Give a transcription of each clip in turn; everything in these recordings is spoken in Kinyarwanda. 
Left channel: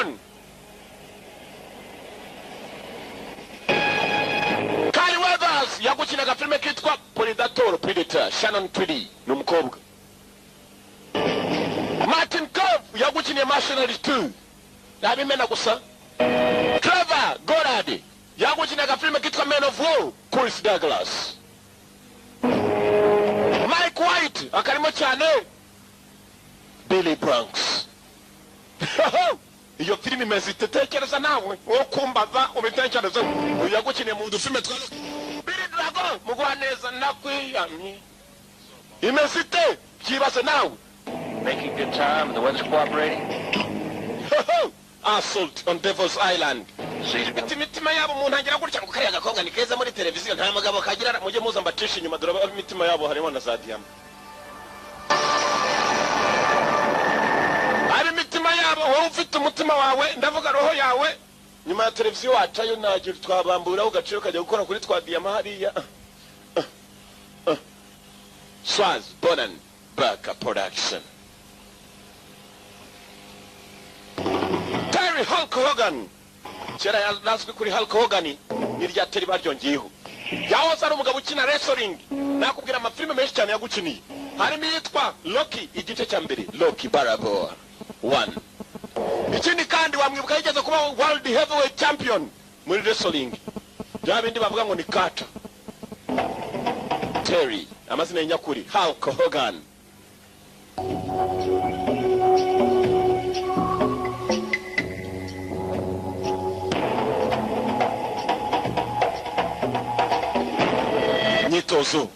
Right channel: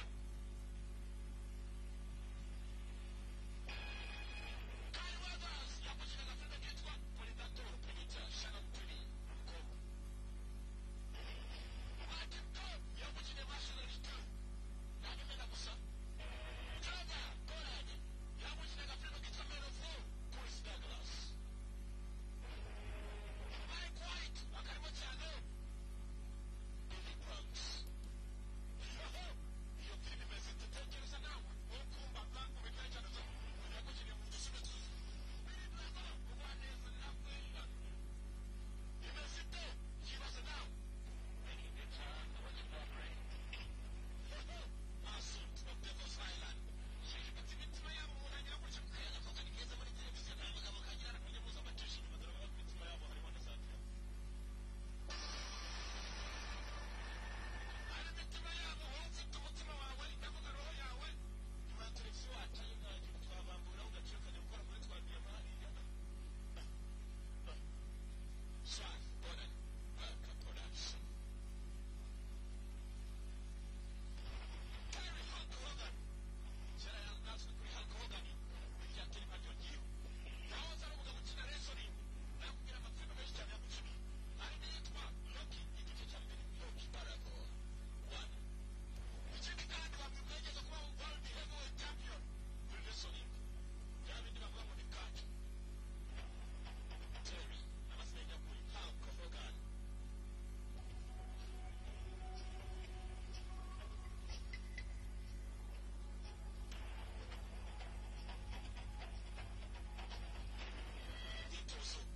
on. Kyle Weathers yagukinaga filime kitwa Predator Shannon Tweedy n'umukobwa. Martin Cove yagukiniye Mercenaries 2 nabimena gusa. Trevor Goddard yagukinaga filime kitwa Men of War Chris Douglas. Mike White akarimo cyane Billy Bronx. Iyo filime imeze itekereza nawe wo kumbaza ubitekereza uyagukiniye mu dufilme twa Billy Dragon mugwaneza nakwiyamye imeze ite kibase nawe. Making good time, the weather's cooperating. Assault on Devil's Island. Imitima yabo umuntu agira gutya ngo kariya gakonga ni keza muri televiziyo nta magabo kagira mujye muza mbatisha inyuma dore imitima yabo harimo na za diamond. Ari imitima yabo wowe ufite umutima wawe ndavuga roho yawe nyuma ya televiziyo wacayo nagira twabambura ugaciro kajya gukora kuri twa diamond hariya. Swaz Bonan Baka Production. Terry Hulk Hogan. Kera yazwi kuri Hulk Hogan ni rya Terry baryongeyeho. Yahoze ari umugabo ukina wrestling. Nakubwira amafilme menshi cyane yagukiniye. Harimo yitwa Rocky igice cya mbere, Rocky Balboa 1. Ikindi kandi wamwibuka yigeze kuba World Heavyweight Champion muri wrestling. Bya bindi bavuga ngo ni Carter. Terry amazina y'nyakuri Hulk Hogan. Nyitozo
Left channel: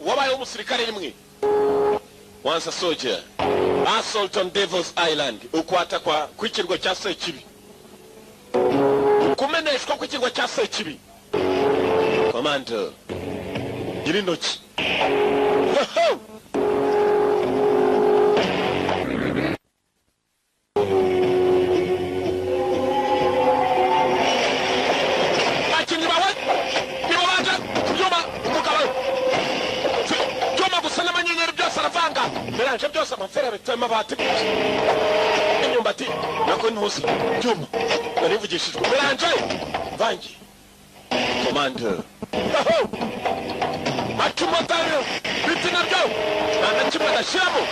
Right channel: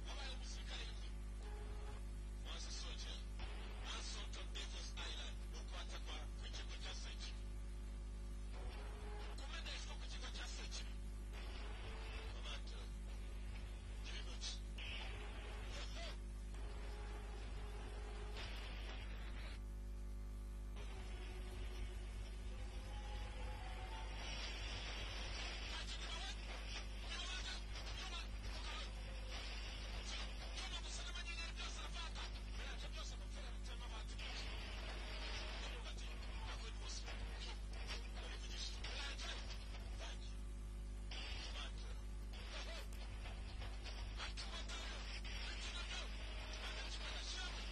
wabaye umusirikare rimwe. Once a soldier. Assault on Devil's Island. Ukwata kwa kwikirwa cya Sekibi. Kumeneshwa kwikirwa cya Sekibi. Commando. Girindoki. Meranje byose amafera bitema bati inyumbati nako ntuzi cyuma narivugishijwe meranje vangi Commando atumotaro bitina byo nana kimwe ndashiramo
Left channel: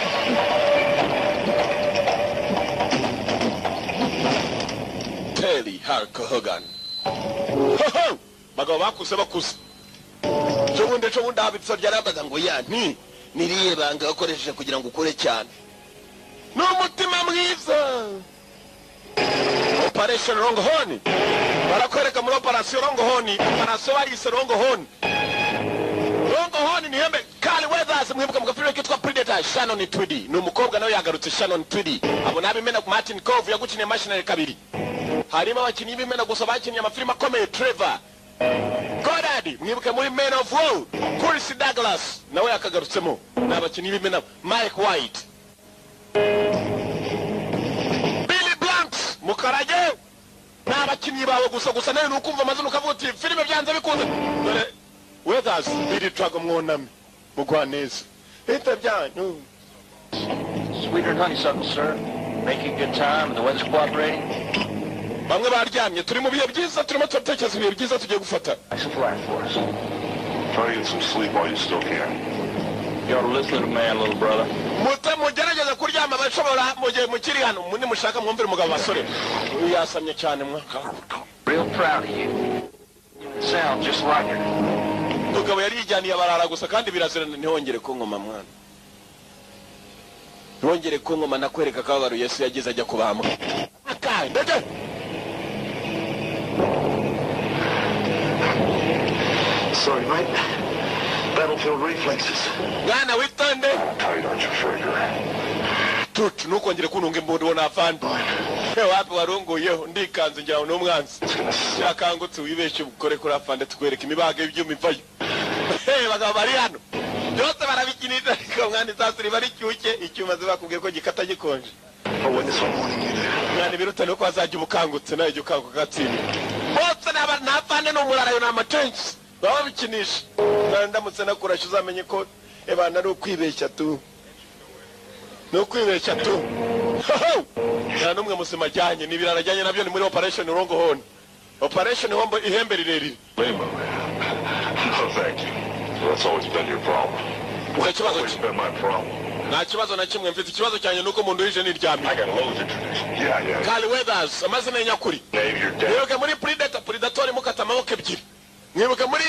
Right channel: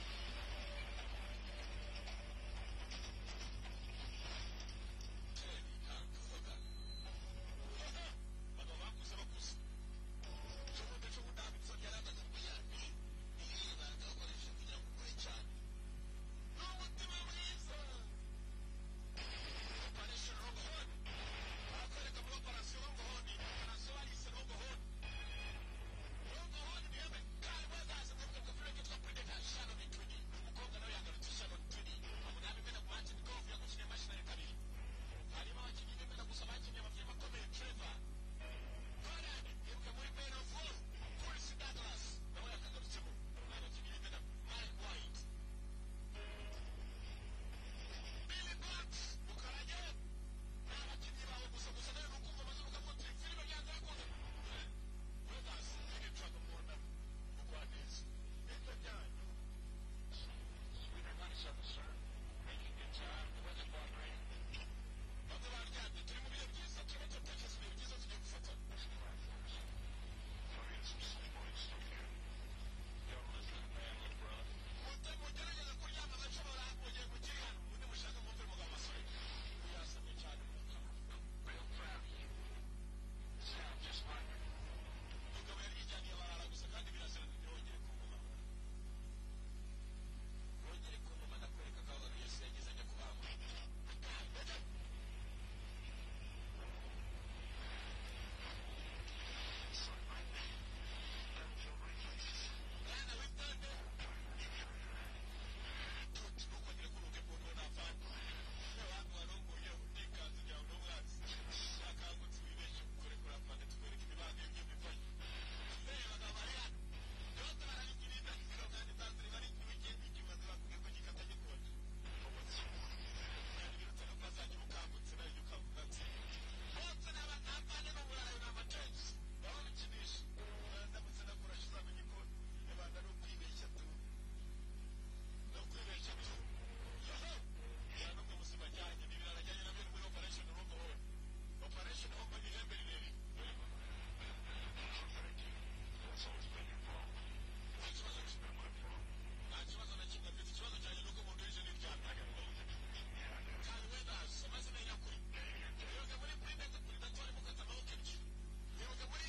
Terry Hulk Hogan bagabo bakuze cyo bundi habitso ryarabaza ngo yani niriye banga akoresheje kugira ngo ukore cyane n'umutima mwiza. Operation Longhorn barakwereka muri Operation Longhorn operation barise Longhorn ni hembe. Kyle Weathers mwibuka mugafilime kitwa Predator Shannon Tweedy n'umukobwa nawe yagarutse Shannon Tweedy abo nabimena ku Martin Cove yagukiniye Mercenaries 2. Harimo abakinnyi b'imena gusa bakiniye amafilime akomeye Trevor Goddard mwibuke muri Men of War Chris Douglas nawe yakagarutsemo n'abakinnyi b'imena Mike White Billy Blanks mukarage n'abakinnyi bawe gusa nawe nukumva amazina ukavuga uti filime byanze bikunze dore Weathers Billy Dragon mwoname mugwaneza ita byanyu. Sweeter than honeysuckle, sir. Making good time, the weather's cooperating. Bamwe baryamye turi mu bihe byiza turimo turatekereza ibihe byiza tugiye gufata. Nice and flat for us. Try to get some sleep while you still can. You ought to listen to the man, little brother. Mugerageza kuryama bashobora mugihe mukiri hano mundi mushaka mwumvira umugabo basore yasamye cyane mwaka. Real proud of you. Sound just like her. Mugabo yari yijyaniye abarara gusa kandi birazirana ntihongere kunkoma mwana. Ntihongere kunkoma nakwereka kabaro Yesu yagize ajya kubamba. Ndege. Sorry, mate. Battlefield reflexes. Gana witonde. Tight, aren't you, Fraser? Tut nukongere kununga imbondo wona afande. Wapi warongoyeho ndikanze njyaho n'umwanzi. Yakangutse wibeshe bukore kuri afande tukwereka imibaga y'ibyuma ivayo. Bagabo bari hano. Byose barabikinira ko mwani zasuri bari cyuke icyuma zibakubwiye ko gikata gikonje. Mwani biruta no kwazajya ubukangutse nayo jye ukanguka gatsinda. Bose n'afande no murarayo na matensi. Baba bikinisha. Ndamutse nakurasha uzamenye ko ebana ari ukwibeshya tu. no kwibeshya tu. Nta numwe musima ajyanye n'ibirarajyanye nabyo ni muri operation Longhorn. Operation Hombo ihembe rirerire. Lima. No, thank you. That's always been your problem. That's always been my problem. Nta kibazo na kimwe mfite, ikibazo cyane nuko umuntu wije niryamye. I got loads of tradition. Yeah. Carl Weathers amazina y'nyakuri. Name your dad. Mwibuke muri Predator mukata amaboko ebyiri. Mwibuke muri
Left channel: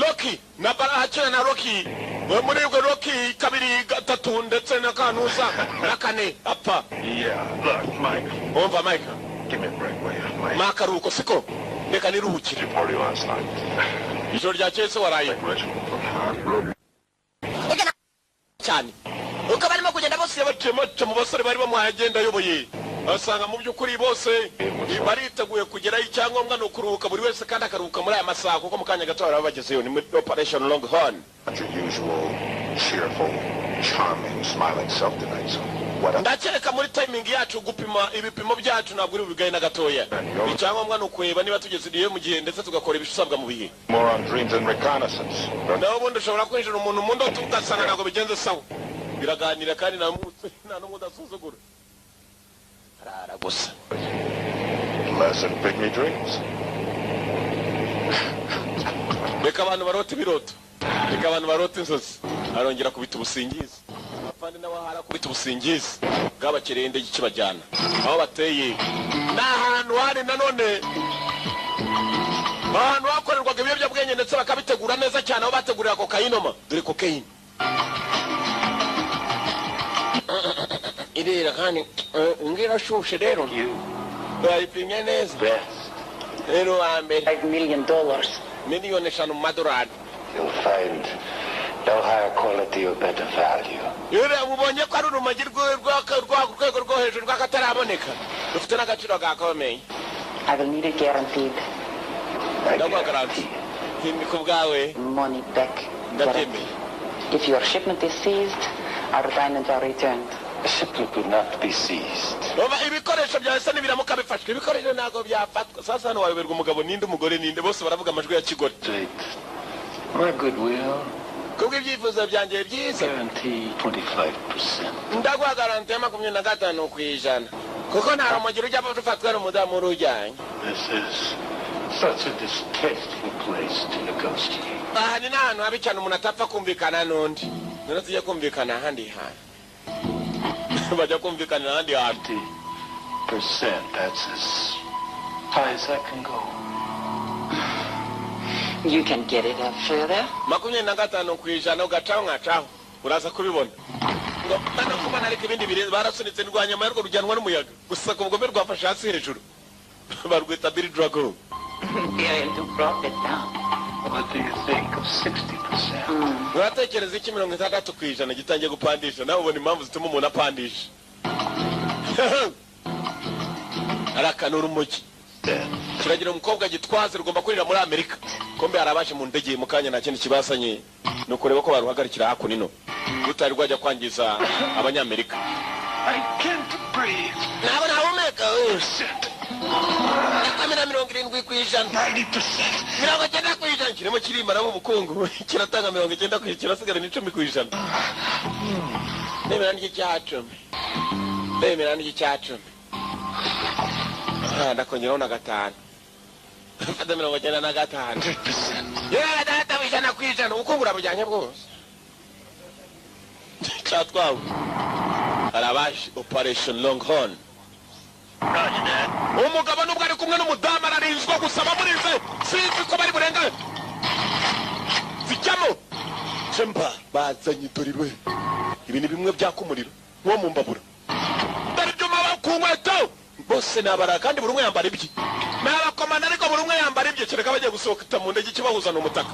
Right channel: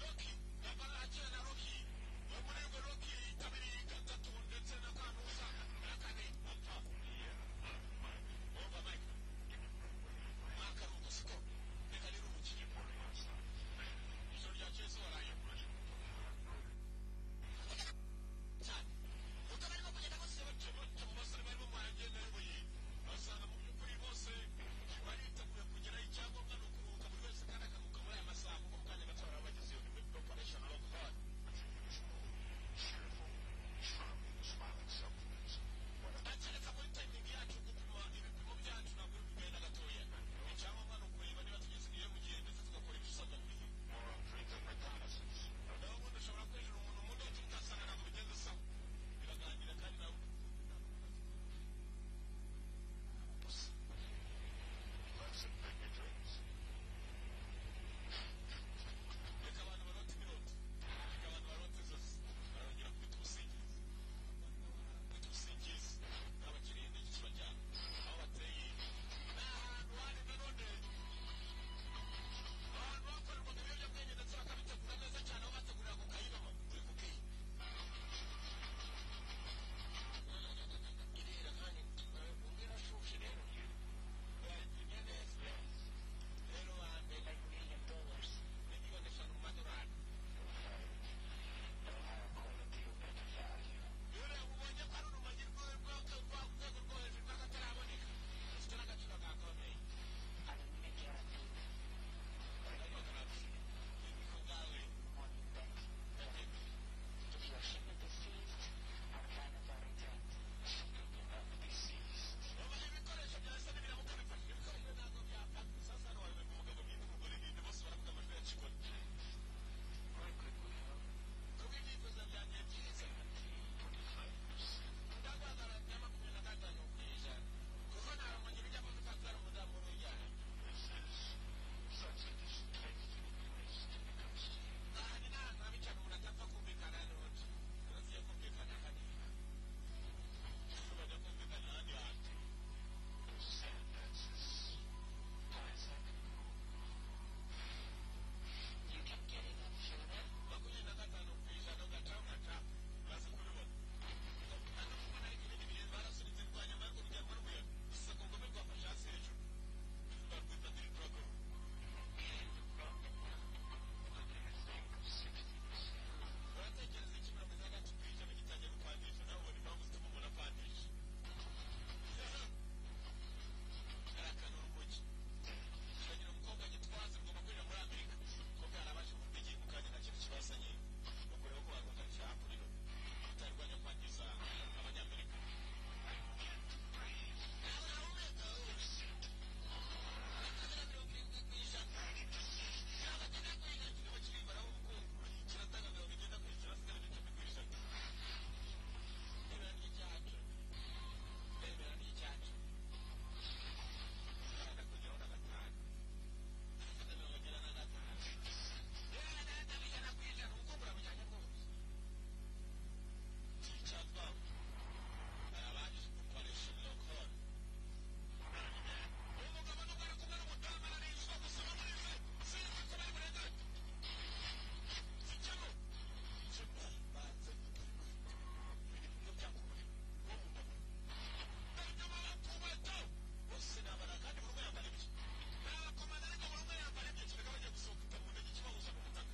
Rocky na Barahachina na Rocky. Muri Rocky kabiri gatatu ndetse na kanuza na kane apfa. Yeah. Look, Mike. Umva Mike. Give me a break, will you? Mike. Makaruko siko. Reka niruhukire. Did you party last night? Ijoro ryakeye se waraye. Reginald. Cyane. Uko barimo kugenda bose bace mu basore bari bamuhagenda yoboye. Asanga mu by'ukuri bose bariteguye kugeraho icyangombwa no kuruhuka buri wese kandi akaruhuka muri aya masaha kuko mukanya gato barabagezeyo ni muri operation Longhorn. Not your usual cheerful, charming, smiling self tonight, so what up? Ndakereka muri timing yacu gupima ibipimo byacu ntabwo uri bigaye na gatoya. Icyangombwa no kureba niba tugeze mu gihe ndetse tugakora ibisabwa mu bihe. More on dreams and reconnaissance. Naho ubundi ushobora kwinjira umuntu mu ndoto ugasanga ntabwo bigenze sawa. Biraganira kandi nta n'umwe udasuzugura. Arara gusa. Less than pygmy dreams. Reka abantu barota ibiroto. Reka abantu barota inzozi. Arongera kubita ubusingizi. Afande n'abahara kubita ubusingizi. Bwabakereye indege ikibajyana. Aho bateye. N'ahantu hari nanone. Ahantu hakorerwaga ibiyobyabwenge ndetse bakabitegura neza cyane aho bategurira kokayinoma. Dore kokayine. Irira kandi ngira shushe rero. Bayipimye neza. Rero ambe $5 million. miliyoni 5 madorari. You'll find no higher quality or better value. Yure mubonye ko ari urumogi rwego rwo hejuru rw'akataraboneka. Rufite n'agaciro gakomeye. I will need it guaranteed. Ndagwa garanti. Hindi kubwawe. Money back. Ndatemeye. If your shipment is seized, our diamonds are returned. The shipment could not be seized. Oba ibikoresho byawe se nibiramuka bifashwe. Ibikoresho ntago byafatwa. Sasa hano wayoberwa umugabo ninde umugore ninde bose baravuga amajwi ya kigore. My goodwill. Kubwo ibyifuzo byanjye byiza. Guarantee 25%. Ndagwa garanti ya 25 kw'ijana. Kuko nta rumogi rujya rufatwa n'umudamu rujyanye. This is such a distasteful place to negotiate. Aha ni n'ahantu habi cyane umuntu atapfa kumvikana n'undi. None tujye kumvikana ahandi hantu. Bajya kumvikana ahandi hantu. 20%, that's as high as I can go. You can get it up further. 25 kw'ijana ugacaho nkacaho. Uraza kubibona. Ngo hano kuba nariko ibindi bire barasunitse ndwanya yarwo rujyanwa n'umuyaga. Gusa ku bugome rwafashe hasi hejuru. Barwita Billy Drago. They're into profit now. What do you think of 60%? Uratekereza iki 60 kw'ijana gitangiye gupandisha nawe ubona impamvu zituma umuntu apandisha. Arakanura umugi. Kiragira umukobwa gitwaze rugomba kurira muri Amerika. Kombe harabashe mu ndege mu kanya nta kindi kibasanye no kureba ko baruhagarikira hakunino. Rutari rwajya kwangiza abanyamerika. I can't breathe. Nabo nahumeka. Kamera 70 kw'ijana. 90%. 90 kw'ijana kirimo kirimba nabo ubukungu. Kiratanga 90 kw'ijana kirasigara ni 10 kw'ijana. Nemera n'iki cyacu. Nemera n'iki cyacu. Ndakongeraho na 5. Fata 95. Yeah, data wijana kw'ijana ukungura bujyanye bwose. Cyatwawe. Arabashi operation Longhorn. Umugabo nubwo ari kumwe n'umudamu ararinzwe gusaba murinze. Sinzi ko bari burenga. Zijyamo. Chemba bazanye torirwe. Ibi ni bimwe byakumuriro. Wo mu mbabura. Dare byo maba kunkweto. Bose nabara kandi buri umwe yambara ibye. N'abakomanda ariko buri umwe yambara ibye kereka bagiye gusohoka mu ndege kibahuza n'umutaka.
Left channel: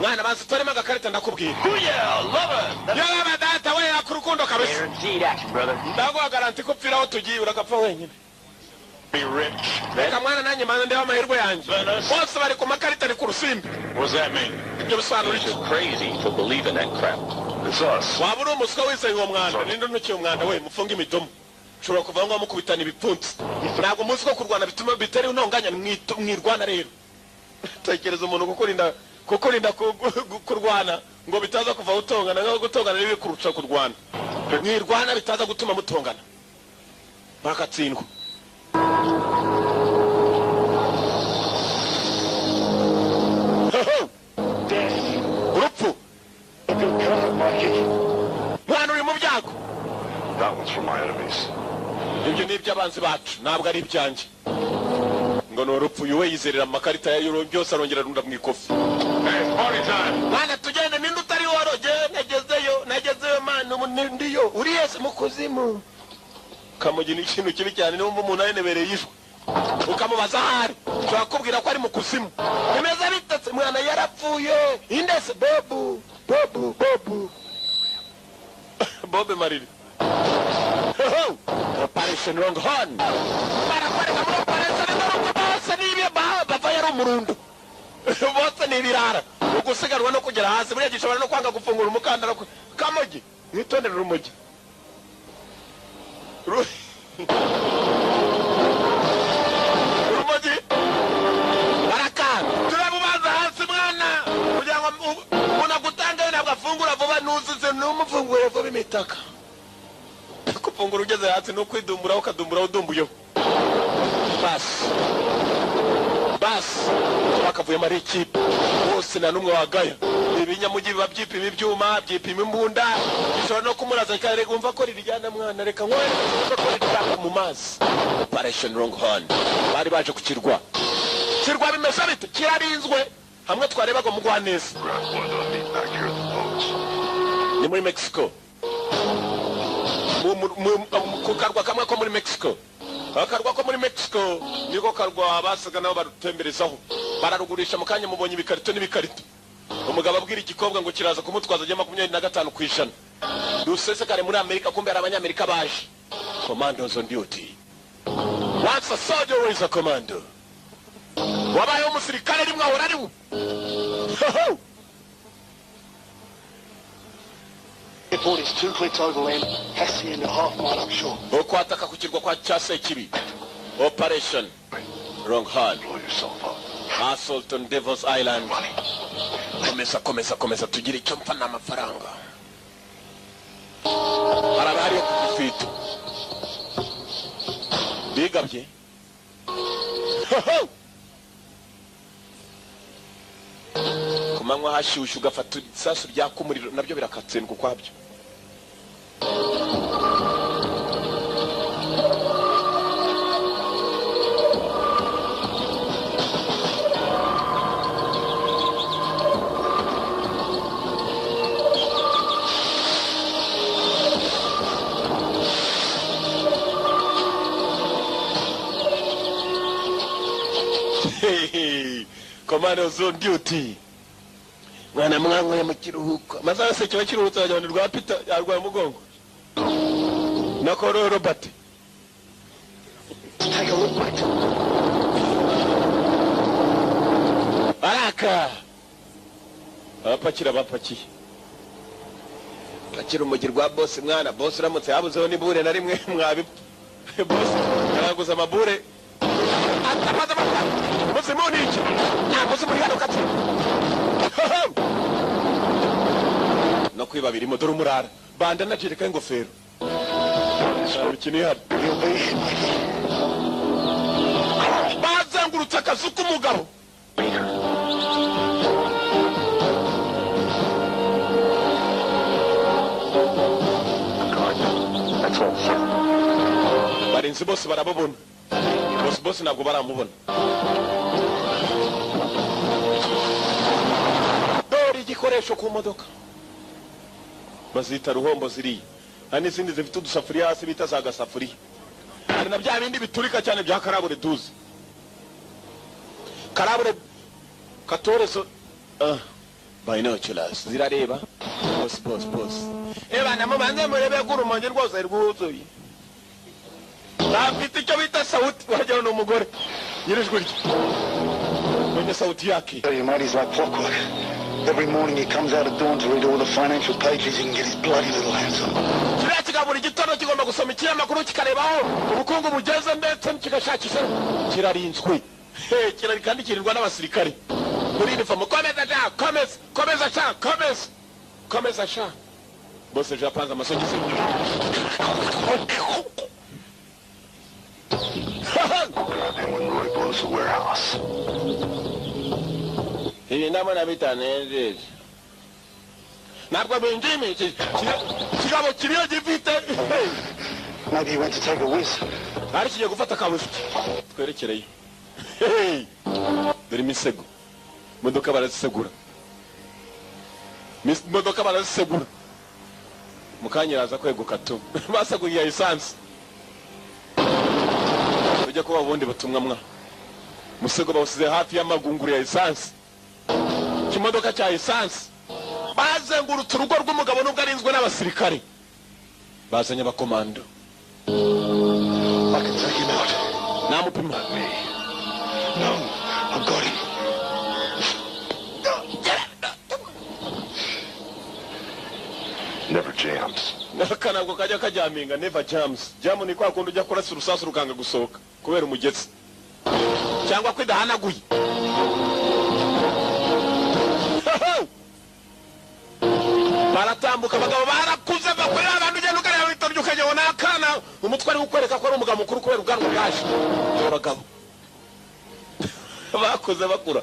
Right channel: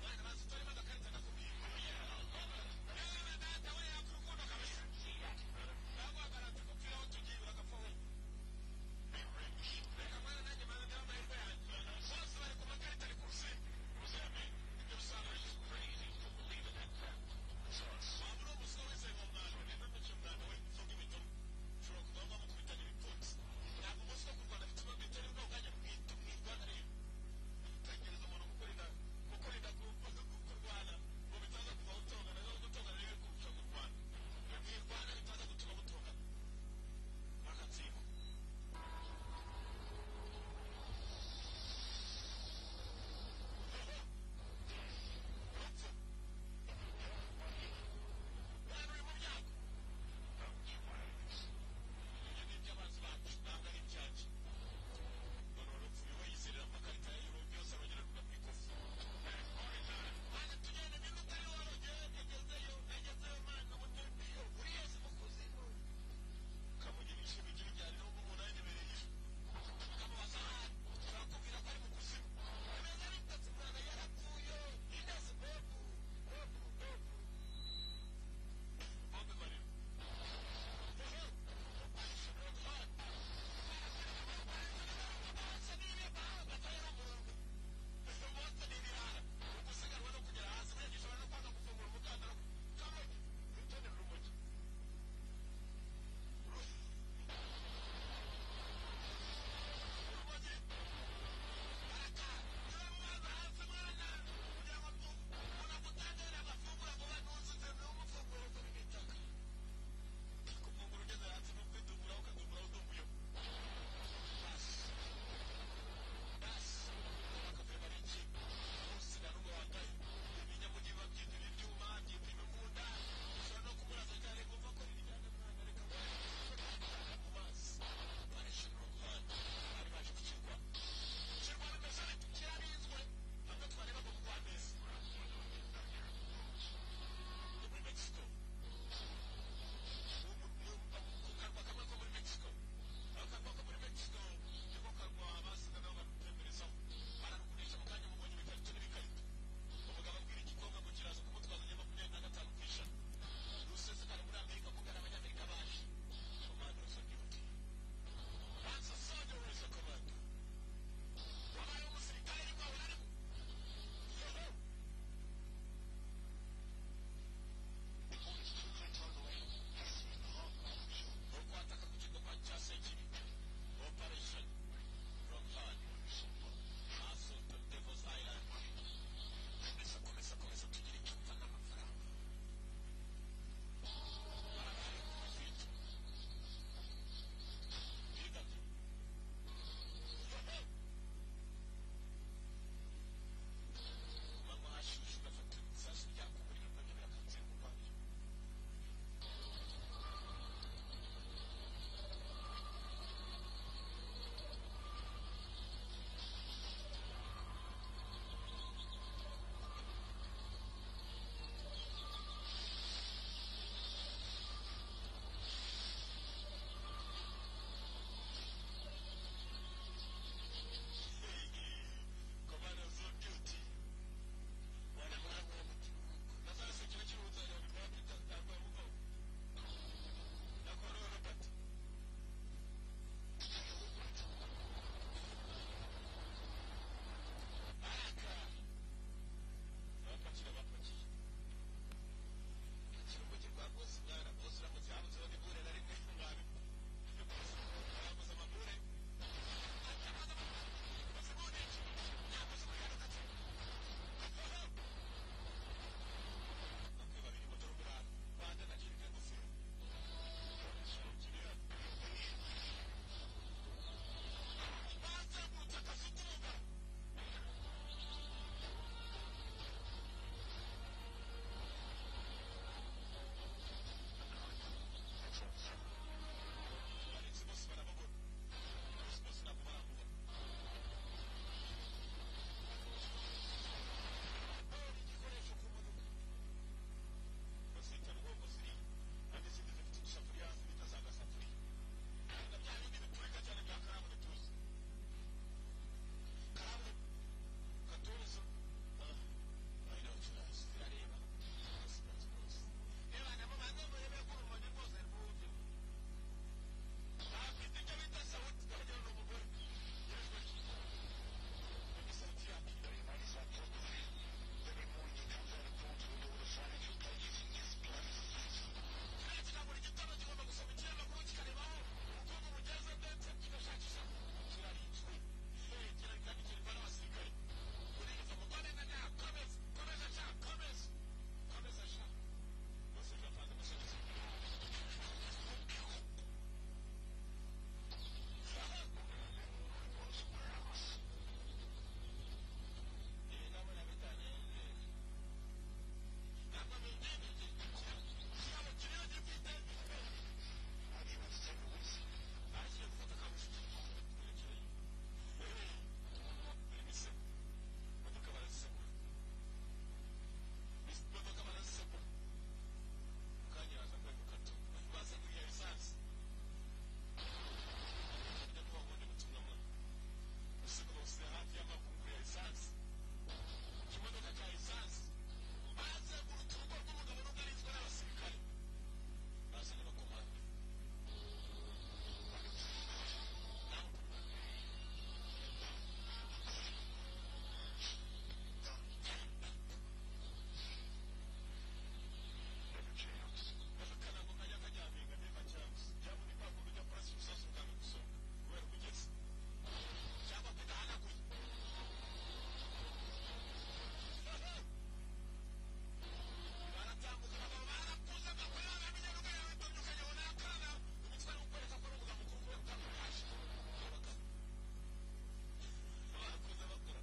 Mwana bazi torema gakarita ndakubwira. Yeah, love it. Yaba data we akurukundo kabisa. Guaranteed action, brother. Ndagwa garanti ko pfira aho tugiye urakapfa wenyine. Be rich. Reka mwana nanjye manze ndeba amahirwe yanjye. Bose bari ku makarita ari ku rusimbi. What does that mean? Ibyo bisobanura iki? You're crazy to believe in that crap. It's us. Waba uri umuswa wese uwo mwanda ninde ntukiye umwanda we mufunga imidomo. Ushobora kuva ngo mukubitana ibipfunsi. Ntabwo umunsi ko kurwana bituma bitari unonganya mwirwana rero. Tekereza umuntu kukurinda kurwana ngo bitaza kuva utongana ngo gutongana nibi kurusha kurwana. mwirwana bitaza gutuma mutongana bakatsindwa. Urupfu mwana uri mu byago. That one's for my enemies. Ibyo ni iby'abanzi bacu ntabwo ari ibyanjye. Ngo ni urupfu yuwe yizerera amakarita ya euro byose arongera runda mu ikofi. Hey, party time! Mwana tugende ninde utari woroge nagezeyo mwana ndiyo uri yese mu kuzimu. Kamugi ni ikintu kibi cyane niyo umuntu ayenebereye yishwe ukamubaza ahari twakubwira ko ari mu kuzimu bimeze bitetse mwana yarapfuye indese bobu Bobe Mariri. Operation Longhorn. Barakwereka muri operation n'urugo bose n'ibye bava yari umurundo bose n'ibirara ugusigarwa no kugera hasi buriya gishobora no kwanga gufungura umukandara Kamugi mwitondere urumogi urumogi barakanga turabubaza hasi mwana kugira ngo unagutanga nabwo afungura vuba nuzuze n'umufungure vuba imitaka kufungura ugeze hasi no kwidumbura ukadumbura udumbuyeho basi bakavuye muri ikipe bose na numwe wagaya ibinyamugi biba byipima ibyuma byipima imbunda bishobora no kumuraza kare umva ko ririjyana mwana reka nkore ko ritaka mu mazi. Operation Longhorn bari baje kukirwa bimeze bite kirarinzwe hamwe twarebaga mu Rwaneza ni muri Mexico ku karwa kamwe ko muri Mexico. Akarwa ko muri Mexico niko karwa basaga nabo barutemberezaho bararugurisha mu kanya mubonye ibikarito n'ibikarito. Umugabo abwira igikobwa ngo kiraza kumutwaza ajya 25% dusesekare muri Amerika kumbe ari abanyamerika baje. Commandos on duty. Once a soldier is a commando. Wabaye umusirikare rimwe ahora ari we. Airport is 2 clicks overland, has to be in a half mile upshore. Okwataka kukirwa kwa Chase Kibi. Operation Longhorn. Blow yourself up. Assault on Devil's Island. Komeza tugire icyo mpfa n'amafaranga. Harabari kufito. Bigabye. Kumanywa hashushu gafata isasu ryakumuriro nabyo birakatsendwa kwabyo. Commandos on duty. Mwana mwango ya mukiruhuko. Masaha se kiba kiruhutse ajya rwa Peter yarwaye umugongo. Nako Robert. Take a look, mate. Baraka. Abapakira bapakiye. Pakira umugir rwa boss mwana boss uramutse yabuzeho nibure na rimwe mwabi. Boss yaranguza amabure. Atamaza bakora. Boss muniki. Na boss muri hano kati. No kwiba birimo dore umurara. Banda najereka ingofero. Ikini hano. Bazengurutse akazu k'umugabo. That's all, sir. Barinzi bose barababona. Boss ntabwo baramubona. Dore igikoresho ku modoka. Bazita ruhombo ziriya. Hari n'izindi zifite udusafuriya hasi bita za gasafuriya. Hari na bya bindi biturika cyane bya karabure 12. Karabure 14 binoculars zirareba. Boss. Bana mubanze murebe gurumonje rwose rwuzuye. Bafite icyo bita sauti wajya no mugore. Yirijwe rye. Mwenye sauti yake. Tell you, mate, he's like clockwork. Every morning he comes out at dawn to read all the financial pages he can get his bloody little hands on. Kiriya kigabura igitondo kigomba gusoma ikinyamakuru kikarebaho ubukungu bugeze ndetse kigashakisha kirarinzwe. Kirari kandi kirindwa n'abasirikare. Muri uniform komeza sha. bose ejo yapanze amasogisi. When Roy blows the warehouse. Ibi ndabona bitanezeze. Ntabwo binjimi kigabo kiriyo gifite. Maybe he went to take a whiz. Ari kigiye gufata kabufi. Twerekereyo. Dore imisego. Modoka barazisegura. Modoka barazisegura. Mukanyiraza kweguka tu. Basaguye essence. Ujya kuba ubundi butumwa mwa. Musego bawusize hafi y'amagunguru ya essence. Kimodoka cya essence. Bazengurutse urugo rw'umugabo nubwo arinzwe n'abasirikare. Bazanye abakomando. I can take him out. Namupima. No, I've got him. Never jams. Nakanabwo kajya kajaminga never jams. Jamu ni kwa kundi ujya kurasa urusasu rukanga gusohoka kubera umugetsi. Cyangwa kwidahanaguye. Baratambuka abagabo barakuze bakorera abantu ugenda ukareba witoryo ukajyabona akana umutwe ari gukwereka ko ari umugabo mukuru kubera ubwanwa bwaje. Abagabo bakoze bakura.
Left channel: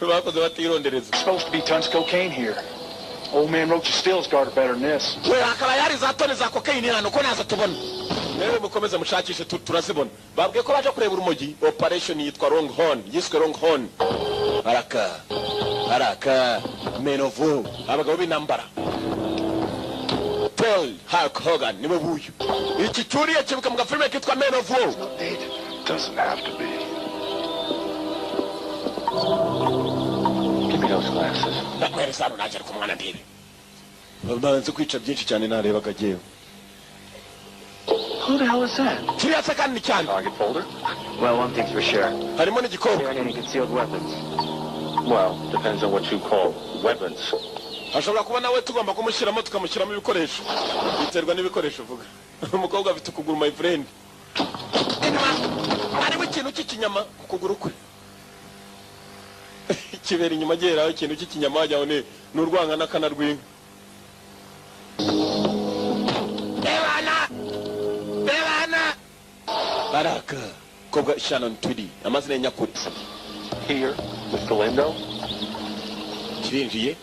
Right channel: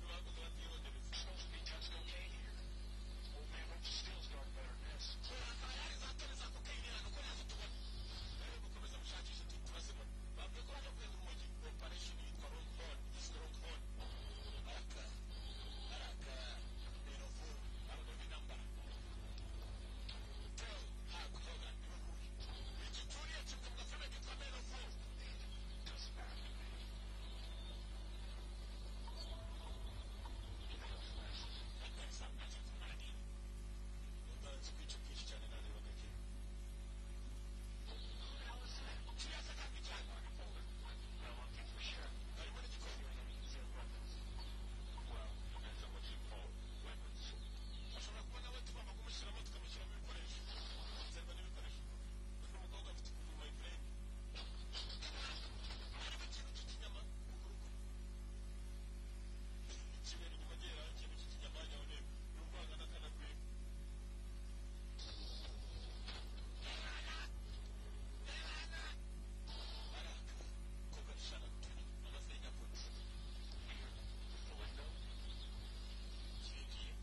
Bakoze batirondereza. Supposed to be tons of cocaine here. Old man Roach's stills guarded better than this. We akaba yari za tone za cocaine hano ko naza tubona. Rero mukomeze mushakishe turazibona. Babwiye ko baje kureba urumogi. Operation yitwa Longhorn. Yiswe Longhorn. Araka Menovo. Abagabo b'intambara. Tell Hulk Hogan niwe buyu. Iki cyuriye kibuka mu gafilme kitwa Menovo. Doesn't have to be. Give me those glasses. Nakwereza hano naje ku mwana ndibe. Babanze kwica byinshi cyane narebaga jewe. Who the hell is that? Kiriya sakani cyane. Target folder? Well, one thing's for sure. Harimo n'igikobwa. There ain't any concealed weapons. Well, depends on what you call weapons. Ashobora kuba nawe tugomba kumushyiramo tukamushyiramo ibikoresho. Biterwa n'ibikoresho uvuga. Umukobwa afite ukuguru my friend. Harimo ikintu cy'ikinyama ku kuguru kwe. Kibera inyuma geraho ikintu cy'ikinyama wajyaho n'urwanga n'akana rw'inka. Bebana Baraka Kobwa Shannon Tweedy amazina nyakuri. Here, with Galindo. Kirinjiye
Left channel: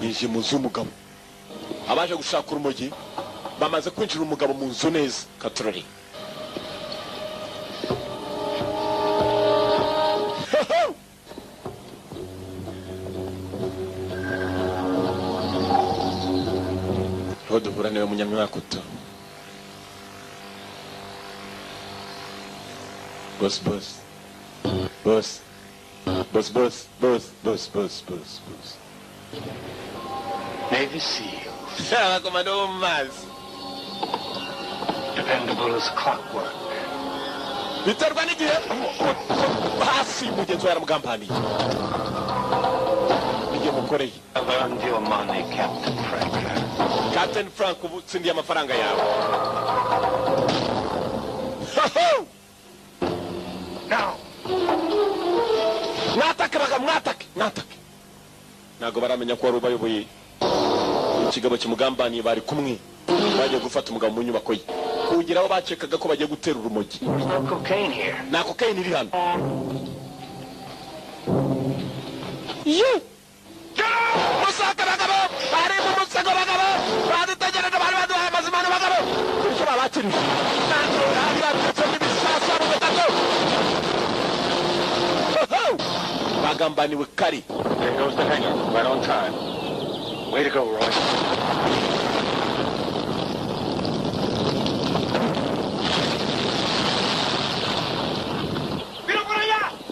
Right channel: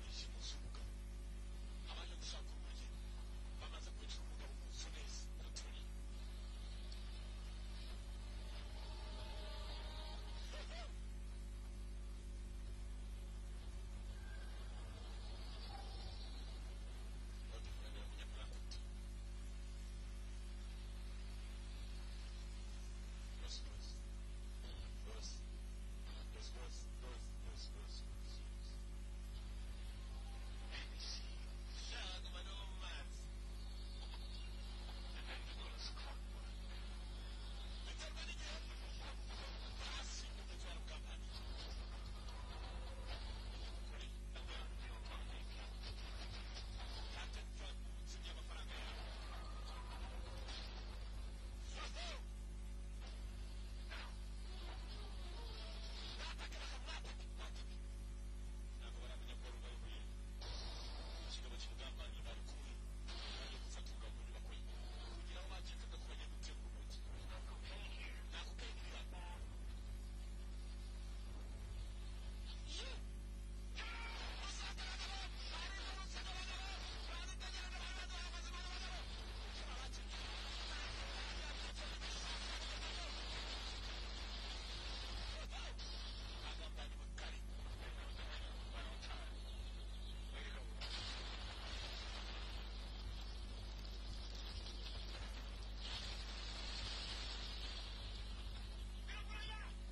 yinjiye mu nzu y'umugabo. Abaje gushaka urumogi bamaze kwinjira umugabo mu nzu neza katurari. Duhura niwe munyamwakuto. Boss. Navy SEAL. Komando Maz. Dependable as clockwork. Biterwa n'igihe hasi mugenzi we yaramugambaniye. Igihe mukoreye. I've earned your money, Captain Frank. Captain Frank ubu tsindiye amafaranga yawe. Now. Mwatake. Nago baramenya ko wari ubayoboye. Ikigabo kimugambaniye bari kumwe. Bagiye gufata umugabo mu nyubako ye. Kugira aho bacekaga ko bagiye gutera urumogi. There's no cocaine here. Na cocaine iri hano. Musaka bagabo, bari mu musego bagabo. Badutegereje bari baduhaye amazimano bagabo. Icyo babakiri. Ntabwo abirabitse n'ibisasa mu butaka. Bagambaniwe kari. There goes the hangar, right on time. Way to go, Roy.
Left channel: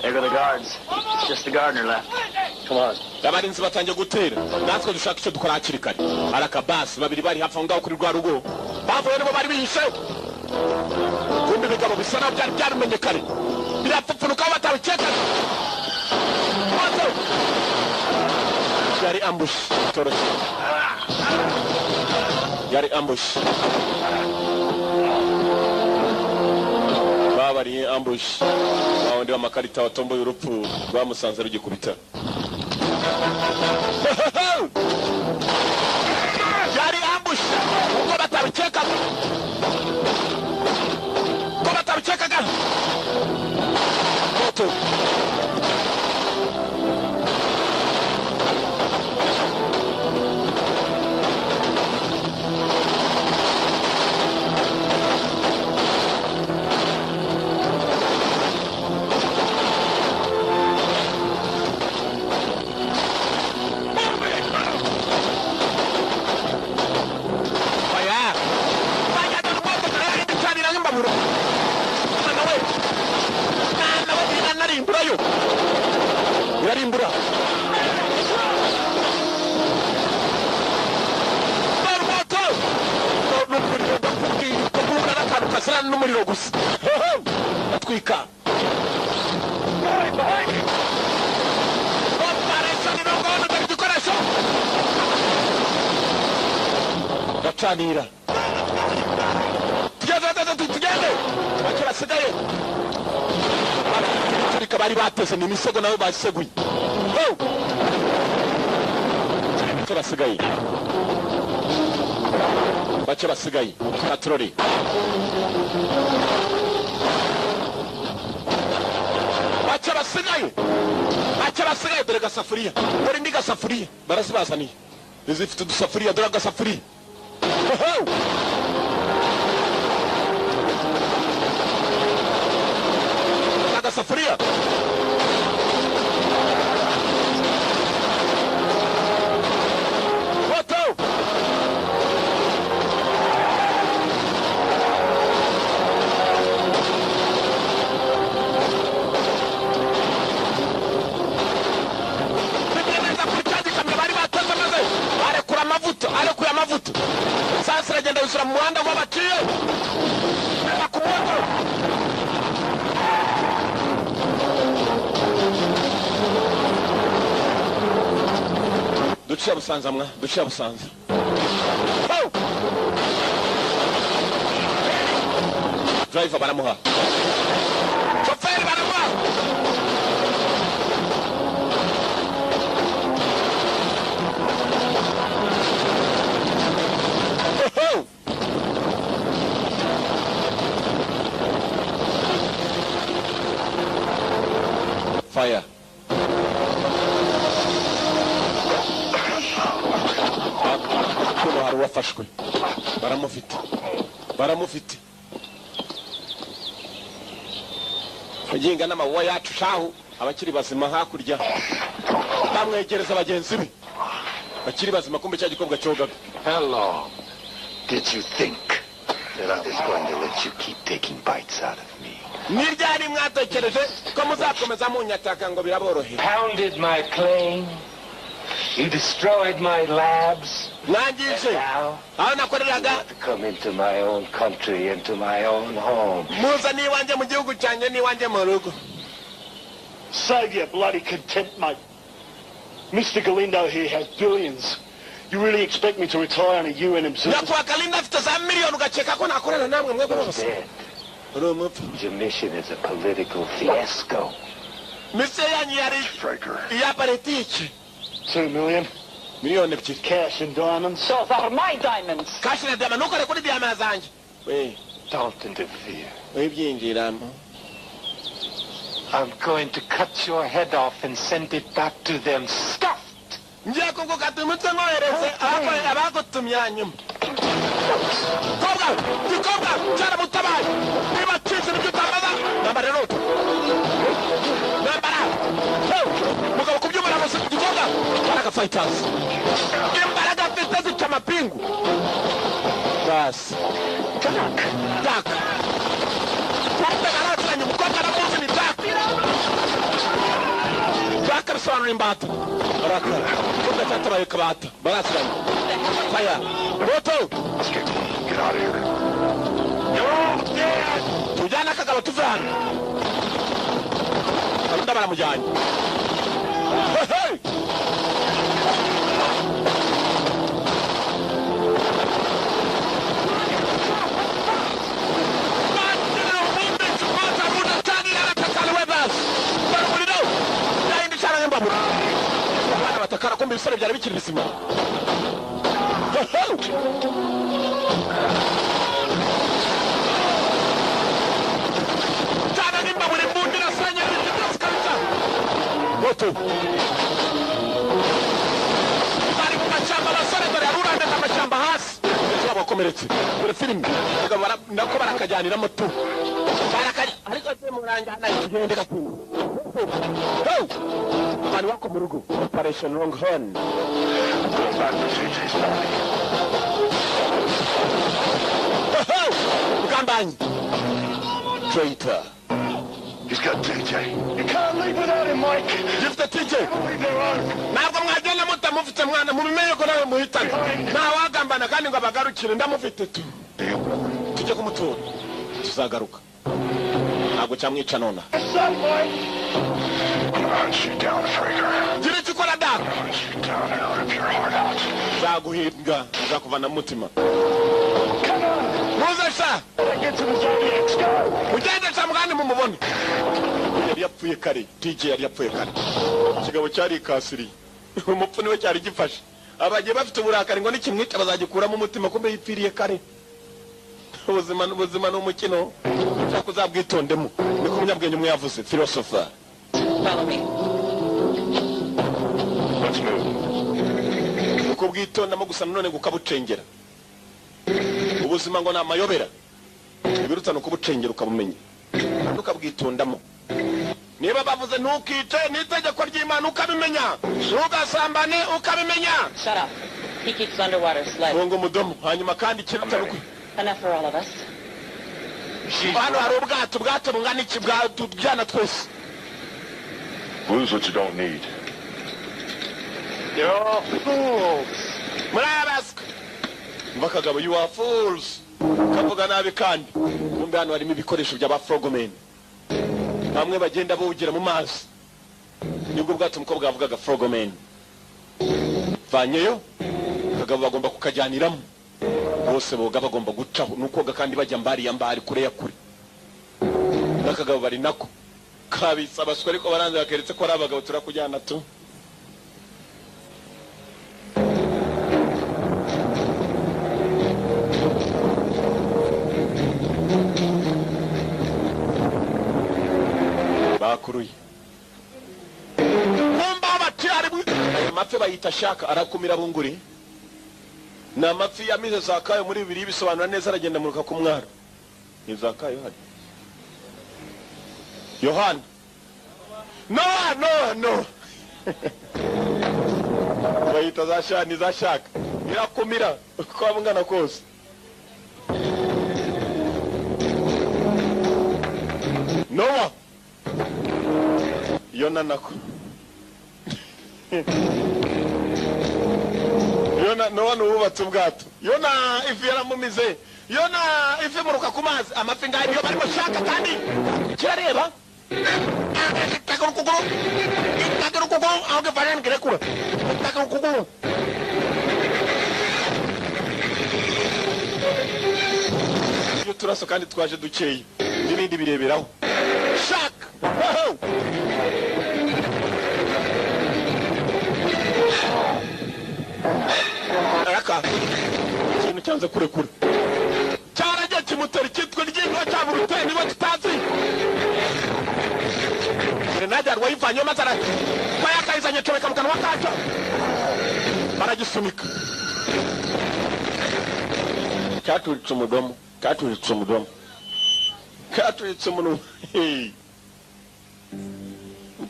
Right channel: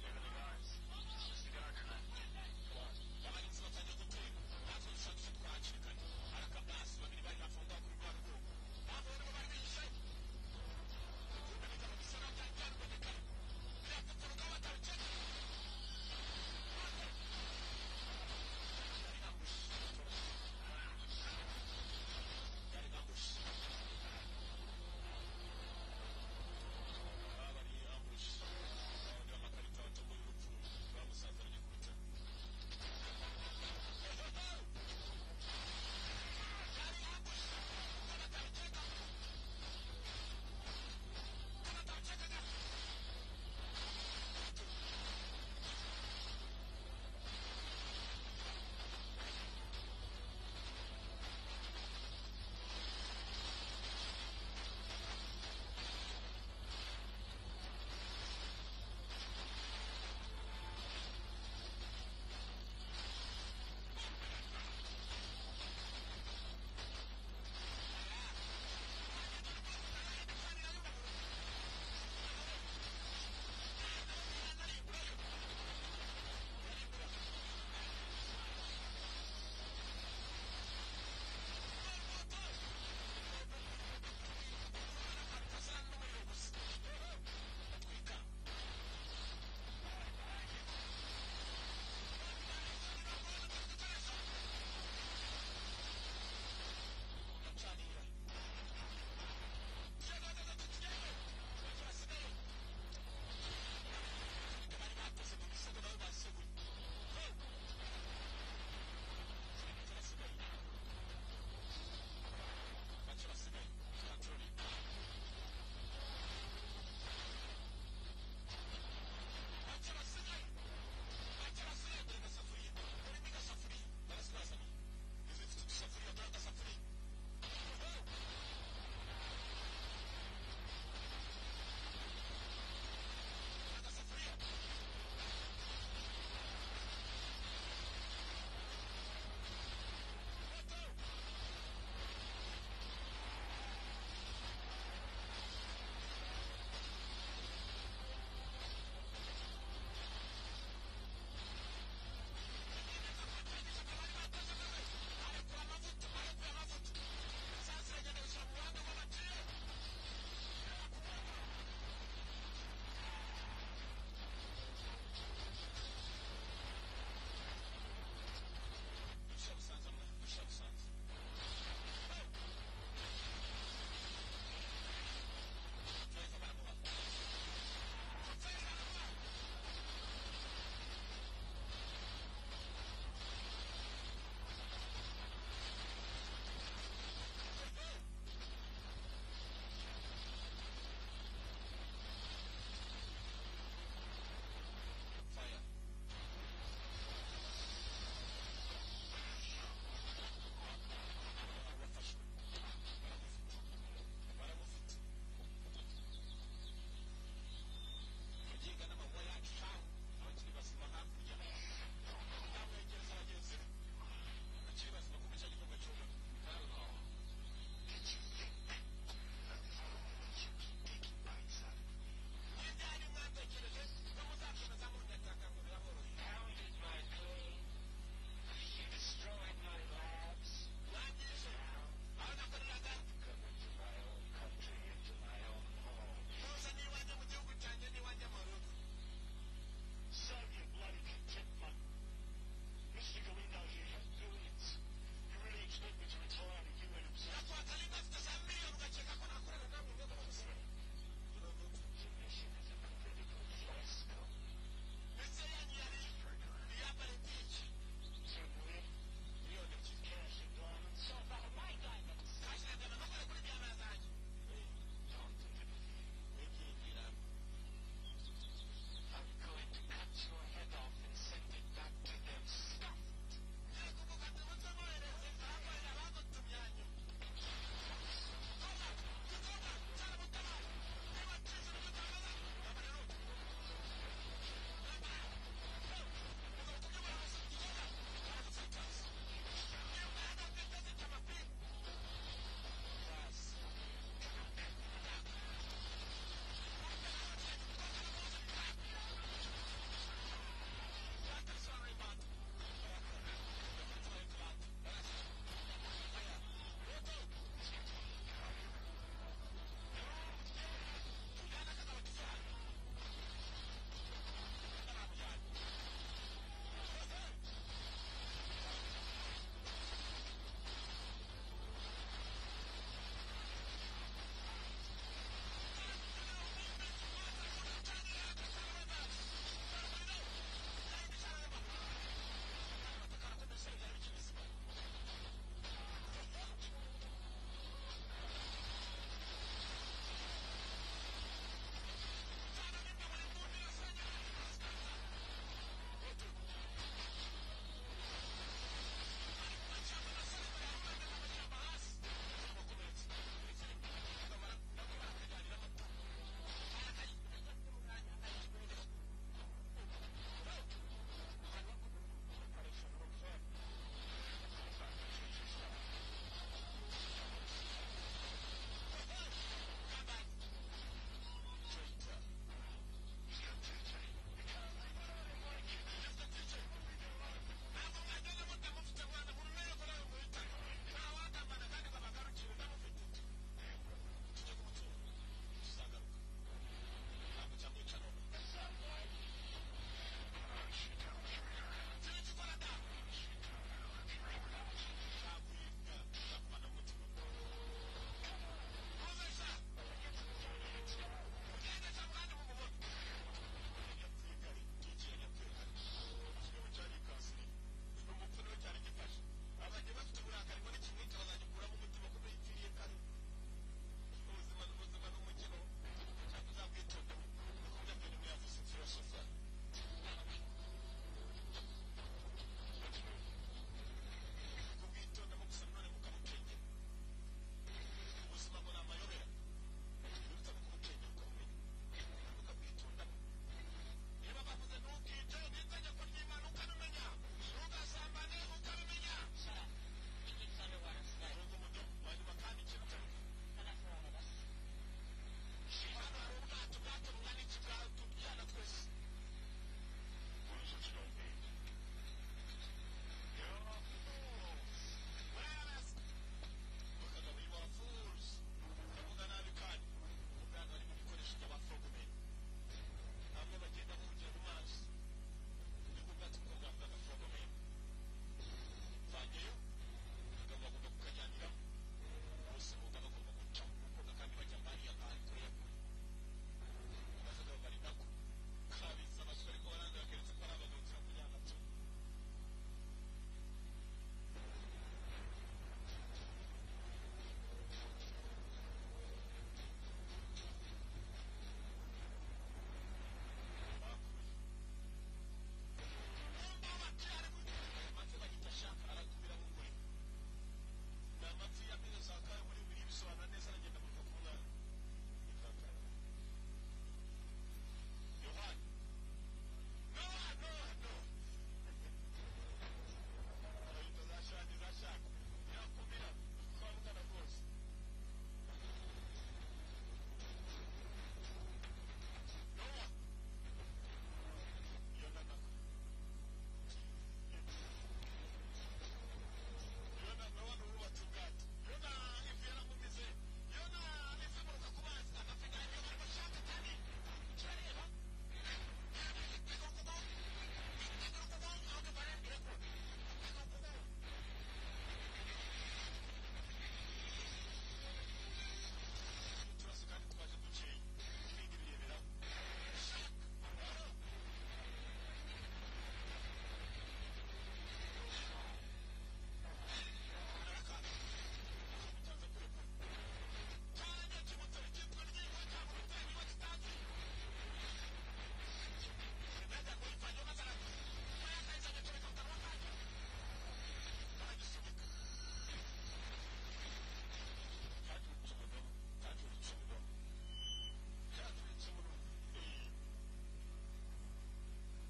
There go the guards. It's just the gardener left. Come on. Abarinzi batangiye gutera. Natwe dushaka icyo dukora hakiri kare. Arakabasi babiri bari hafi ngaho kuri rwa rugo. Bavuye nibo bari bihishe. Kumbe ibigabo bisa naho byari byarumenye kare. Birapfupfunuka aho batabikeka. Yari ambush. Toroshye. Yari ambush. Babariye ambush. Bawundi w'amakarita watomboye urupfu rwamusanze rugikubita. kasara n'umuriro gusa atwika gacanira tugende bake basigaye turika bari bateze ni imisego nabo baseguye basigaye bake basigaye patroli bake basigaye dore gasafuriya dore ndi gasafuriya barazibazaniye zifite udusafuriya dore agasafuriya agasafuriya arekuye amavuta sasa aragenda yusura mu muhanda ngo baciye akumoto duciye busanza mwa duciye busanza driver baramuha shoferi baramuha fire kuno hari uwafashwe baramufite aginga n'amabuwa yacu shahu abakiri bazima hakurya bamwegereza bagenzi be bakiri bazima kumbe cya gikobwa cyogaga. Hello. Did you think that I was going to let you keep taking bites out of me? Niryari mwatekereje ko muzakomeza munyataka ngo biraborohe. Pounded my claim. You destroyed my labs. Nangije. Aho nakoreraga To come into my own country, into my own home. muza ni wanje mu gihugu cyanje ni wanje mu rugo. Save your bloody contempt, mate. Mr. Galindo here has billions. You really expect me to retire on a UN observer? Nakwa Galindo afite za miliyoni ugakeka ko nakorana namwe mwebwe bose. Your mission is a political fiasco. Mise yanyu yari ya politiki. 2 million. Miliyoni ebyiri. Cash and diamonds. Those are my diamonds. Kashi na diamond nukore kuri diamond zanje. Don't interfere. Byinjiramo. I'm going to cut your head off and send it back to them stuffed. Ngiye kugukata umutwe ngohereze abagutumye hanyuma. Kobwa cyara mutabaye. Niba cyize n'ibyo utambaza nambara roto. Nambara. Mugabo kubyumara bose kugikobwa baraka fighters. Imbaraga afite zica amapingu. Bas. Tak. Kwata garatsanya mukobwa na muzi ni tak. Bisobanura imbata barakara kuko cyatabaye kabata barasiranye fire moto. Get out of here. Tujyana akagabo tuvana abunda baramujyanye. Abana batakara kumbe ibisore byari bikiri bizima. Cyane nimba buri mbundi nasanya n'ibyo kabisa. Moto. Bari mu mashamba basore dore arurande n'amashamba hasi. Ejo bakomeretse. Dore film nako barakajyanira moto. Ariko semuranga n'igende kakungu. Bari wako mu rugo. Operation Longhorn. Go back to TJ's party. Gambanyi. Traitor. He's got TJ. You can't leave without him, Mike. Give the TJ. Leave their own. Ntabwo mwagenda mutamufite mwana mubimenye ko nawe muhitana. Ntawagambana kandi ngo abagarukire ndamufite tu. Tujye kumutura. tuzagaruka ntabwo cyamwica nona Son, boy! I'm gonna hunt you down, Fraker. gira icyo ukora data Hunt you down and rip your heart out. nzaguhiga nzakuvana mu mutima Come on! muze sha Gotta get to the Zodiacs, go! ugende sha mugani mumubone yari yapfuye kare DJ yari yapfuye kare ikigabo cyari ikasiriye umupfu niwe cyari gifashe abagiye bafite uburakari ngo nikimwica bazagikuramo umutima kumbe yipfiriye kare ubuzima ni umukino cyangwa uzabwitondemo niko umunyabwenge umwe yavuze philosopher. Follow me. Let's move. uko bwitondamo gusa none gukabucengera ubuzima ngo ni amayobera ibirutana kubucengera ukabumenya kandi ukabwitondamo niba bavuze ntukice n'itegeko ry'Imana ukabimenya ntugasambane ukabimenya Shut up. He keeps underwater sled. ngo umudomo hanyuma kandi kirutana uko Enough for all of us. hano hari ubwato bungana iki bwatujyana twese Lose what you don't need. You're all fools! muri aya basika mva kagabo you are fools kavuga nabi kandi kumbe hano harimo ibikoresho by'aba frogmen bamwe bagenda bawugira mu mazi nibwo bwato umukobwa yavugaga frogmen vanyeyo kagabo bagomba kukajyaniramo bose boga bagomba gucaho nukoga kandi bajya mbari kure ya kure n'akagabo bari nako kabitsa abaswa ariko baranze bakeretse ko ari abagabo turakujyana tu bakuruye numba batari amafi bayita shaka arakumira bunguri na amafi yamize zakayo muri bibiri bisobanura neza aragenda muruka ku mwaro ni zakayo hari Yohana no bayita za shaka irakumira uko abungana kose Noah Yona nako Yona Noah nubatse ubwato Yona ifi yaramumize Yona ifi muruka ku mazi amafi ngayo yo barimo shaka kandi kirareba takuru aho gavana ngerekura takuru iyo turaso kandi twaje dukeye n'ibindi bireberaho shaka araka ikintu cyanze kurekura cyaragiye kimutera icyitwa ry'inka cyaba uruteye niba tutazi grenade yari wayivanyeho maze yakayizanye comeka mu kanwa kacyo baragisunika cyaturitse umudomo cyaturitse umunwa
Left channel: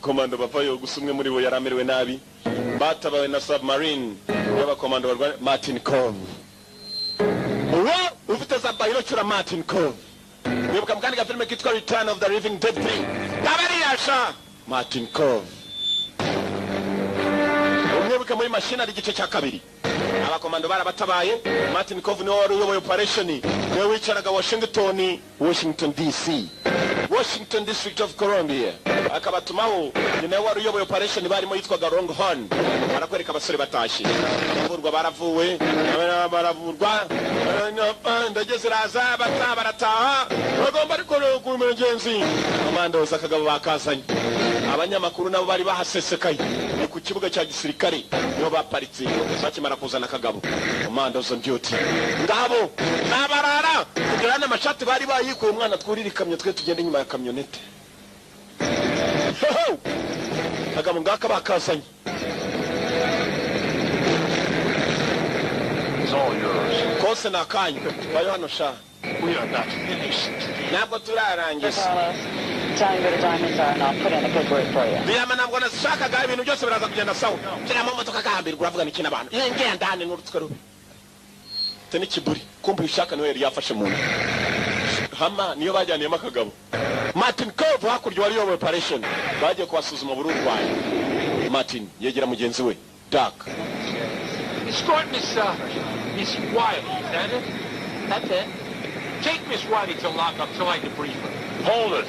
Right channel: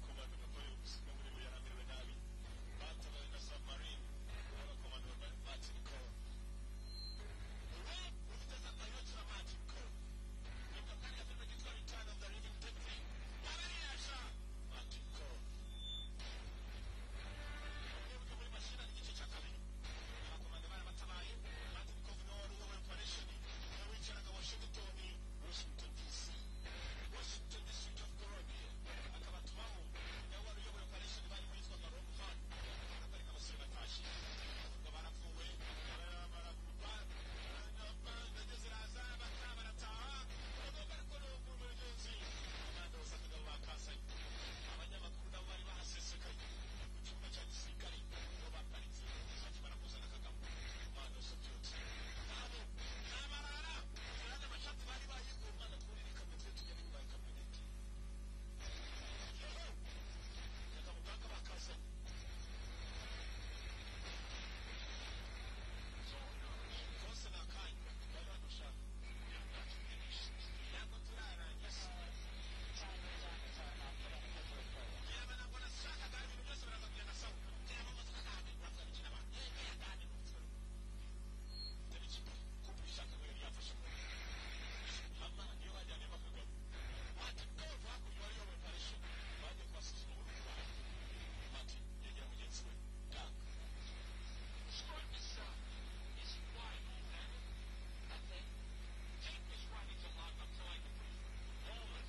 komando bavayo gusa umwe muri bo yari amerewe nabi batabawe na submarine y'abakomando barwaye Martin Cove uwo ufite za bayirokira Martin Cove nibuka mu kandi gafilime kitwa Return of the Living Dead 3 kabariyasha Martin Cove umwibuka muri machinery igice cya kabiri abakomando barabatabaye Martin Cove niwe wari uyoboye operation niwe wicaraga Washington DC Washington District of Columbia akabatumaho nyine wari uyoboye operation barimo yitwaga Longhorn barakwereka abasore batashye baravurwa ndageze raza barataha bagomba ariko kumengenzi komandoza akagabo bakazanye abanyamakuru nabo bari bahasesekaye ni ku kibuga cya gisirikare niho baparitse bakimara kuzana akagabo komandoza mbyuti ngabo nabarara kugira n'amashati bari bayikuye umwana twurira ikamyo twe tugenda inyuma ya kamyonete akagabo ngaka bakazanye It's all yours. kose nakanyu bayo hano sha We are not finished. ntabwo turarangiza Carlos, tell me where the diamonds are and I'll put in a good word for you. biyama ntabwo nashakaga ibintu byose biraza kugenda sawa kiramo motoka kahambirwa uravuga n'iki n'abantu ngenda hane n'urutwe rubi te n'ikiburi kumva ishaka niwe yari yafashe mu nda hama niyo bajyaniyemo akagabo Martin Cove hakurya wari yoboye operation bagiye kubasuzuma bururwaye Martin yegera mugenzi we Doc Escort Miss Wyatt, is that it? That's it. Take Miss Whitey to lock up till I debrief her. Hold it.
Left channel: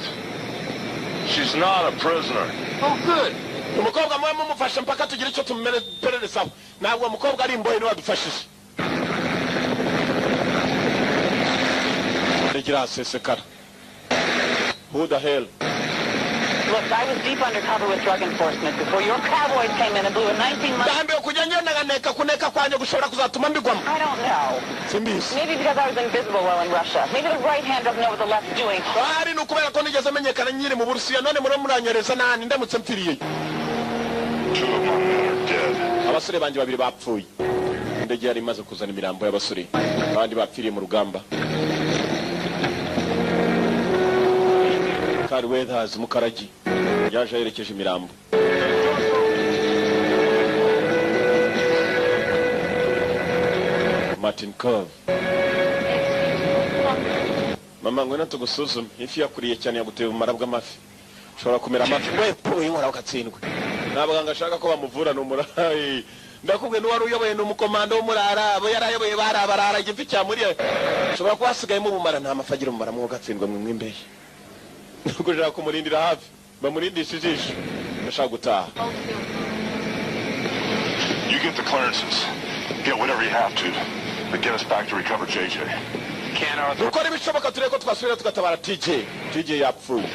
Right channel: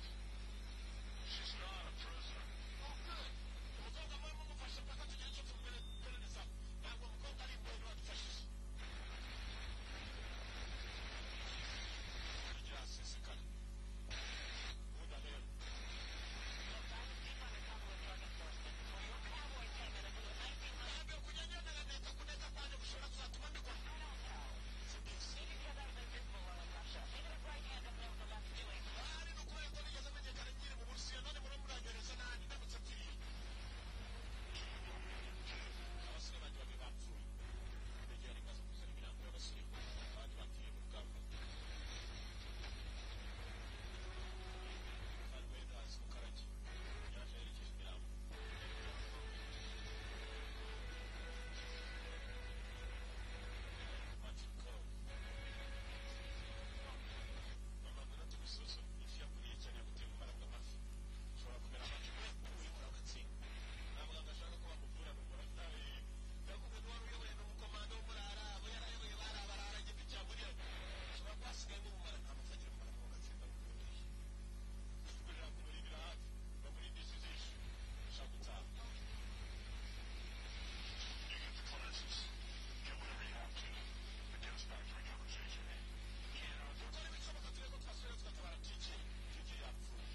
She's not a prisoner. Oh, good. umukobwa mwe mumufasha mpaka tugira icyo tumumererezaho ntabwo umukobwa ari imbohe niwe adufashije regira sesekara. Who the hell? Look, I was deep undercover with drug enforcement before your cowboys came in and blew a 19-month... ndambiwe kujya ngendaganeka kuneka kwanjye gushobora kuzatuma mbigwamo. I don't know. Simbizi. Maybe because I was invisible while in Russia. Maybe the right hand doesn't know what the left's doing. Bari nukubera ko nigeze menyekana nyiri mu Burusiya none muri muranyereza nani ndamutse mpfiriye. 2 of my men are dead. Abasore banje babiri bapfuye. Ndege yari imaze kuzana imirambo y'abasore abandi bapfiriye mu rugamba. Kari Weathers Mukaragi yaje yerekeje imirambo. Martin Cove. Mama ngwena tugusuzume ifi yakuriye cyane yaguteye ubumara bw'amafi. Ushobora kumera amafi wepo inkora ukatsindwe. Nabaganga ashaka ko bamuvura n'umurayi. Ndakubwe n'uwari uyoboye n'umukomando w'umurara abo yarayoboye barabarara igifi cyamuriye. Ushobora kuba hasigayemo ubumara nta mafagira umumara mu gatsindwe mwe imbere. Nuko jara kumurindira hafi bamurindisha ijisho ndashaka gutaha. You get the clearances. Get whatever you have to. But get us back to recover JJ. Can't, Arthur. Dukora ibishoboka tureko twasubira tugatabara TJ yapfuye.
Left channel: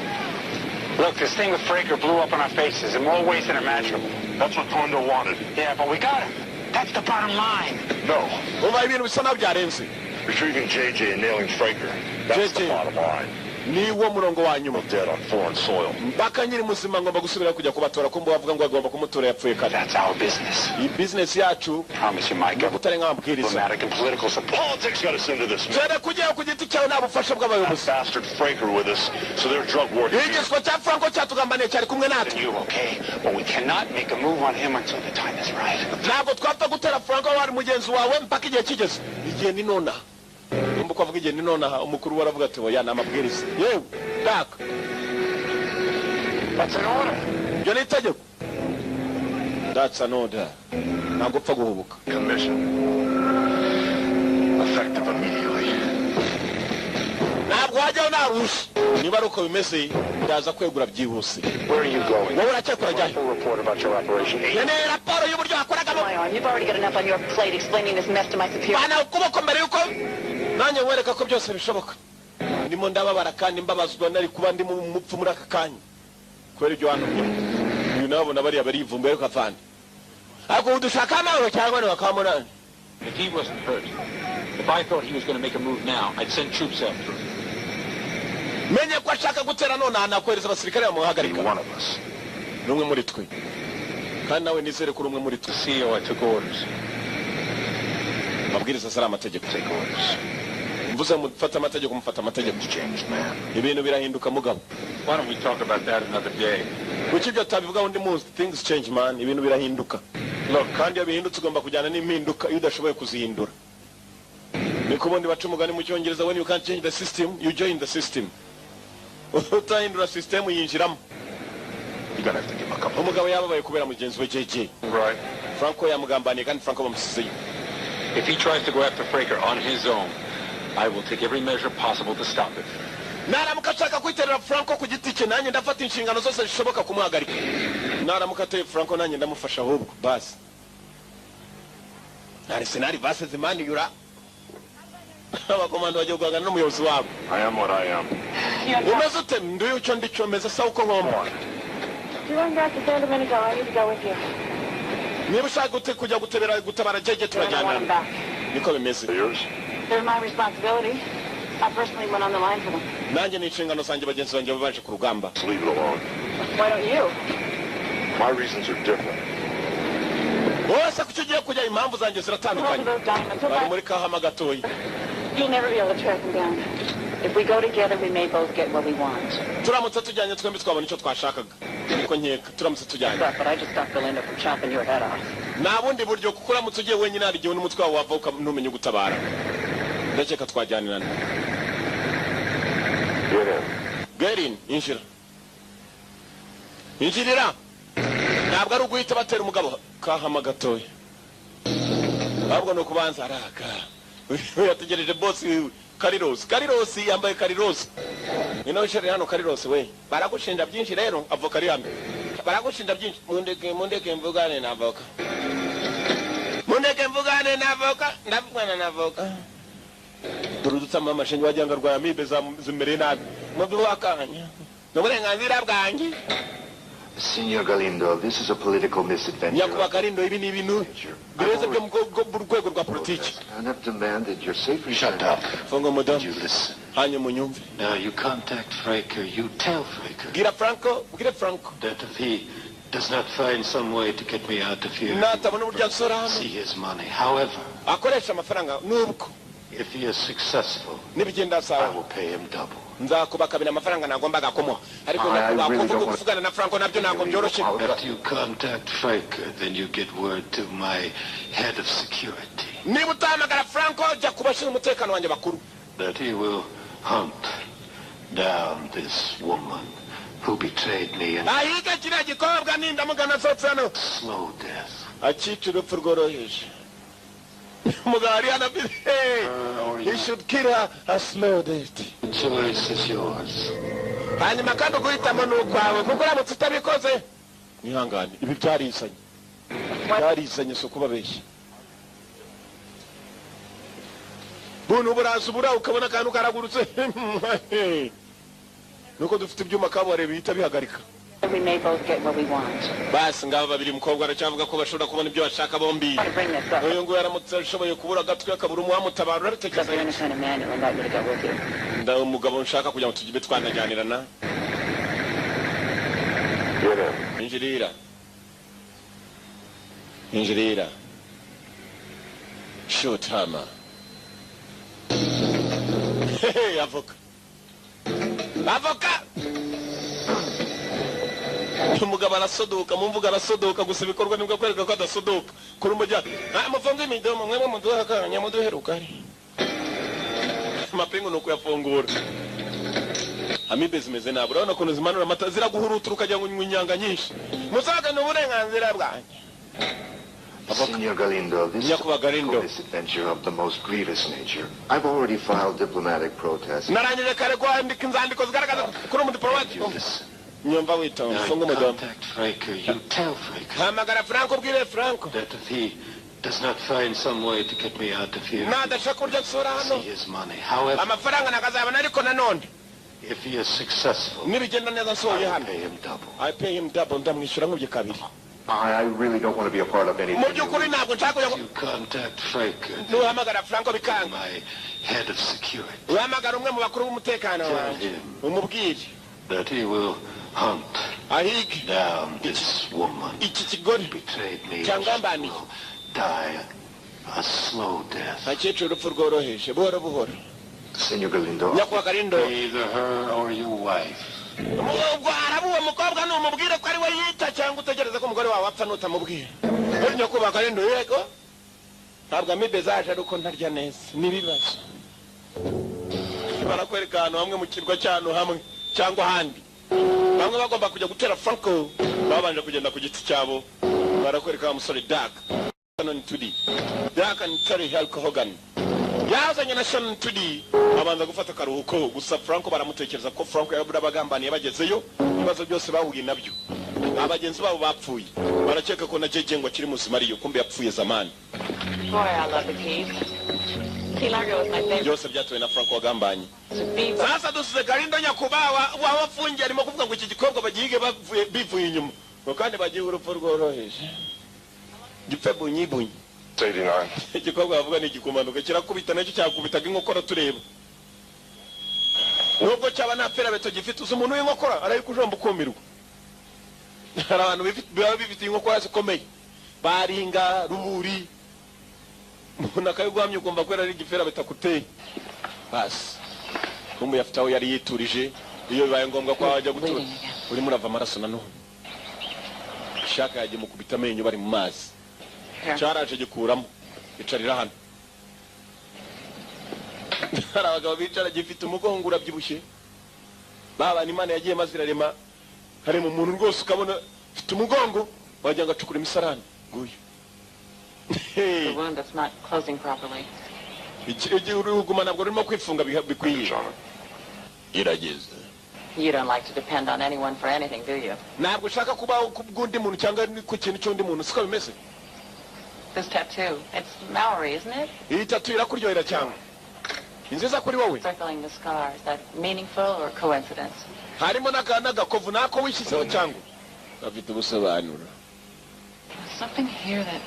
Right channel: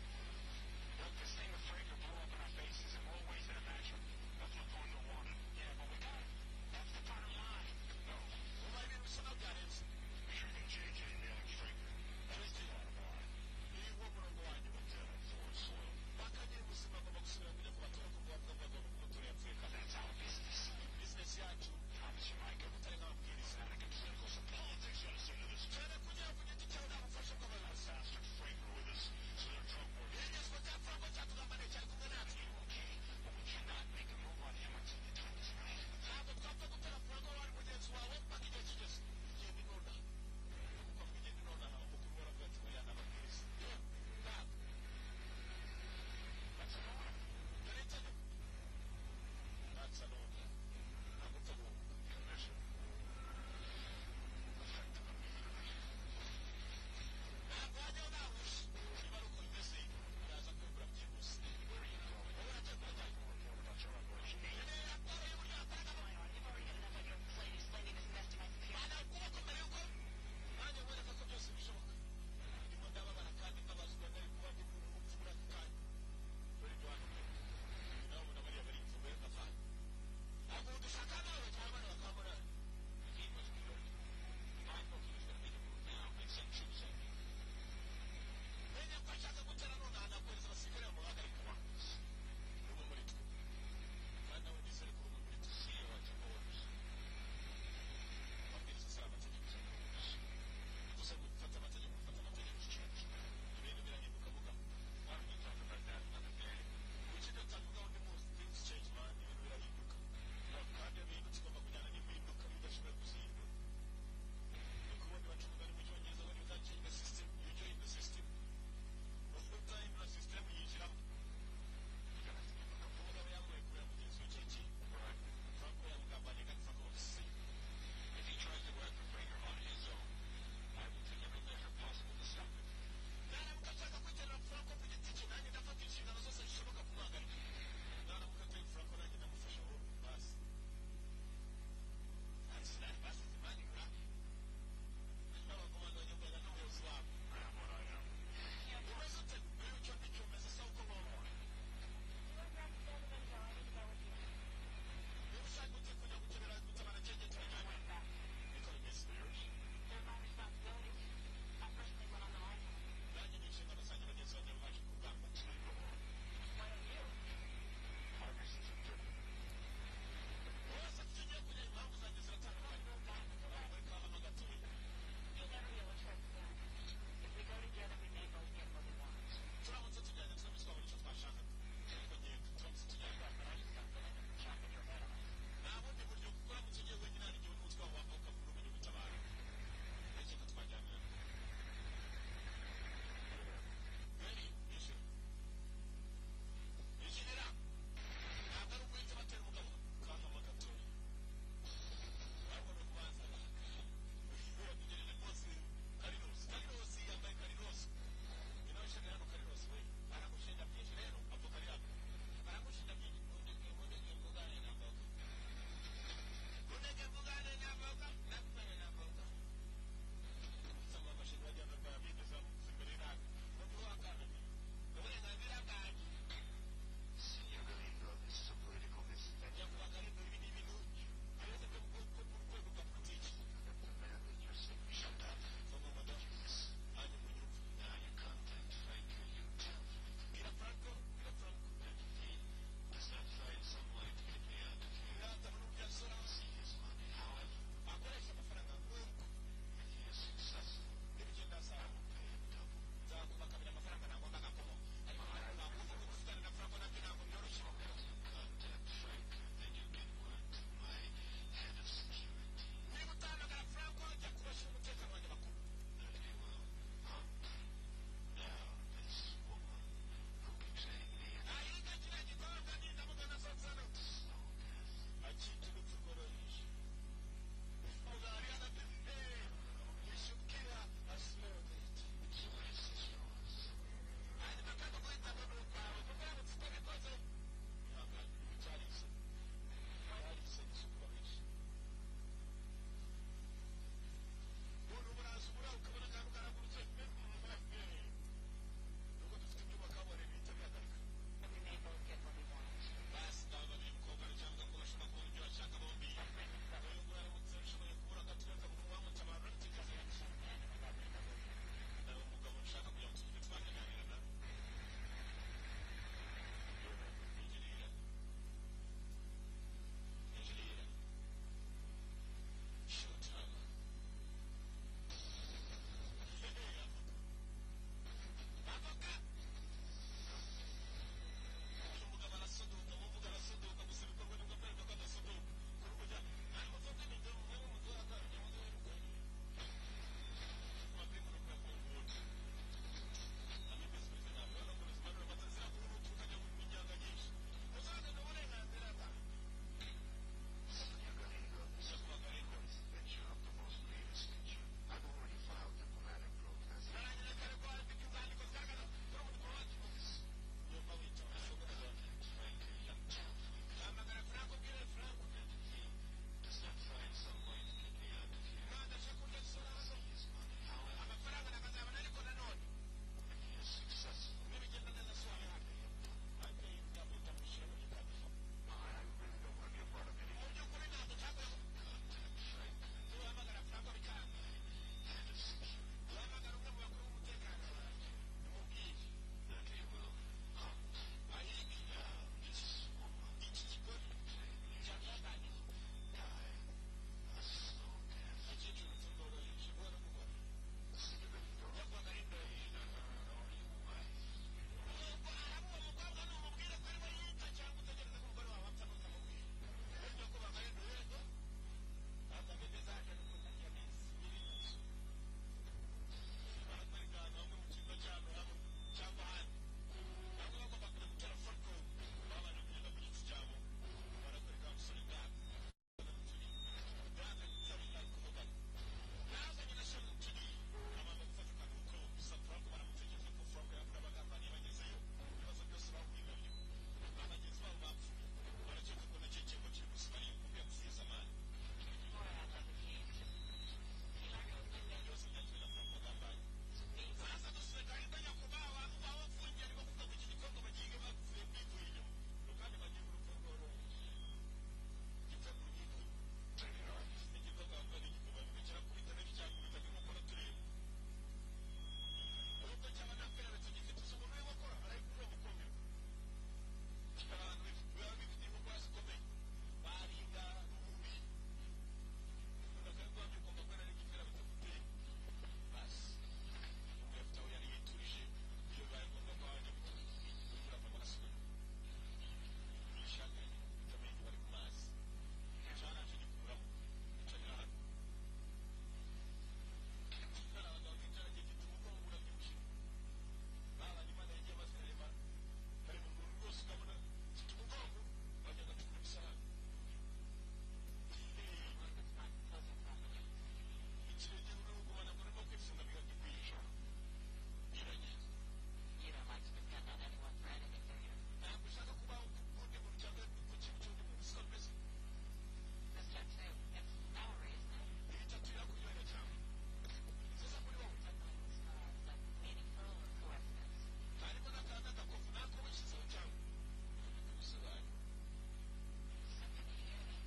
Look, this thing with Fraker blew up in our faces in more ways than imaginable. That's what Kondo wanted. Yeah, but we got him. That's the bottom line. No. Umva ibintu bisa naho byarenze. Retrieving JJ and nailing Fraker. That's the JJ. bottom line. Niwo murongo wa nyuma. Dead on foreign soil. Mpaka nyiri muzima ngomba gusubira kujya kubatora ko bavuga ngo agomba kumutora yapfuye kare. That's our business. Iyi business yacu Promise you, Mike. gutare nk'amabwiriza. Diplomatic and political support. Politics got us into this. Tere kujya ku giti cyawe nta bufasha bw'abayobozi. Bastard Fraker with us, so their drug war. Igiswa cya Franco cyatugambaniye cyari kumwe natwe. You okay? But we cannot make a move on him until the time is right. Ntabwo twapfa gutera Franco wari mugenzi wawe mpaka igihe kigeze. Igihe ni nona. Umbu kwavuga igihe ni nona umukuru waravuga ati oya na amabwiriza. Yewe tak. That's an order. Yo ni itegeko. That's an order. Ntabwo upfa guhubuka. Commission. Effective immediately. Ntabwo wajyaho narusha. Niba ari uko bimeze ndaza kwegura byihuse. Where are you going? Wowe uracyakora jyahe? Full report about your operation. Nene raporo y'uburyo wakoragamo. My arm, you've already got enough on your plate explaining this mess to my superior. Bana ukuboko mbere yuko nanjye nkwereka ko byose bishoboka. Ndimo ndababara kandi mbabazwa nari kuba ndi mu mupfu muri aka kanya. Kwera ibyo wantumye. Uyu nabona bariya barivumbuye ariko afande. Ako udushaka nawe cyangwa ni wakamona. If he wasn't hurt, if I thought he was going to make a move now, I'd send troops after him. Menye ko ashaka gutera none anakwereza abasirikare bamuhagarika. One of us. Numwe muri twe. Kandi nawe nizere ko umwe muri twe. CEO, I took orders. Mabwiriza sara amategeko. Take orders. Mvuze mufata amategeko mufata amategeko. Changed, man. Ibintu birahinduka mugabo. Why don't we talk about that another day? Kuki byo tabivuga undi munsi things change man ibintu birahinduka. Look kandi abihindutse ugomba kujyana n'impinduka iyo udashoboye kuzihindura. Niko bondi baca umugani mu cyongereza when you can't change the system you join the system. Utahindura system yinjiramo. You're gonna have to give him a couple. Umugabo yababaye kubera mugenzi we JJ. Right. Franco yamugambaniye kandi Franco bamusizeyo. If he tries to go after Fraker on his own, I will take every measure possible to stop it. Naramuka ashaka kwiterera Franco ku giti cye nanjye ndafata inshingano zose zishoboka kumuhagarika. Naramuka ateye Franco nanjye ndamufasha ahubwo basi. Nari senari base zimani yura. Abakomando bagiye kugana n'umuyobozi wabo. I am what I am. Umeze ute nduye icyo ndico meze sa uko ngomba. You went back to stand a minute ago. I need to go with you. Niba ushaka kujya gutabara JJ I want him turajyana. back. Niko bimeze. Yours? They're my responsibility. I personally went on the line for them. Nanjye ni inshingano zanjye bagenzi banjye baje ku rugamba. Just leave it alone. Why don't you? My reasons are different. Wose kuki ugiye kujya impamvu zanjye Hold ziratandukanye. those diamonds. Bari muri kahama gatoyi. You'll never be able to track them down. If we go together, we may both get what we want. Turamutse tujyanye twembi twabona icyo twashakaga. Niko nkeka turamutse tujyanye. But I just stopped Belinda from chopping your head off. Nta bundi buryo kuko uramutse ugiye wenyine hari igihe n'umutwe wawe wava ntumenye gutabara. Ndakeka twajyanirana. Get in, injira. Injirira. Ntabwo ari uguhita batera umugabo kahama gatoya. Ahubwo ni ukubanza araka. Yategereje boss Karirosi yambaye Karirosi. Ino shere hano Karirosi we. Baragushinja byinshi rero avoka ari hamwe. Baragushinja byinshi. Mundeke mvugane na avoka. Ndavugana na avoka. Durudutsa mama shenye wajanga rwa amibe zimere nabi. Mubi wakanya. N'uburenganzira bwanjye. Signor Galindo, this is a political misadventure. Nyakuba Galindo ibi ni ibintu bireze byo mu rwego rwa politiki. And I've demanded your safety. Shut up. Fungo madam. You listen. Hanya munyumve. Now you contact Fraker. You tell Fraker Gira Franco. that if he does not find some way to get me out of here, Natabona uburyo nsora see his money. However, akoresha amafaranga nubwo if he is successful, nibigenda I sawa will pay him double. nzakubakabira amafaranga nagombaga kumuha ariko I really nakuvuga don't want- kuvugana na Franco nabyo ntabwo byoroshye. After you contact Fraker, then you get word to my head of security Niba utahamagara Franco jya kubashinga umutekano wanjye bakuru that he will hunt down this woman who betrayed me and ahige kiriya gikobwa nindamugana asohotse hano slow death. akica urupfu rworoheje. Umugabo ari hano he should kill her a slow death. The choice is yours. Hanyuma kandi uguhitamo ni ukwawe kuko uramutse utabikoze nihangane ibi byarizanye si ukubabeshya. Buntu buraza ubura ukabona akantu karagurutse nuko dufite ibyuma kabuhariwe bihita bihagarika. We may both get what we want. Basi ngabo babiri umukobwa aracyavuga ko bashobora kubona ibyo bashaka bombi. To bring this up, Uyu nguyu aramutse ashoboye kubura agatwe akabura umuhamutabara because urabitekereza you're the kind of man who would like me to go with you. nda umugabo nshaka kugira ngo tugibe twanajyanirana. Get in. Injirira shoot hammer. Hey, avoka umugabo arasodoka mumvuga arasodoka gusa ibikorwa nibwo kwereka ko adasodoka kuri umujya amafunga imidomo mwemwe muduha akanya muduheruka ari amapingu nuko yafungura amibe zimeze nabi urabona ko zimanura amata ziraguhurutura ukajya ngo inyanga nyinshi musaga n'uburenganzira bwanjye. Signor Galindo, this is a Nyakuba Galindo. misadventure of the most grievous nature. I've already filed diplomatic protests. narangije kare kwandika inzandiko zigaragaza kuri umudiplomate. You listen. Nyumva witonze Now funga you umudomo. contact Fraker. You tell Fraker Hamagara Franco ubwire Franco that if he does not find some way to get me out of here, nadashaka urya gusura hano see his money. However, amafaranga nakazabona ariko nanone if he is successful, nibigenda neza I nsohoye will hano pay him double. I pay him double ndamwishyura nk'ubye kabiri. I really don't want to be a part of anything. Mu by'ukuri ntabwo nshaka kugira ngo You contact Fraker, nuhamagara Franco bikanga my head of security, uhamagara umwe mu bakuru b'umutekano wanjye umubwire that he will hunt ahige down this woman iki kigore who betrayed me and cyangambaniye will die a slow death. akecuru urupfu rworoheje buhoro buhoro. Signor Galindo, Nyakuba Galindo Either her or your wife. ubwo haraba uwo mukobwa numubwire ko ari we yita cyangwa utegereze ko umugore wawe apfa nutamubwira. Nyakuba Galindo yego ntabwo amibe zaje ariko ntarya neza n'ibibazo barakwereka ahantu hamwe mu kirwa cy'ahantu hamwe cyangwa ahandi bamwe bagomba kujya gutera Franco babanje kugenda ku giti cyabo barakwereka umusore Dark Shannon Tudi Dark and Terry Hulk Hogan yazanye na Shannon Tudi abanza gufata akaruhuko gusa Franco baramutekereza ko Franco yabura abagambaniye bagezeyo ibibazo byose bahuye nabyo abagenzi babo bapfuye barakeka ko na JJ ngo akiri muzima ariyo kumbe yapfuye zamani. Boy, I love the keys. Key Largo is my favorite. Byose byatuwe na Franco wagambanye. Viva. Sasa dusize Galindo Nyakuba wafungiye arimo kuvuga ngo iki gikobwa bagihige bivuye inyuma ngo kandi bagiye urupfu rworoheje gipfe bunyibunyi. 89. Igikobwa bavuga ni igikumanuka kirakubita nacyo cyakubitaga inkokora tureba nubwo cyaba nta perabeto gifite uzi umuntu w'inkokora arayikujomba ukumirwa. Hari abantu bifite inkokora zikomeye baringa ruburi umuntu akayigwamye ukumva ko ari igifera bitakuteye basi kumbe yafite aho yari yiturije iyo bibaye ngombwa ko ajya gutura uri murava amaraso nanone shaka yagiye mukubita amenyo bari mu mazi cyaraje gikuramo icarira hano. Hari abagabo bicara gifite umugongo urabyibushye babana Imana yagiye mazirarema hari mu muntu rwose ukabona ufite umugongo wagira ngo acukura imisarani nguyu. The wound that's not closing properly. igihe uruguma ntabwo rurimo kwifunga bikwiye. Irageze. You don't like to depend on anyone for anything, do you? Ntabwo ushaka kubaho kubw'undi muntu cyangwa ku kintu cy'undi muntu, siko bimeze? This tattoo, it's Maori, isn't it? Iyi tattoo irakuryohera cyane. Inziza kuri wowe. Circling the scar, is that meaningful or coincidence? Harimo n'agakovu nako wishyizeho cyangwa gafite ubusobanuro. Something here that...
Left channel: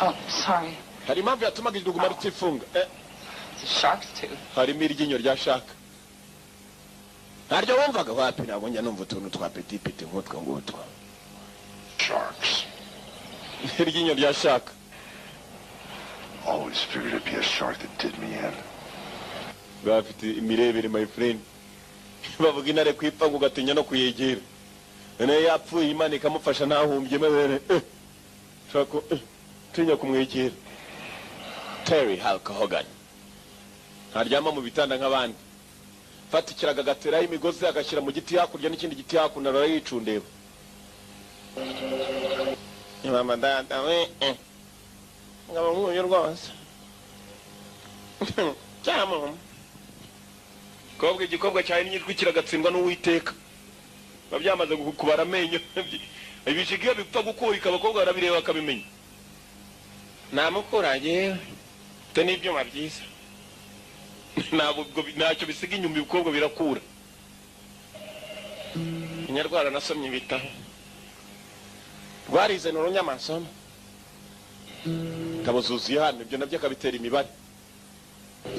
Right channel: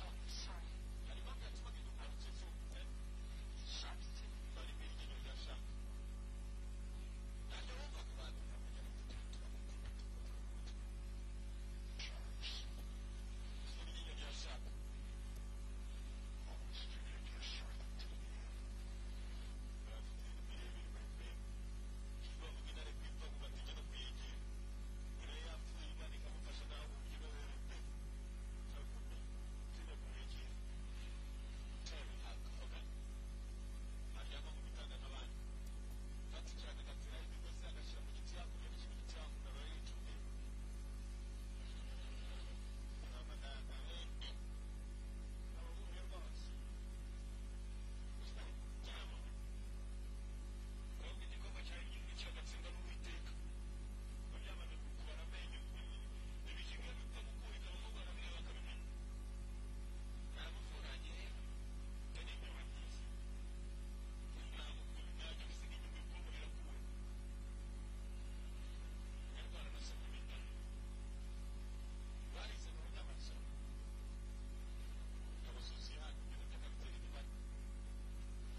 Oh, sorry. Hari impamvu yatumaga iruguma rutifunga. It's a shark's tooth. Harimo iryinyo rya shaka. Ntaryo wumvaga wapi? Ntabwo njya numva utuntu twa petit nk'utwo ngutwo. Sharks. Iryinyo rya shaka. Always figured it'd be a shark that did me in. Bafite imirebere, my friend. Bavuga intare kwipfa ngo ugatinya no kuyegera. None yapfuye Imana ikamufasha ntahumbye mebere. Shako tinya kumwegera. Terry Hulk Hogan. Haryama mu bitanda nk'abandi. Fata ikiraga gateraho imigozi agashyira mu giti hakurya n'ikindi giti hakuno arayicundeba. Mama dada we. Ngaba nk'uyu rwose. Cyamo. Kobwa igikobwa cyawe n'igitwi kiragatsindwa n'Uwiteka. Babyamaze kubara amenyo. Ibishigiye bipfa gukurika abakobwa barabireba bakabimenya. Namukuranye te n'ibyuma byiza. Ntabwo ntacyo bisiga inyuma ibikobwa birakura. Inyarwara nasomye ibitaho. Rwarize n'urunyamasomo. Kabuzuziye hano ibyo nabyo akabitera imibare.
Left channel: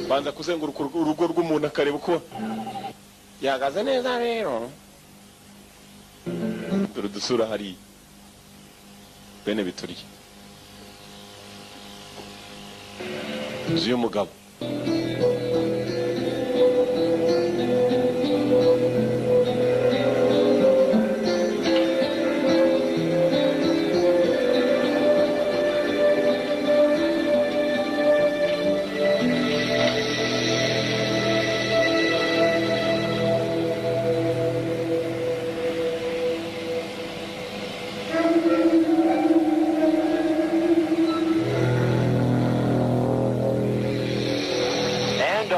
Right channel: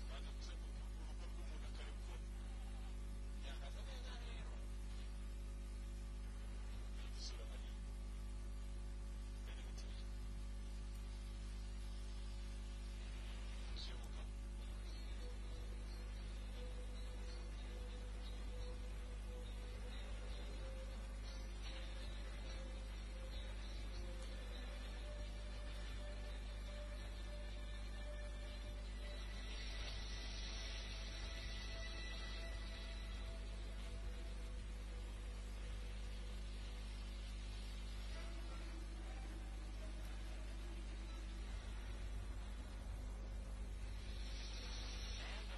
Banza kuzenguruka urugo rw'umuntu akareba uko yagaze neza rero. Dore dusura hari bene bituriye. Uzi umugabo.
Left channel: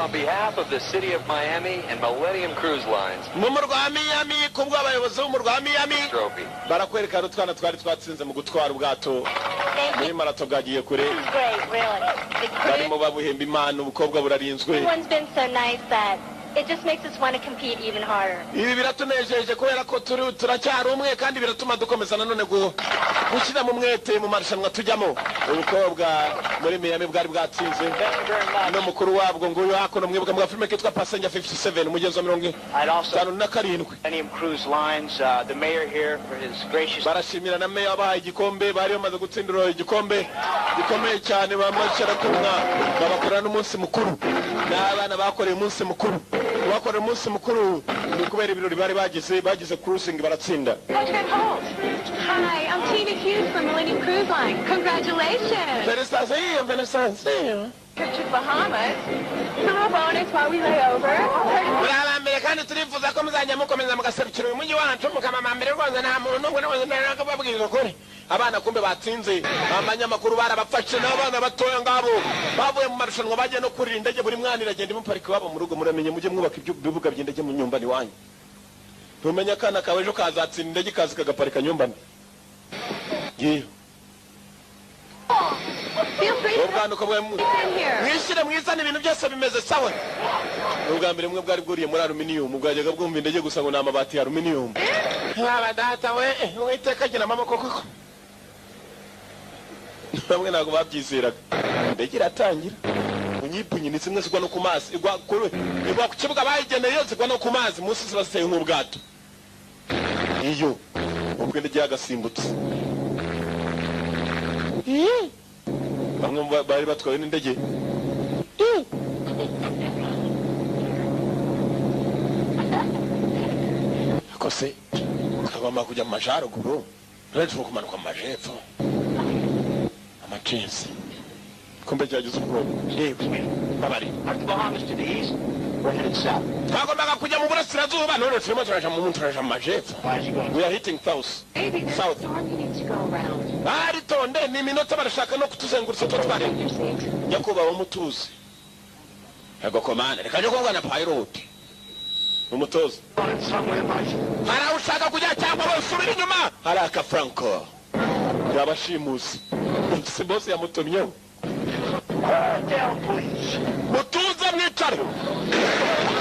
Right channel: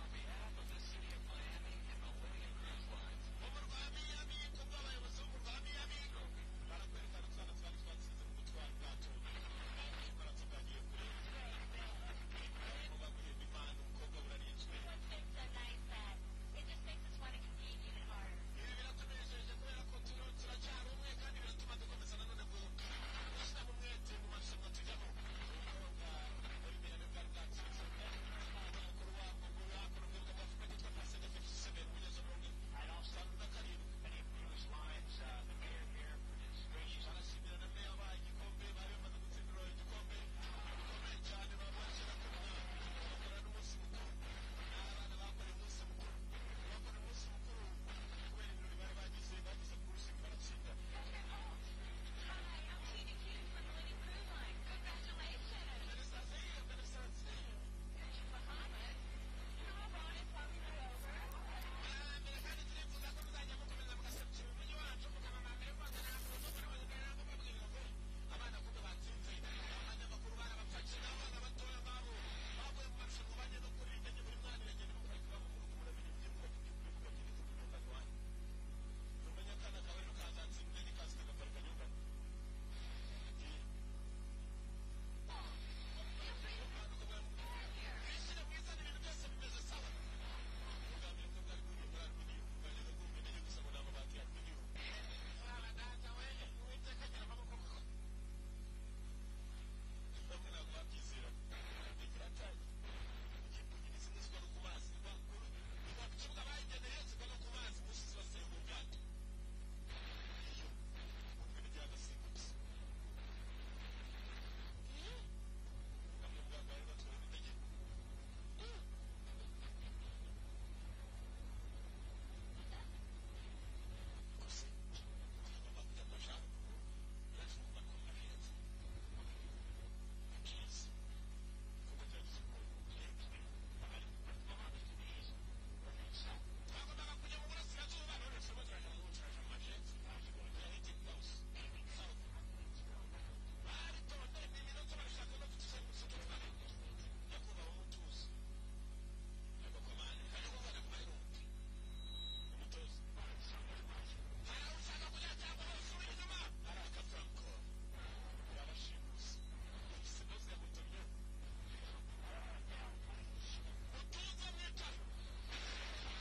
On behalf of the City of Miami and Millennium Cruise Lines, Mumurwa Miami kubwo abayobozi b'umurwa Miami trophy. Barakwereka rutwana twari twatsinze mu gutwara ubwato. Muri marato bwagiye kure. This is great, really. The Barimo babuhemba Imana ubukobwa burarinzwe. everyone's been so nice that it just makes us want to compete even harder. Ibi biratunejeje kubera ko turacyari umwe kandi biratuma dukomeza nanone gushyira mu mwete mu marushanwa tujyamo. Ubukobwa muri Miami bwari bwatsinze. No mukuru wabwo nguyu hakono mwibuka mu filime kitwa Passenger 57 umugenzi wa 57. Millennium Cruise Lines, the mayor here for his gracious. Barashimira na meya abahaye igikombe bari bamaze gutsindira igikombe gikomeye cyane bamashara kumwa babakorana n'umunsi mukuru n'abana bakoreye umunsi mukuru bakoreye umunsi mukuru ni kubera ibirori bari bagize cruising baratsinda. Hi, I'm Tina Hughes from Millennium Cruise Line. Congratulations. Felicitations. Trip to Bahamas. Small bonus while we lay over. Murabambere kandi turifuza ko muzajya mukomeza mugaserukira uyu mujyi wacu mukamamambere rwose nta muntu n'umwe n'umwe nakababwira ukuri. Abana kumbe batsinze abanyamakuru barabafashe n'abana batoya ngabo bavuye mu marushanwa bagiye no kurira indege buri mwana iragenda imuparika wabo mu rugo muramenye mujye mwubaka ibibuga by'indege mu nyumbani wanyu. Tumenya kana kawe ejo kazatsinda indege kazi kagaparika nyumbani. Yewe. Feel free to Ubwana uko mwishyire mwizana ibintu byose bimeze sawa. Ubwa mbere mwe bwari bwuriye muri aluminium bwajyaga bwumva indege gusa ngo n'amabati ya aluminium. Baba data we Uwiteka agira amaboko koko. Bamwe ntabwo babyizeraga. Indege iratangira. Unyipunyi ni zimwe zigwa no ku mazi igwa ku kibuga bayigeneye yose igwa no ku mazi munsi zibaseye nk'ubwato. Iyo ubwo indege yagasimbutse. Bamwe bari batwaye n'indege. Kose kagomba kujya mu majaruguru rero kumanuka mu majepfo amachensi kumbe cyagize ubwoba yewe babari Aren't the Bahamas to the east? We're headed south. twagombaga kujya mu burasirazuba none turimo turaja mu majepfo. We are hitting south. Maybe there's South. a storm you need to go around. Baritonde ni minota barashaka no kutuzengurutsa twatware. Your seat. Nyakuba umutuzi. Ego komanda reka nyo kuvugana pilot. Umutoza. Somewhere, mate. Hara ushaka kujya cyangwa usubira inyuma. Haraka Franco. Yabashimusi. Si boss yamutumyeho. Down, please. Mutuze mwicare.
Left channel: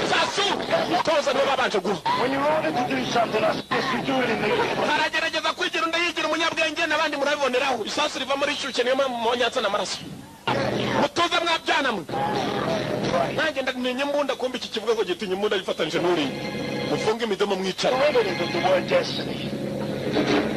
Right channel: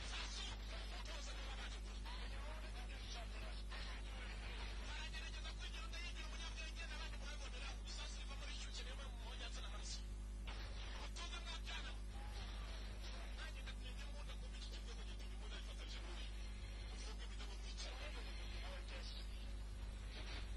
Sasu. Mutoza niwe babanje guha. When you're ordered to do something, I suggest you do it immediately. Haragerageza kwigira ndayigira umunyabwenge n'abandi murabiboneraho. Isasu riva muri shuke niyo mwonyatsa n'amaraso. Mutuze mwabyana mwe. Nanjye ndamenye imbunda kumbi iki kivuga ngo gitinya imbunda yifatanije n'uri. Mufunge imidomo mwicare. Derivative of the word destiny.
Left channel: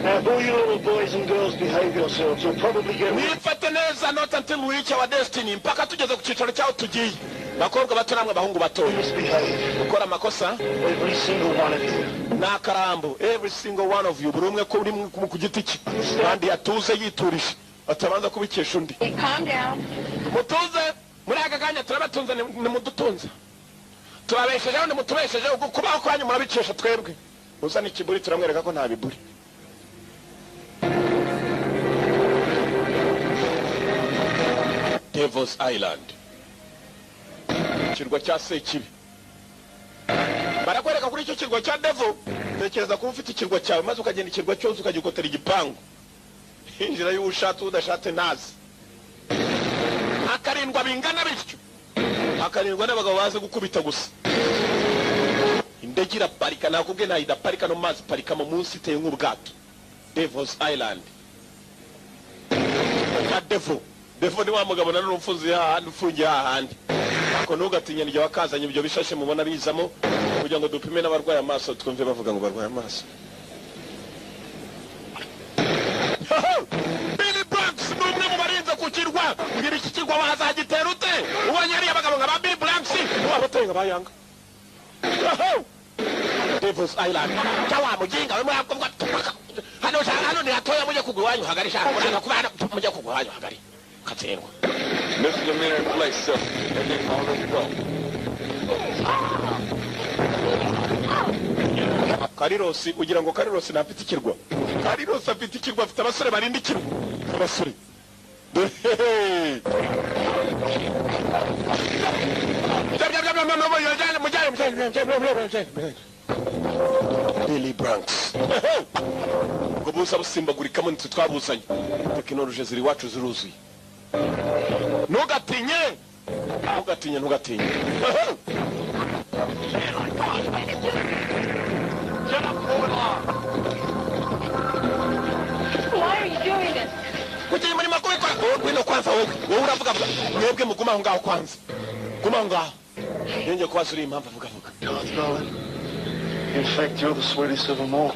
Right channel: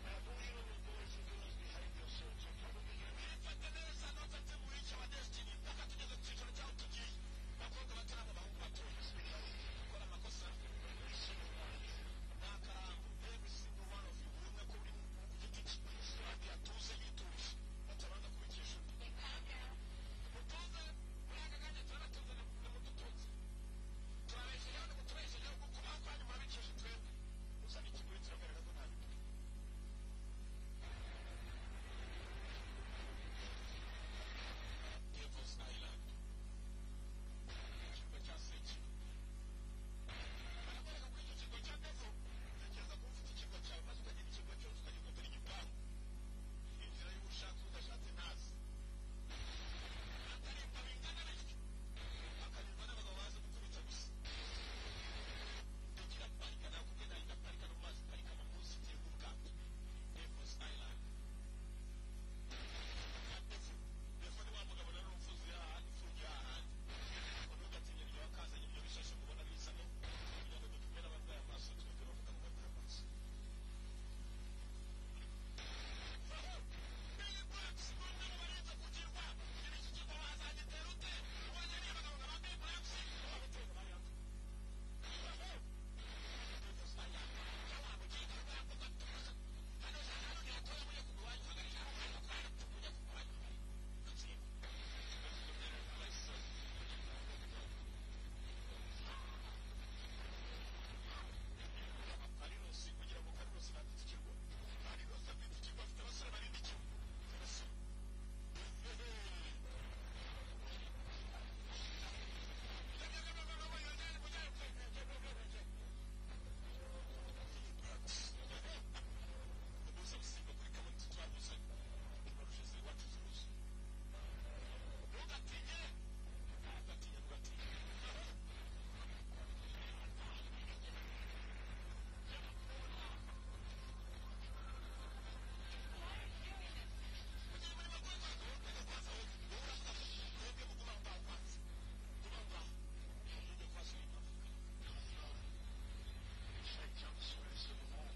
Now, if all you little boys and girls behave yourselves, you'll probably get... Mwifate neza not until we reach our destiny. Mpaka tugeze ku cyicaro cyaho tugiye. Bakobwa bato namwe bahungu bato. Misbehave. Gukora amakosa. Every single one of you. Nakarambo. Every single one of you. Buri umwe ko uri ku giti cye. Kandi yatuze yiturije. Atabanza kubikesha undi. Hey, calm down. Mutuze. Muri aka kanya turabatunze nimudutunze. Turabeshejeho nimutubeshejeho kubaho kwanyu murabikesha twebwe. Uzana ikiburi turamwereka ko nta biburi. Devil's Island. Kirwa cya Sekibi. Barakwereka kuri icyo kirwa cya Devil. Tekereza ko ufite ikirwa cyawe maze ukagenda ikirwa cyose ukagikotera igipangu. Injira y'ubushatse udashatse nazi. Akarindwa bingana bityo. Akarindwa n'abagabo baze gukubita gusa. Indege iraparika nakubwe nayo idaparika no mazi parika mu munsi iteye nk'ubwato. Devil's Island. Ya Devil. Devil ni wa mugabo na n'umfuzi hahandi ufungiye hahandi. Ako ntugatinya niryo wakazanye ibyo bishashe mubona bizamo kugira ngo dupime n'abarwaye amaso twumve bavuga ngo barwaye amaso. Billy Blanks n'umwe mu barinze ku kirwa. Ngira iki kirwa wazagitera ute? Ubonye ari abagabo nka ba Billy Blanks wabateye nka bayanga. Devil's Island. Chawa mujinga we mwakubwa. Hano ni atoya muje kugwanyu hagari shaka kuranga kubana muje kugwanyu hagari. Katsengwa. Misdemeanor in place, sir. And then on the go. Karirosi ugira ngo Karirosi nafite ikirwa. Karirosi afite ikirwa afite abasore barinda ikirwa. Abasore. Billy Blanks. Ngo busa busimbagurika mu nitwe twabuzanye. Tekinoloji ziri wacu ziruzuye. Ntugatinye. Ntugatinye. Why are you doing this? Kuki muri makuru kwa wino kwanza wowe uravuga mwebwe muguma aho ngaho kwanza. Guma aho ngaho. Nenge kwasura impamvu avuga. Darling, in fact, you're the sweetest of them all.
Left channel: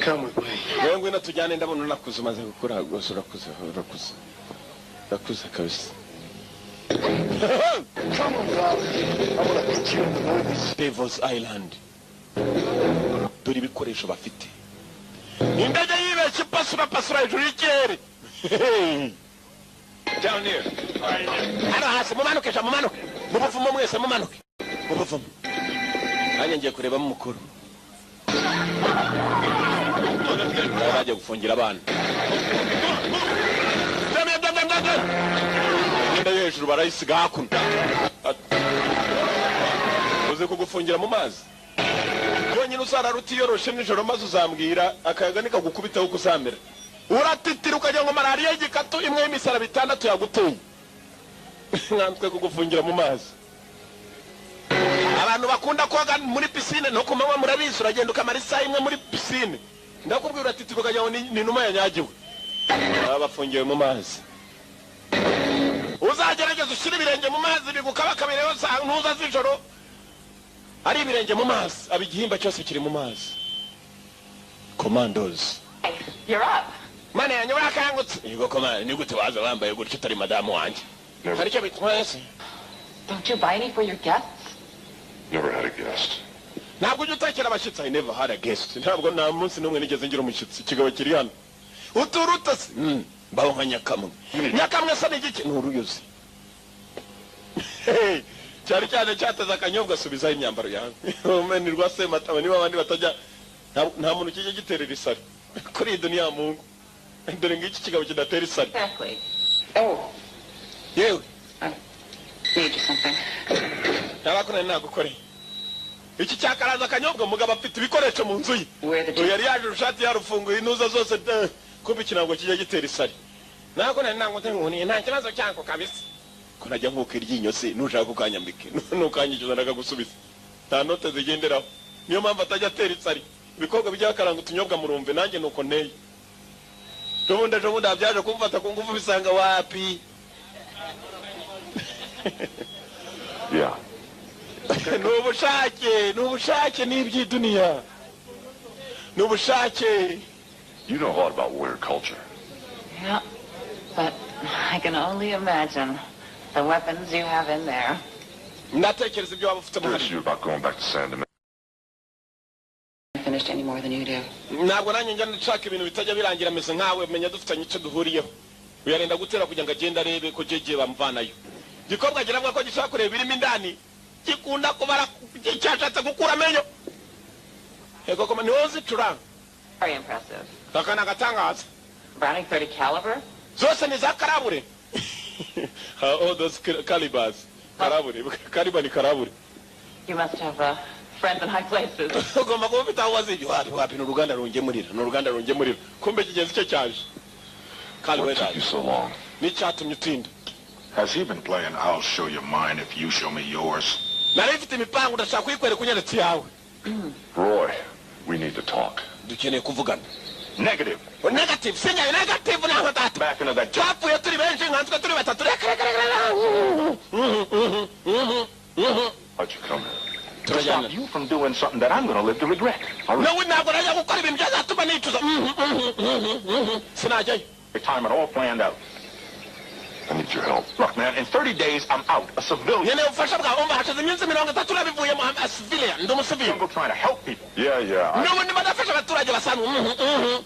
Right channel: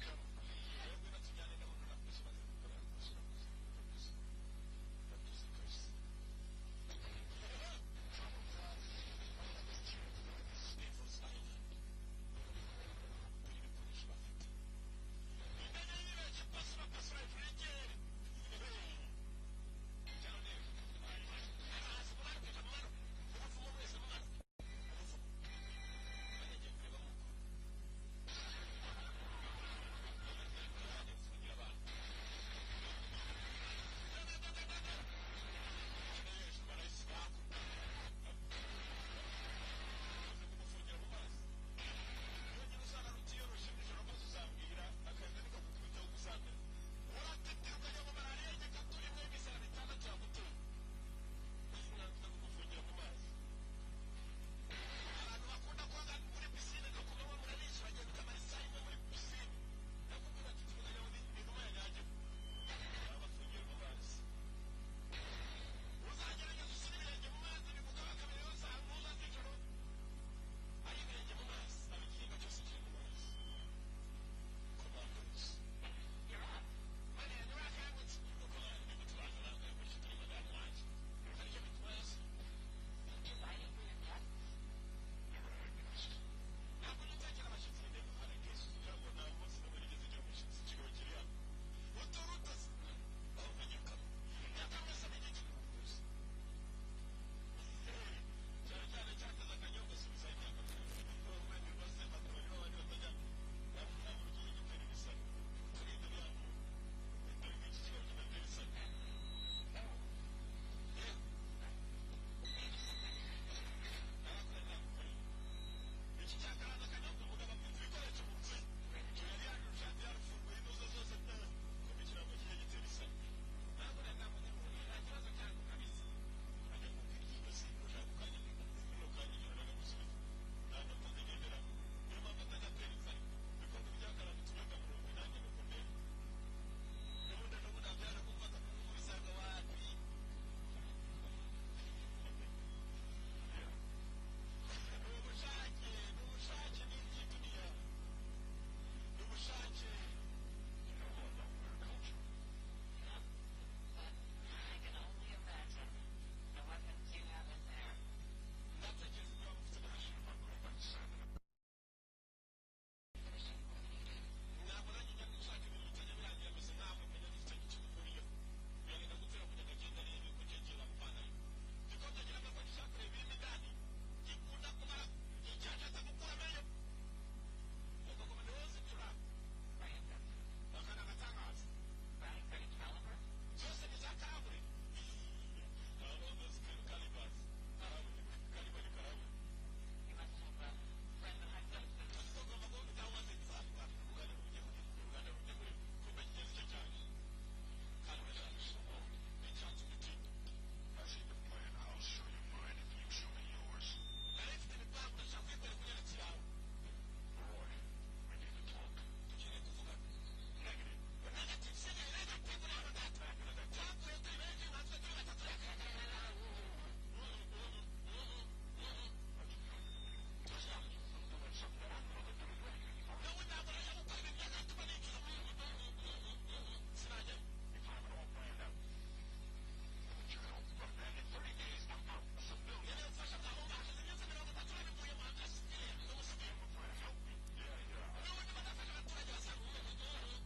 Come with me. Wewe ngwino tujyane ndabona nakuze maze gukura gose urakuze. Nakuze kabisa. Come on, darling. I want to put you in the movies. Devil's Island. Dore ibikoresho bafite. Indege yibeshye pasura hejuru y'ikirere. Down here. Hano hasi mumanuke mubuvumo mwese mumanuke mubuvumo anye ngiye kureba mu mukuru baje gufungira abana Nda hejuru barayisiga hakuno uze kugufungira mu mazi yonyine uzararuti yoroshe nijoro maze uzambwira akayaga nikagukubitaho kuzamera uratitira ukajya ngo malaria y'igikatu imwe y'imisara bitandatu yaguteye nkanswe kugufungira mu mazi abantu bakunda koga muri piscine no kumanywa murabizi uragenda ukamara isaha imwe muri piscine ndakubwira uratitira ukajya ngo ni numa yanyagiwe abafungiwe mu mazi uzagerageza ushyira ibirenge mu mazi bigukabakabireho ntuza z'ijoro ari ibirenge mu mazi abigihimba cyose kiri mu mazi Commandos. You're up. Mane yanyu wakangutse yego komanda ni gute waza wambaye gutyo utari madamu wanjye hari cyo bitwese. Don't you buy any for your guests? Never had a guest. Ntabwo ujya utakira abashyitsi. I never had a guest. Ntabwo nta munsi n'umwe nigeze ngira umushyitsi. Ikigabo kiri hano uturuta se mbaho nka nyakamwe se n'igiki n'uruyuzi cyari cyane cyateza akanyobwa asubizaho imyambaro yawe umenirwa se mataba niba abandi batajya nta muntu kijya giterera isari kuri iyi duniya Mungu dore ngiki kigabo kidatera isari Exactly. Oh, yewe I need you something. ntabakora nagukoreye iki cyakaraza akanyobwa mugabo afite ibikoresho mu nzu ye Where the yari yaje urushati yarufunguye inuza zose kumbe ikinango kijya gitera isari nako nanango nkuniye nta kibazo cyako kabisa ko najya nkuko iryinyo se nushaka kukanyambike nukanyicuza ndakagusubiza nta note zigenderaho niyo mpamvu atajya atera isari ibikorwa by'akaranga utunyobwa murumve nanjye nuko nteye ejo bundi byaje kumfata ku ngufu bisanga wapi Yeah. nubushake n'iby'iduniya nubushake. You know a lot about weird culture. Yeah, but I can only imagine the weapons you have in there. Ndatekereza ibyo waba ufite Curious you about going back to San Domingo. I finished any more than you do. Ntabwo nanjye njya nshaka ibintu bitajya birangira meze nkawe menya dufitanye icyo duhuriyeho uyarenda gutera kugira ngo agende arebe ko jeje bamvanayo gikorwa giramwa ko gishaka kureba birimo indani gikunda kubara cyashatse gukura amenyo ego koma niwozi turanga Very impressive. takana gatangaza Browning 30 caliber? zose ni za karabure all those calibers karabure kaliba ni karabure. You must have friends in high places. ugomba kuba ufite aho waziye wapi ni uruganda rungemurira kumbe kigenzi cyo cyaje What took you so long? n'icyatumye utinda. Has he been playing I'll show you mine if you show me yours? nari mfite imipango ndashaka kuyikwereka unyeretse yawe. Roy, we need to talk. dukeneye kuvugana. Negative. Negative sinya negative naho data Back into that job. twapfuye turi benshi nkanswe turi batatu How'd you come here? To stop you from doing something that I'm going to live to regret. nawe ntabwo najya gukora ibintu byazatuma nicuza sinajyayo. Time it all planned out. I need your help. Look, man, in 30 days, I'm out. A civilian. nkeneye ubufasha bwawe umva hashize iminsi 30 urabivuyemo civilian ndi umusivili. I'm trying to help people. Yeah. n'ubundi badafasha abaturage basanzwe.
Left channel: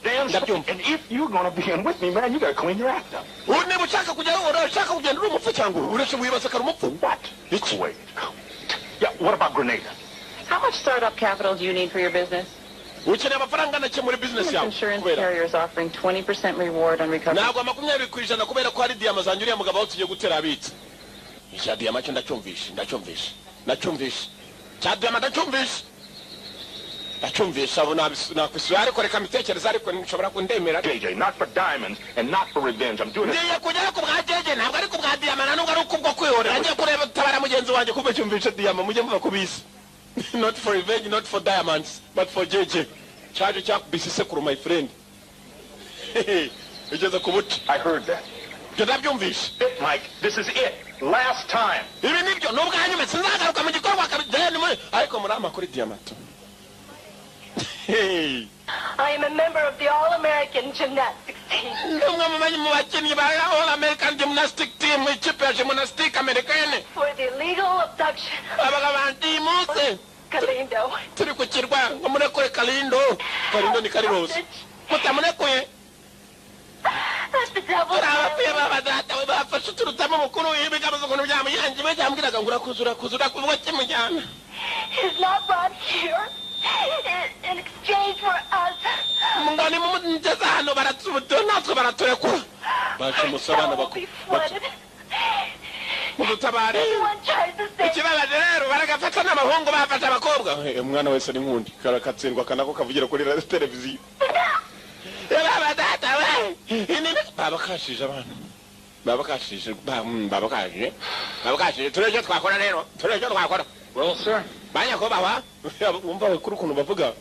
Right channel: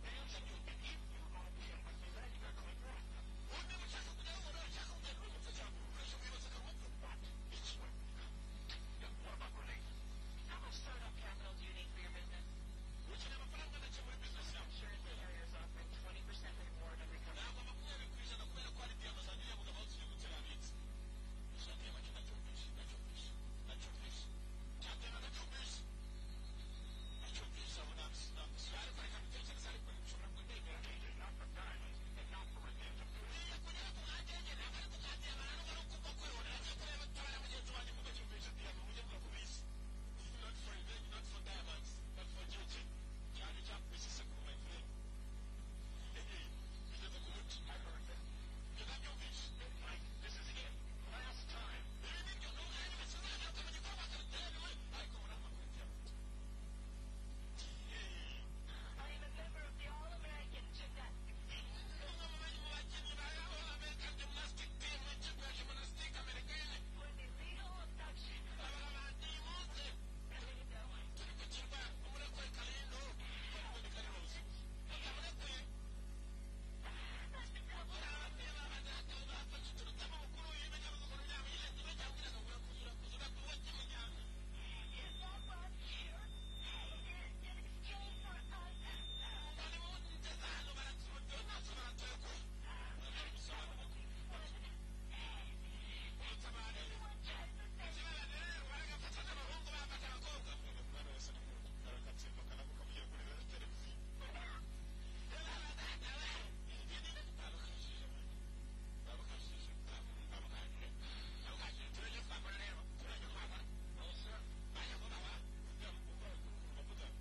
Damn something. And if you're going to be in with me, man, you got to clean your act up. niba ushaka kugenda uri umupfu cyangwa uretse wibasakara umupfu. What? Wait. Yeah, what about Grenada? How much startup capital do you need for your business? ukeneye amafaranga nake muri business This yawe. insurance carrier is offering 20% reward on recovery. ntabwo 20% kubera ko hari diyama zanjye uriya mugabo aho tugiye gutera abitse. icya diyama cyo ndacyumvishe cya diyama ndacyumvishe abo nakwisura ariko reka mitekereza ariko nshobora kundemera. JJ, not for diamonds and not for revenge. I'm doing it. ngiye kujya ku bwa jeje ntabwo ari ku bwa diyama na nubwo ari kubwo kwihorera ngiye kureba tabara mugenzi wanjye kumbe cyumvishe diyama mujye muva kubisi. Not for revenge, not for diamonds, but for JJ. Charge cyakubise sekuru my friend. Ugeze ku buti. I heard that. ndabyumvishe. Mike, this is it. Last time. ibi nibyo n'ubwanyuma sinzagaruka mu gikorwa kabijyane ariko muri amakuru diyamato. I am a member of the All-American Gymnastics team. Ndumwe mu bakinnyi ba All-American Gymnastic Team ikipe ya gymnastic americaine. For the illegal abduction abaga bandi muse. Galindo. turi ku kirwa ngo murekure Kalindo ni Karirosi. mutamunekuye. That's the devil. abapfuye babadata bafashe turutamo mukuru ibigabuzo ukuntu byamuyanje bajyambwiraga ngo urakuzura kuvuga kimujyana. He's not brought here in exchange for us. Mungani mumugeza hano baratsubuto natwe baraturekura. baje musabana Be flooded. mudutabare. Anyone tries to say ikibabaje rero baragafata n'abahungu bafata abakobwa. umwana wese ni nkundi karakatsindwa kanako kavugira kuri televiziyo. babadata we babakashije abantu babakashije turejo twakora rero Well, sir. banya ko bawa umva kuri ukuntu bavuga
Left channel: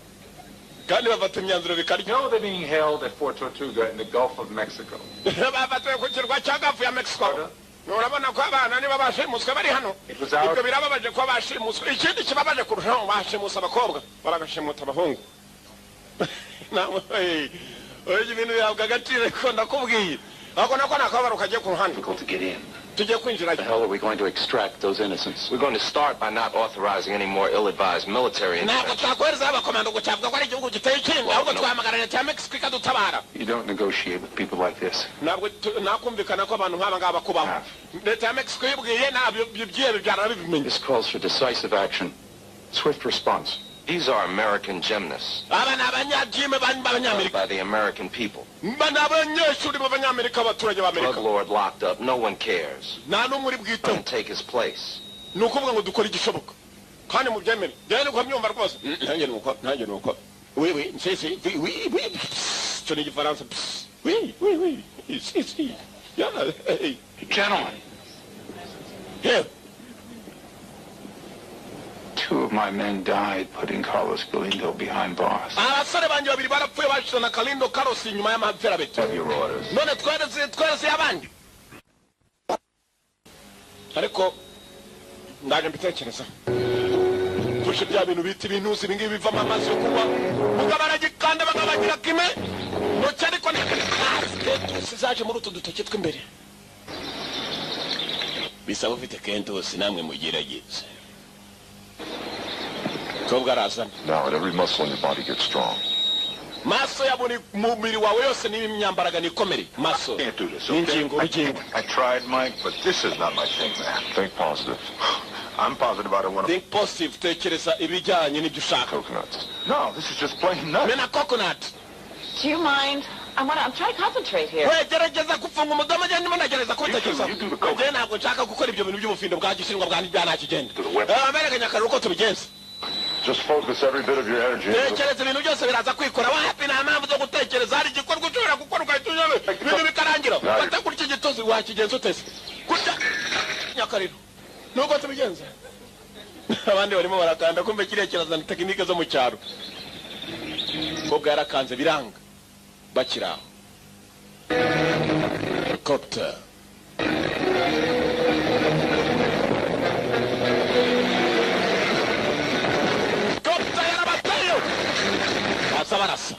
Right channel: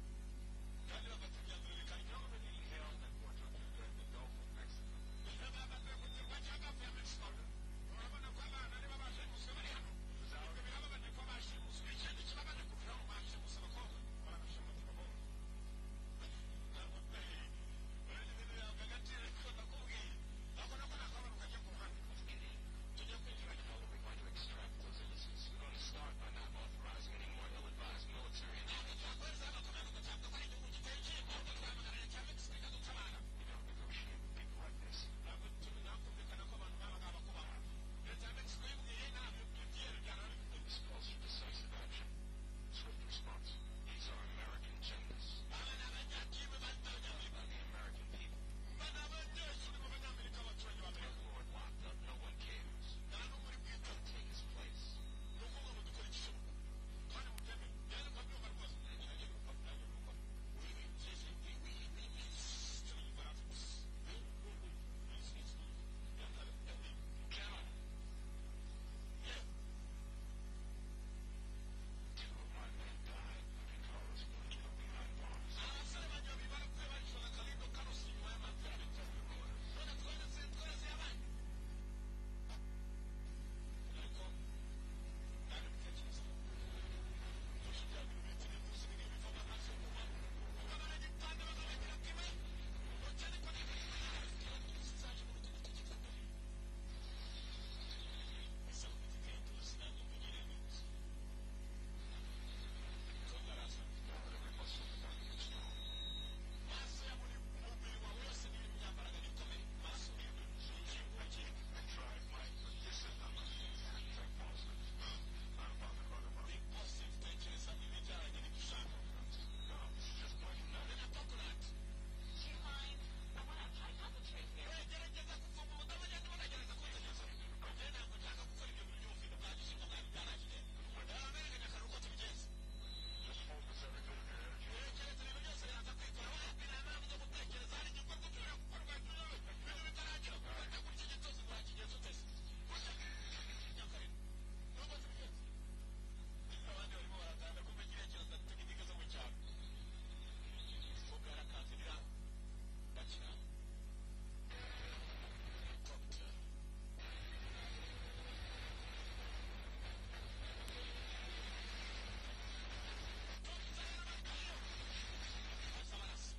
kandi bafata imyanzuro bikaryo. You know they're being held at Fort Tortuga in the Gulf of Mexico. bafatiwe ku kirwa cya Gafu ya Mexico. urabona ko abana niba bashimuswe bari hano. ibyo birababaje ko bashimuswe. ikindi kibabaje kurushaho bashimusa abakobwa baragashimuta abahungu. nawe oye ibintu bihabwa agaciro ko ndakubwiye ako nako nakabaro kagiye ku ruhande. Difficult to get in. tugiye kwinjira. The hell are we going to extract those innocents? We're going to start by not authorizing any more ill-advised military ntabwo intervention. twakohereza abakomando ngo cyavuga ko ari igihugu giteye ikindi ahubwo twahamagarira leta ya Mexico ikadutabara. You don't negotiate with people like this. ntabwo nakumvikana ko abantu nk'aba ngaba kubaho. leta ya Mexico yibwiye ntabyo byiye bibyara bibimenye. This calls for decisive action, swift response. These are American gymnasts aba ni abanyajime b'abanyamerika. by the American people. Ba ni abanyeshuri b'abanyamerika abaturage Drug b'Amerika. lord locked up. No one cares. nta n'umwe uri Come bwiteho. and take his place. ni ukuvuga ngo dukore igishoboka kandi mu byemere rero niko myumva rwose. nanjye ni uko oui nsese oui icyo ni igifaransa. oui si yeah hey Gentlemen, yeah. two of my men died putting Carlos Galindo behind bars. abasore banjye babiri barapfuye bashize na Kalindo Carlos inyuma y'amaferabeto. Have your orders. none twereze abandi ariko ndaje mbitekereza tushe bya bintu bita ibintuzi ibi ngibi bivamo amazi yo kunywa mugabaragikanda bagabagira kime noce ariko kentusi zaje muri utu dutoki tw'imbere bisaba ufite kentusi namwe mugerageze kobwa arazana. Now let every muscle in your body get strong. maso ya buri mubiri wawe yose n'imyambaraga nikomere maso Can't do this, n'ingingo okay? I tried, Mike, but this is not my thing, man. Think positive. I'm positive I don't want to... think positive tekereza ibijyanye n'ibyo ushaka. Coconuts. No, this is just plain nuts. mena coconut. Do you mind? I'm trying to concentrate here. we gerageza gufunga umudomo njye ndimo nagereza kubitekereza. You do the coconut. njye ntabwo nshaka gukora ibyo bintu by'ubufindo bwa gishinwa bwa nta kigenda. To the weapon. aberekanya akaruru ko tubigenza. Just focus every bit of your energy. tekereza ibintu byose biraza kwikora wapi nta mpamvu zo gutekereza hari igikorwa ushobora gukora ugahita unyame ibintu bikarangira ufata kurya igitozi wakigenza utese kurya nyakariro nuko tubigenza. abandi barimo barakanda kumbe kiriya kirazana tekinike zo mu cyaro. kobwa yarakanze biranga bakiri aho. helicopter yarabateyo basa barasa.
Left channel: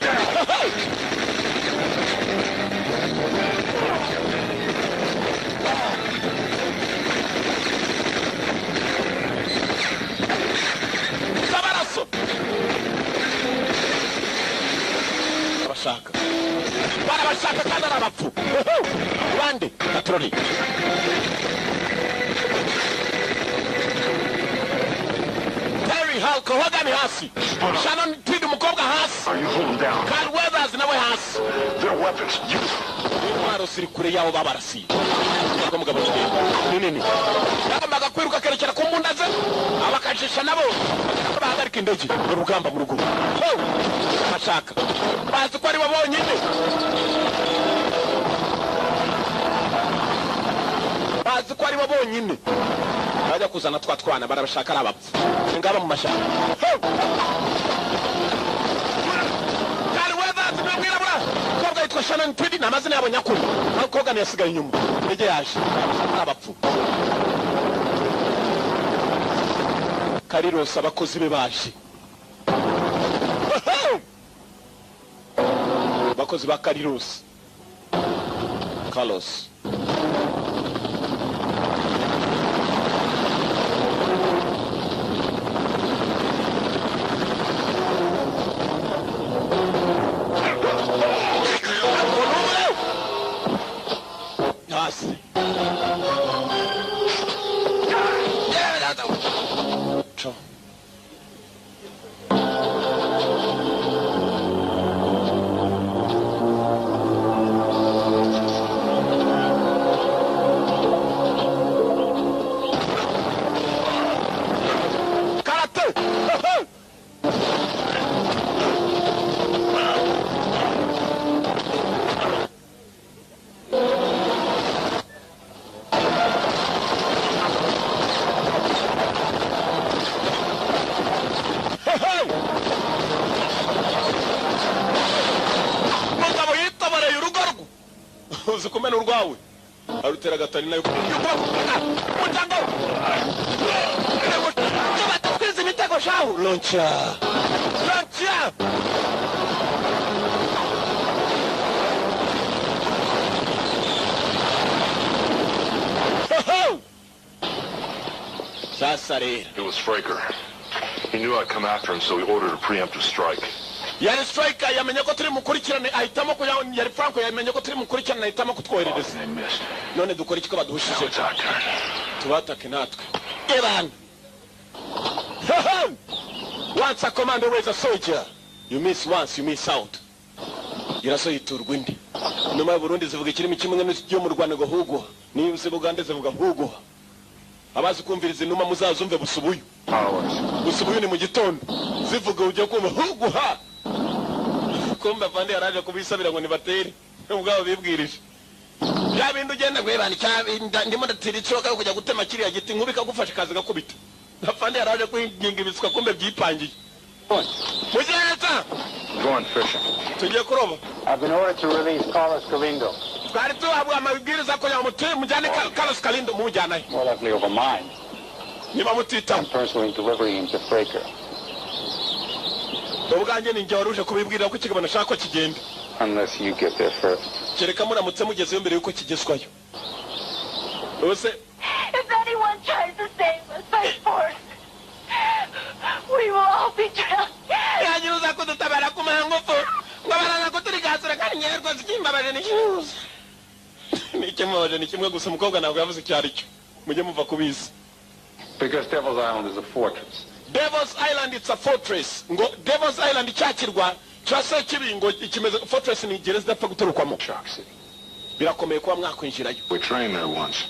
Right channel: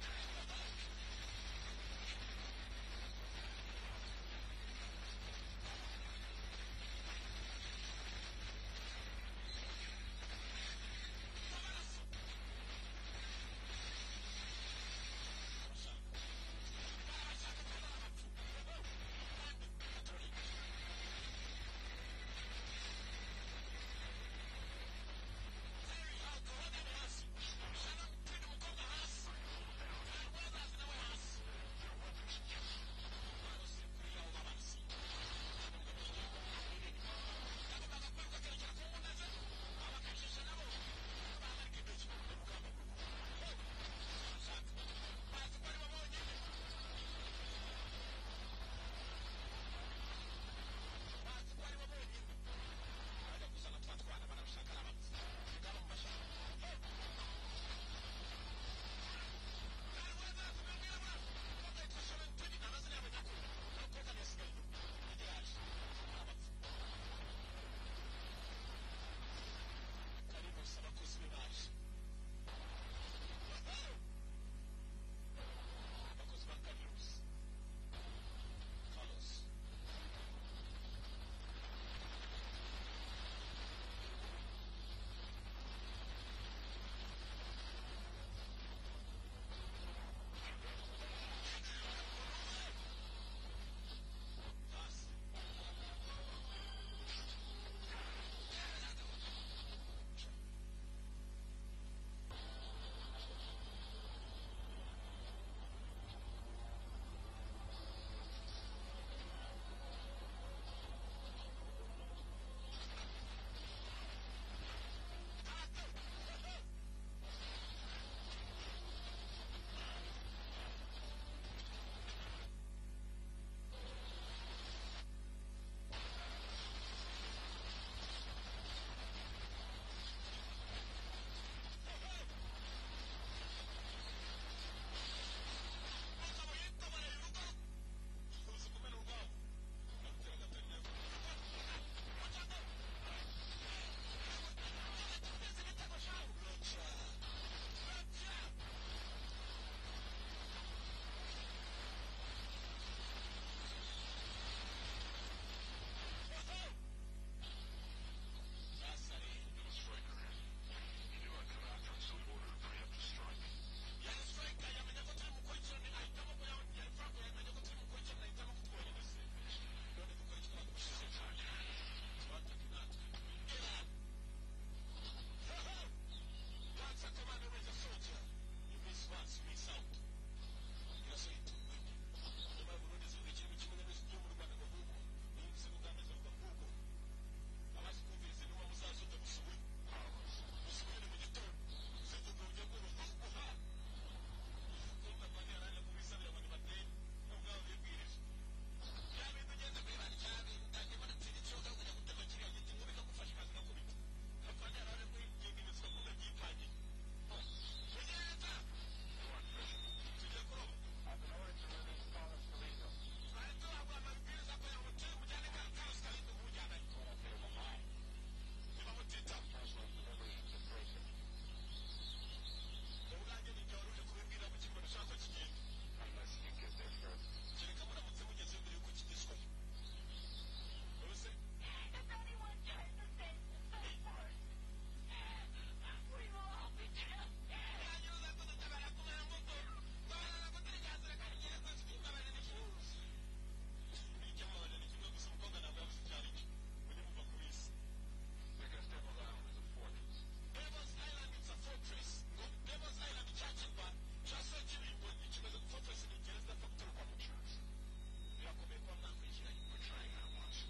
sabaraso barabashaka kandi ari abapfu bande patroli. Terry Hulk uhagami hasi. Shannon Tweed umukobwa hasi. Are you holding down? Carl Weathers nawe hasi. Their weapons. intwaro ziri kure yabo babarasiye. ubwo mugabo ni nini yagombaga kwiruka kerekera ku mbunda ze abakajisha nabo bahagarika indege urugamba mu rugo. bashaka bazi ko ari bo bonyine bazi ko ari bo bonyine bajya kuzana twana barabashaka ari abapfu ngaba mu mashyamba. Carl Weathers n'umwirabura kobwa yitwa Shannon Tweed n'amazina yabo nyakuri aho koga yasigaye inyuma indege yaje abapfu. Kariros abakozi be baje abakozi ba Kariros Carlos uzi kumena urwawe arutera gatani nayo mutango tubatwiza imitego shahu loncha Sasa rero. It was Fraker. He knew I'd come after him, so he ordered a preemptive strike. Yari striker yamenye ko turi mukurikirane ahitamo ko yari Franco yamenye ko turi mukurikirane ahitamo kutwoherereza. None dukora iki ko baduhushije? Tubatake natwe. Iran. Once a commander was a soldier, you miss once, you miss out. Yaraso yiturwa indi. Numa Burundi zivuga ikirimi kimwe n'icyo mu Rwanda ngo hugo. Niba se Buganda zivuga hugo. Abazi kumviriza inuma muzazumve busubuyu. Busubuyu ni mu gitondo. Zivuga ujye kumva hugo ha. Kumba Fande yaraje kubisabira ngo nibatere. Ubwabo bibwirije. Ya bintu ugenda gwebana cyabinda ndimo ndatira icoka kujya gutema kiriya giti nkubika gufasha kazi gakubita. Fande yaraje kwinginga ibiswa kumbe byipangiye. Mujyeta. Going fishing. Tugiye kuroba. I've been ordered to release Carlos Galindo. Twari tuhabwa amabwiriza ko yamutuye mujyane Carlos Galindo mujyana. More likely over mine. Niba mutita. I'm personally delivering him to Fraker. Ubwanjye ninjye waruje kubibwira ko kigabana shako kigenda. Unless you get there first. Kereka muramutse mugezeyo mbere yuko kigezwayo. Ose. If anyone tries to save us by force, we will all be drowned. Yagiruza kudutabara ku mangufu. Ngabaranga ko turi gasura kandi nyerwa zikimbabaje n'ishuza. Ni kimwe gusa umukobwa ntabwo yavuze cyari cyo. Mujye muva kubizi. Because Devil's Island is a fortress. Devil's Island it's a fortress. Ngo Devil's Island cyakirwa cyase kibingo ikimeze fortress ni gereza dapfa guturukwamo. Shark City. Birakomeye kuba mwakwinjirayo. We trained there once.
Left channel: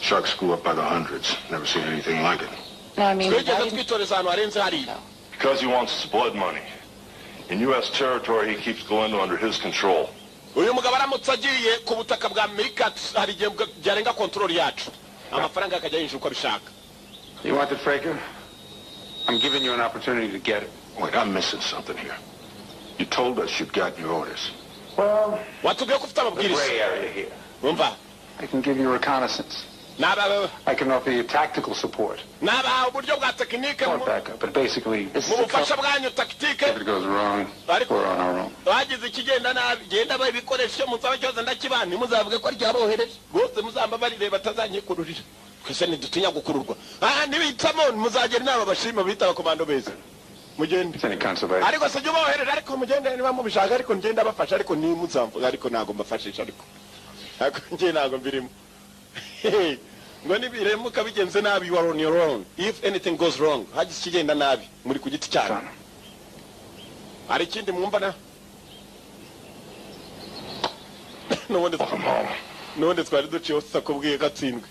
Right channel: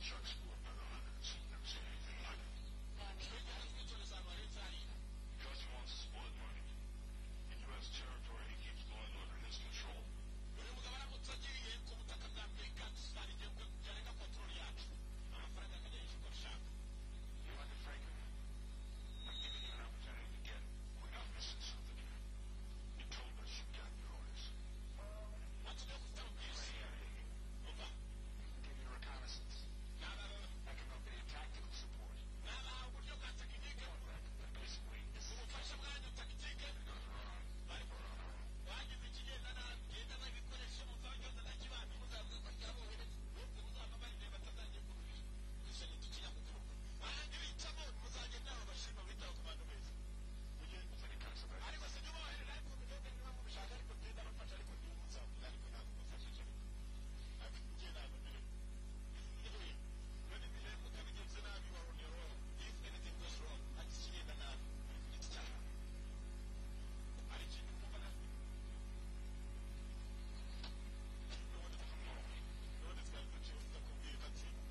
Sharks grew up by the hundreds. Never seen anything like it. No, I mean, Twigeze twitoreza ahantu harenze hariya. Because he wants his blood money. In U.S. territory, he keeps Galindo under his control. Uyu mugabo aramutse agiye ku butaka bwa Amerika hari igihe byarenga control yacu. Amafaranga akajya yinjira uko bishaka. You wanted Fraker? I'm giving you an opportunity to get it. Wait, I'm missing something here. You told us you'd gotten your orders. Well, Watubwiye ko ufite the amabwiriza. gray area here. Umva. I can give you reconnaissance. I can offer you tactical support. Uburyo bwa tekinike Or backup, but basically, mu bufasha bwanyu tactique. if it goes wrong, we're on our own. Bagize ikigenda nabi genda babikoresha musaba cyose ndakibana muzavuge ko ryabohereje rwose muzamba barire batazanyikururira kwese ntidutinya gukururwa nibitsamo muzagera inama bashima bita abakomando beza mugende ariko se jya bohereje ariko mugende niba mubishaka ariko ngenda bafasha ariko ni muzamvuga ariko nago mbafashisha ariko ngiye nago mbirimo ngo nibiremuka bigenze nabi you are on your own. If anything goes wrong hagize ikigenda nabi muri ku giti cyane ari kindi mwumva na nubundi twari duciye usa kubwiye gatsindwe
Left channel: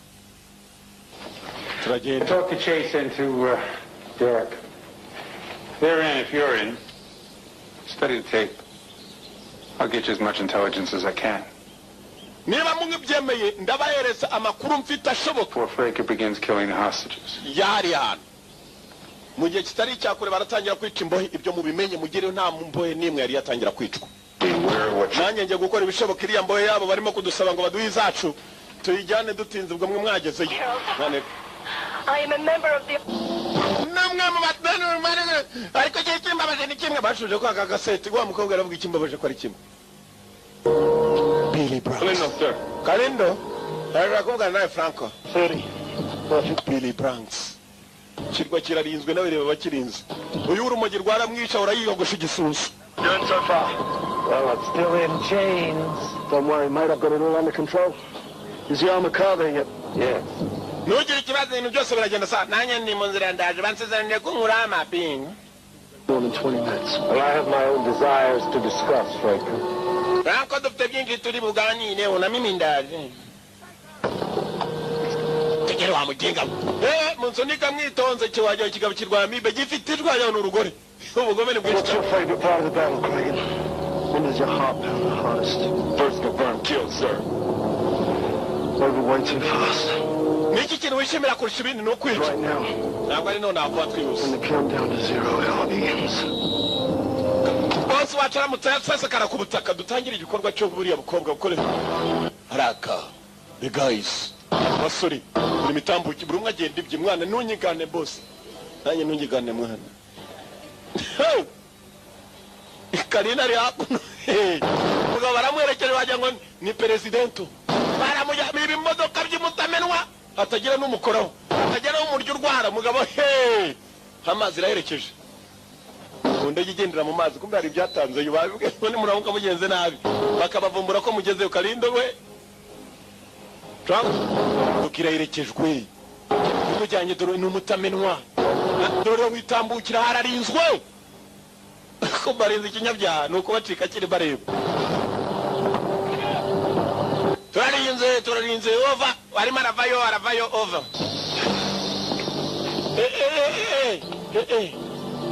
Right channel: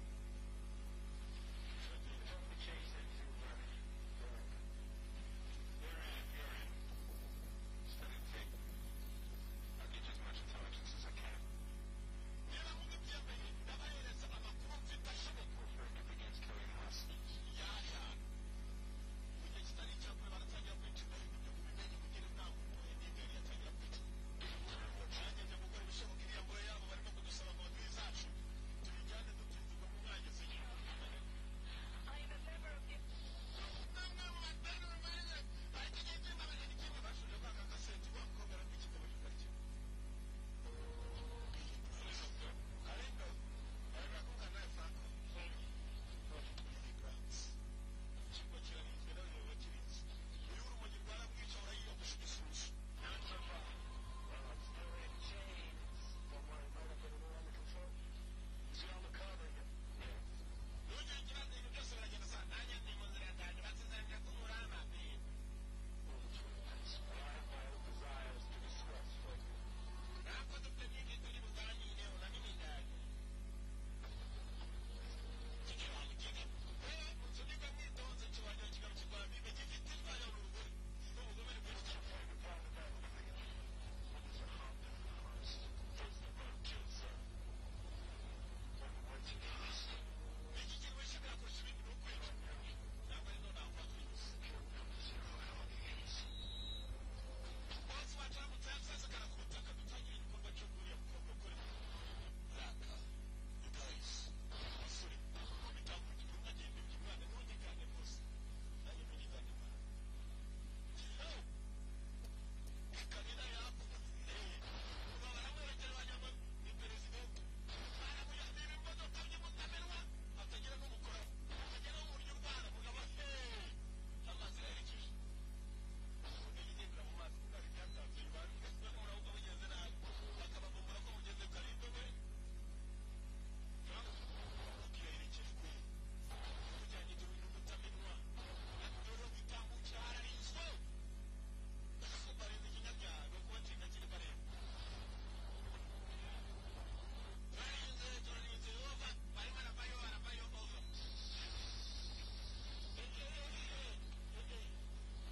turagenda. Talk the chase into Derek. They're in if you're in. Study the tape. I'll get you as much intelligence as I can. Niba mungibyemeye ndabahereza amakuru mfite ashoboka. Before Fraker begins killing the hostages. Yari hano mu gihe kitari cyakure baratangira kwica imbohe ibyo mubimenye mugire nta mbohe nimwe yari yatangira kwicwa. Nanjye ngiye gukora ibishoboka iriya mbohe yabo barimo kudusaba ngo baduhe izacu tuyijyane dutinze ubwo mwe mwagezeyo. I am a member of the... namwe mu batanu ariko cyo kimbabaje ni kimwe bashuje ko aka gaseti wa mukobwa aravuga ikimbabaje ko ari kimwe. Billy Branks. Galindo, sir. Galindo? Arakubwira nawe Franco. 30. Billy Branks. Kirwa kirarinzwe n'abareba bakirinze. Uyu urumogi rwaramwica urayiyogosha igisusu. Doing so far? Well, it's still in chains. Don't worry, mate, I've got it all under control. Is the armor car there yet? Yes. Nugire ikibazo ibintu byose biragenda sa nanjye ndi mu nzira ndaje bansezeraniye ko nkura amapinga. More than 20 minutes. Well, I have my own desires to discuss, Fraker. Franco dufite byinshi turi buganire na mimi ndaje. Tegera wa mugenga. Munsunika mwitonze kiwaje kigabo kirwa mibe gifite irwaye n'urugore. Ubugome ni bwinshi. What's your favorite part of the battle, Craig? When does your heart pound the hardest? First confirmed kill, sir. Over way too fast. Niki kintu wishimira kurusha ibindi no kwica. Right now. Ntabwo ari none avuga twihuse. When the countdown to zero begins. Bose wacaramutse yasese kara ku butaka dutangira igikorwa cyo buriya bukobwa bukorera. Haraka. The guys. Basuri. Buri mitambuki buri umwe agenda ibye mwana nunyigane boss. Nanjye nunyigane mwana. Karina ari hakuno. Mugabo baramwerekera wagira ngo ni presidento. Baramuja ibimodoka by'umutamenwa atagira n'umukoraho. Atagira n'umuryo urwara. ntara mugabo he amazi iraherekeje mu ndege igendera mu mazi kumbe hari ibyatanze yubabwe none muramuka mugenze nabi bakabavumbura ko mugezeyo Kalindo we Trump tukiraherekejwe mujyanye dore n'umutamenwa dore witambukira hararinzwe ko barinze ikinyabyaha nuko bacika kiri bareba turarinze over arimo aravayo over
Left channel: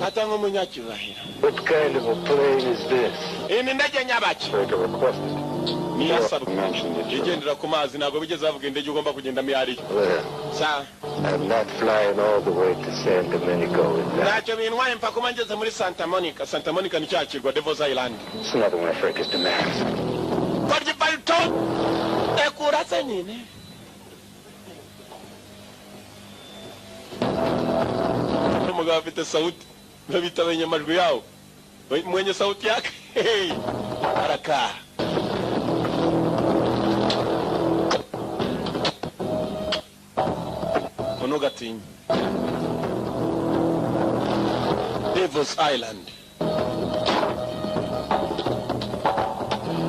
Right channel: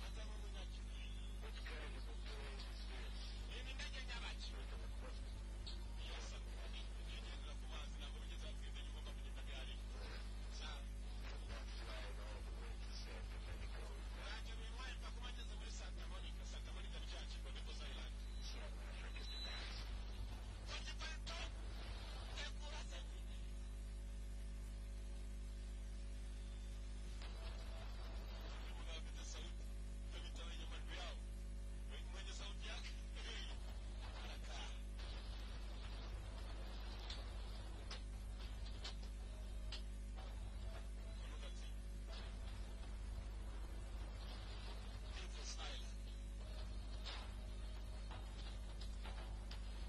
atanga umunyacyubahiro. What kind of a plane is this? Ini ndege nyabaki Like I requested. ni yasabwe igendera ku mazi ntabwo bigeze bavuga indege ugomba kugenda miyari Well, sa I'm not flying all the way to San Domenico with that. ntacyo bintwaye mpaka kuba ngeze muri Santa Monica ni cya kirwa Devil's Island. It's another one of Franker's demands. Korya palto ekurase nyine umugabo afite sauti babita abanyamajwi yawo mwenye sauti yake arakaa Onogatinya Devil's Island.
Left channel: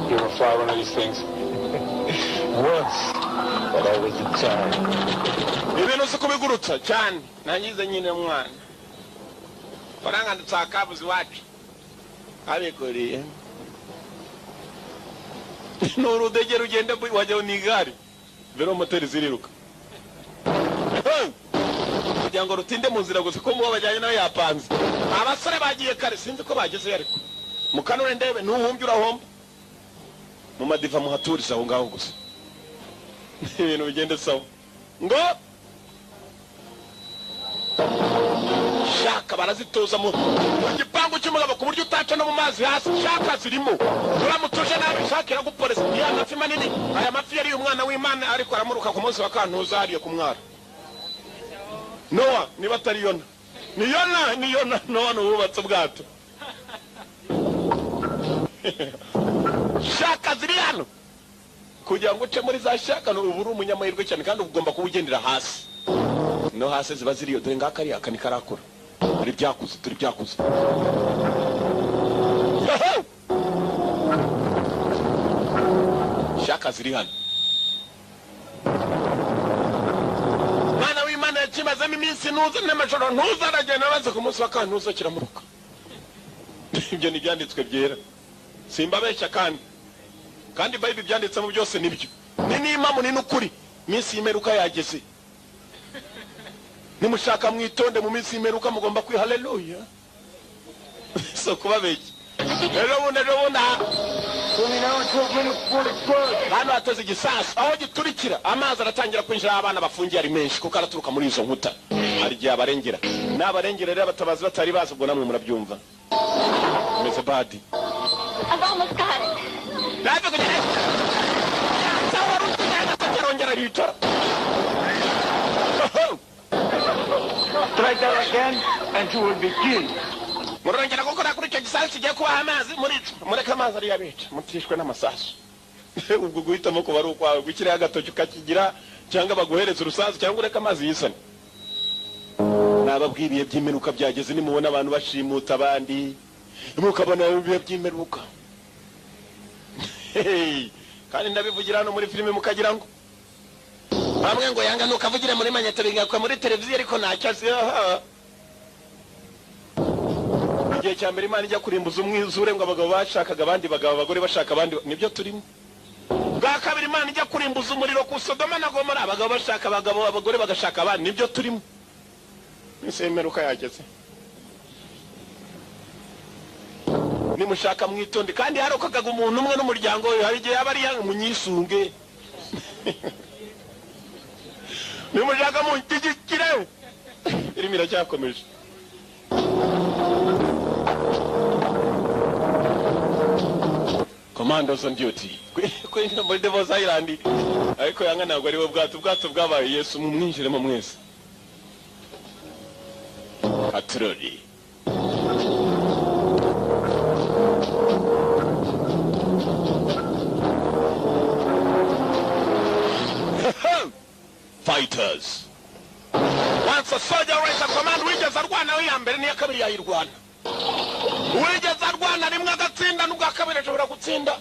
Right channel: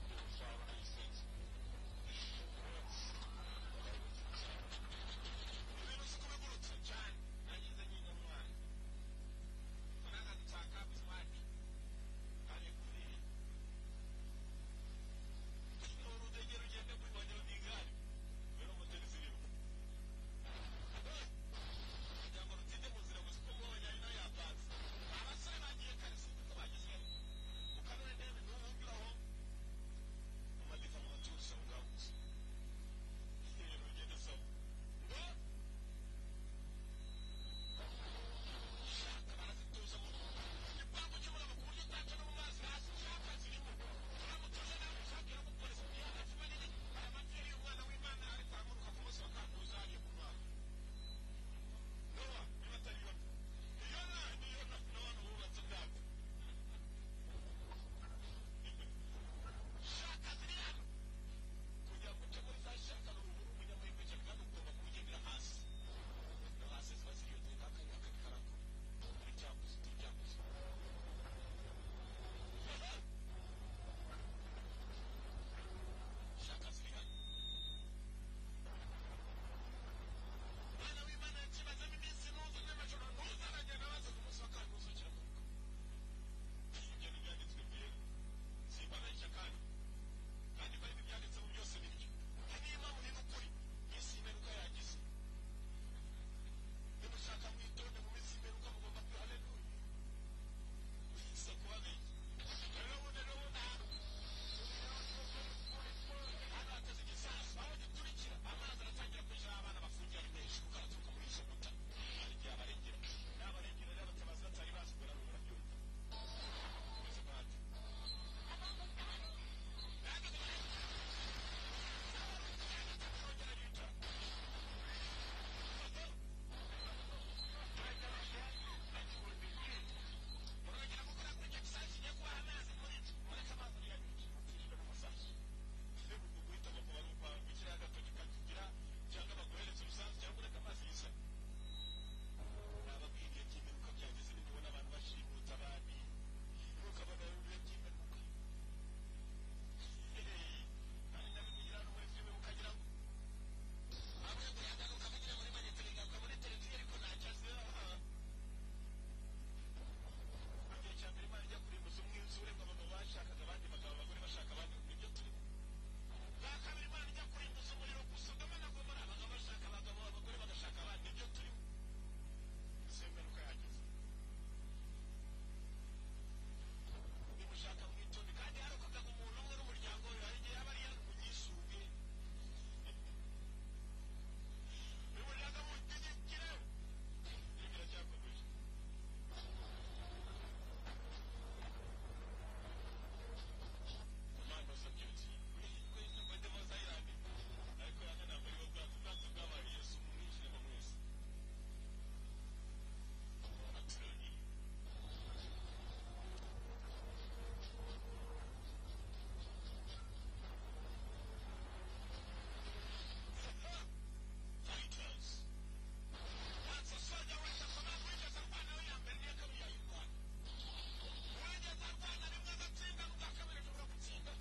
You ever fly one of these things? Once, but I was a child. Ibintu si kubigurutsa cyane nangize nyine mwana faranga ndutakabuzi wacu abikoreye n'urudege rugenda wajyaho n'igare velomoteri ziriruka kugira ngo rutinde mu nzira gusa ko mubo bajyanye nawe yapanze abasore bagiye kare sinzi ko bagezeyo ariko mukanure ndebe n'uhumbye urahomba mu madiva muhaturiza aho ngaho gusa ibintu bigende sawa ngo shaka barazitoza mu gipangu cy'umugabo ku buryo utaca no mu mazi hasi shaka zirimo uramutuje nabi shaka iraguporesa ya mafi manini aya mafi yari umwana w'Imana ariko aramuruka ku munsi wa kantuza hariye ku mwara Noah niba atari Yona ni Yona Noah nubatse ubwato shaka ziri hano kugira ngo uce muri za shaka no uburu umunyamahirwe cyane kandi ugomba kubugendera hasi no hasi ziba ziriyo dore ngaka ari akani karakora ari byakuze turi byakuze shaka ziri hano mwana w'Imana yakimazemo iminsi ntuza n'amajoro ntuza aragenda baze ku munsi wa kantuza kiramuruka ibyo ni byanditswe byera simbabeshya kandi Bible byanditsemo byose nibyo ni n'impamo ni n'ukuri minsi y'imperuka yageze nimushaka mwitonde mu minsi y'imperuka mugomba kwi haleluya so kubabeshya rero bunda hano hateze igisasu aho giturikira amazi aratangira kwinjira abana bafungiye ari menshi kuko araturuka muri izo nkuta hari igihe abarengera n'abarengera rero abatabazi batari bazi ubwo namwe murabyumva meze badi I've almost got it. Naje kugera sawa rutina takarongera ritora Try that again and you will begin. murongera gukora kuri icyo gisasu kigiye kuba amazi mureka amazi ari yabica mutishwe n'amasasu ubwo guhitamo kuba ari ukwawe gukira agatoki ukakigira cyangwa baguhereza urusasu cyangwa ureka amazi yisane nababwiriye by'imperuka byageze nimubona abantu bashimuta abandi mukabona ibihe by'imperuka kandi ndabivugira hano muri filime mukagira ngo bamwe ngo yanga nukavugire muri manyeta bigakwa muri televiziyo ariko ntacyo azi igihe cya mbere Imana ijya kurimbuza umwizure ngo abagabo bashakaga abandi bagabo abagore bashaka abandi nibyo turimo bwa kabiri Imana ijya kurimbuza umuriro ku Sodoma na Gomora abagabo bashaka abagabo abagore bagashaka abandi nibyo turimo nisemeruka yageze nimushaka mwitonde kandi harokokaga umuntu umwe n'umuryango we hari igihe yaba ari munyisunge nimushaka muntigikire irimo iracyakomeje Commandos on duty kuri muri Devil's Island ariko yanga ntabwo ari we ubwato bwabaye Yesu mumwinjiremo mwese Patroli Fighters. Once That's a soldier race of command. Wigeze arwana wiyambere niya kabiri yayirwana. Wigeze arwana rimwe agatsinda n'ubwa kabiri ashobora gutsinda.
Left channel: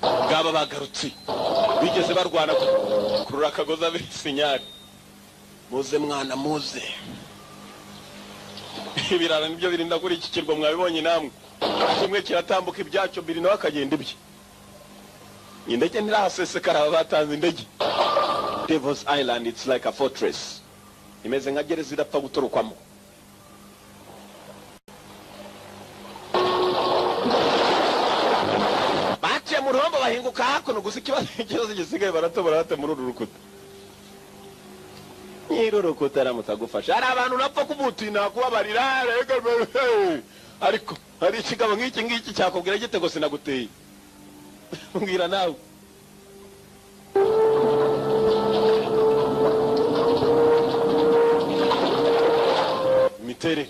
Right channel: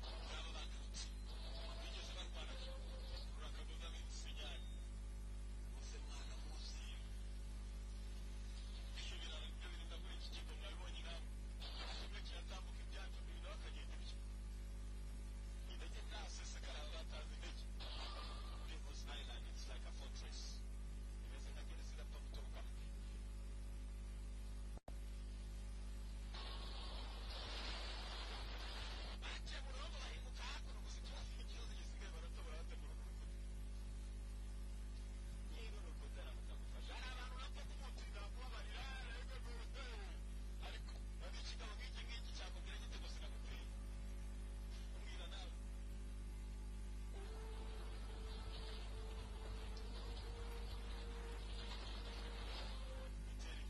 Gaba bagarutse. Wigeze barwana kurura kagoza bisinyari. Muze mwana muze. Ibirara nibyo birinda kuri iki kirwa mwabibonye namwe. Kimwe kiratambuka ibyacyo biri nawe akagenda ibye. Indege ntirahasesekara batanze indege. Devil's Island, it's like a fortress. Imeze nka gereza idapfa gutorokwamo. Baciye mu ruhombo bahinguka hakuno gusa ikibazo gisigaye baratobora bate muri uru rukuta. Nyiri rukuta aramutagufasha. Hari abantu napfa kubutuye nakubabarira ariko hari ikigabo nk'iki cyakubwira gitego sinaguteye. Mbwira nawe. Mitere.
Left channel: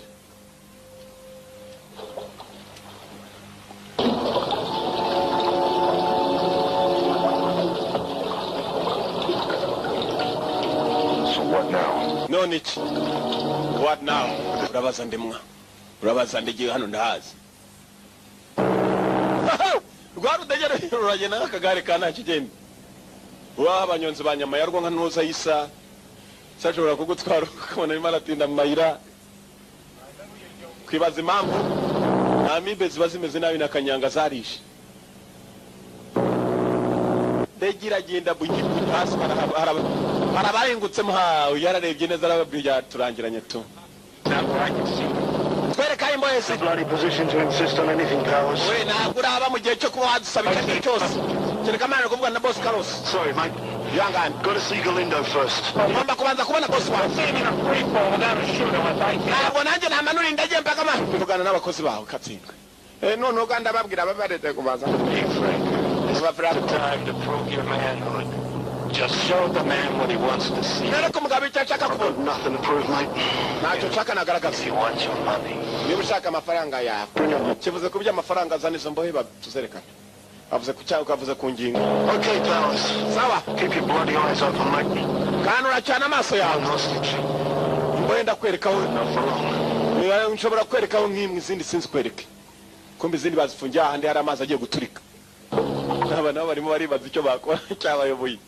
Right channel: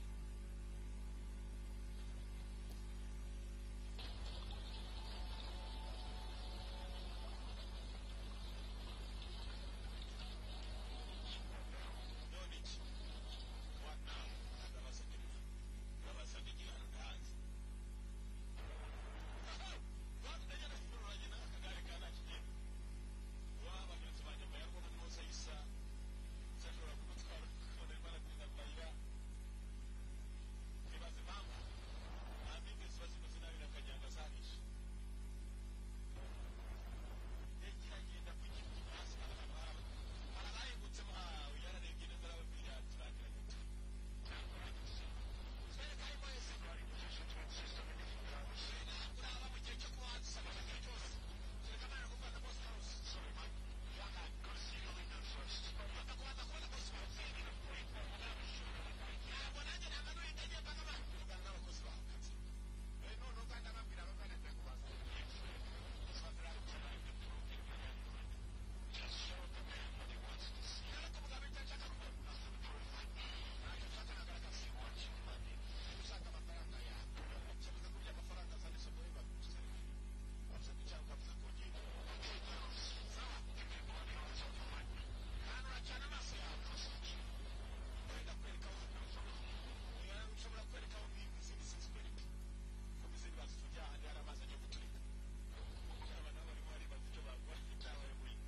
So what now? No nichi. What now? Urabaza ndemwa. Urabaza ndigiye hano ndahazi. Rwarudegere ruragena akagare kana kigenda. Wa abanyonzi banyama yarwo nka ntuza yisa. Sashobora kugutwara ukabona imana atinda mayira. Kwibaza impamvu amibe ziba zimeze nabi nakanyanga zarishe. Degira genda bugibu hasi harabarengutse mha yararebye neza arababwira turangiranye tu. Twereka imbo yese. Bloody position to insist on anything, Powers. We ntabwo uraba mu gihe cyo kuba wadusabika igihe cyose. Kereka amana kuvuga na boss Carlos. Sorry, mate. Yangani. Got to see Galindo first. Ngomba kubanza kubona boss wawe. Ntabwo nanjye namanura indege mpaka ma. Tuvugana n'abakozi bawe katsindwe. None uganda babwira babarete kubaza. Hey, Frank. This is the time to prove your manhood. Just show the man what he wants to see. Nereko mugabe cyashaka I've kubona. got nothing to prove, mate. Ntacyo nshaka nagaragaza. You want your money. Niba ushaka amafaranga yawe. Kivuze ku by'amafaranga azanizo mbohe batuzerekana. Avuze ku cyangwa avuze ku ngingo. Okay, Powers. Sawa. Keep your bloody eyes open, mate. Kana uracana amaso yawe. I'm hostage. Mbohe ndakwerekaho. Not for long. Nshobora kwerekaho nk'imwe izindi sinzi kwereke. Kumbe izindi bazifungiye ahandi hari amazi agiye guturika. Aba nabo barimo baribaza icyo bakora cyabayoboye.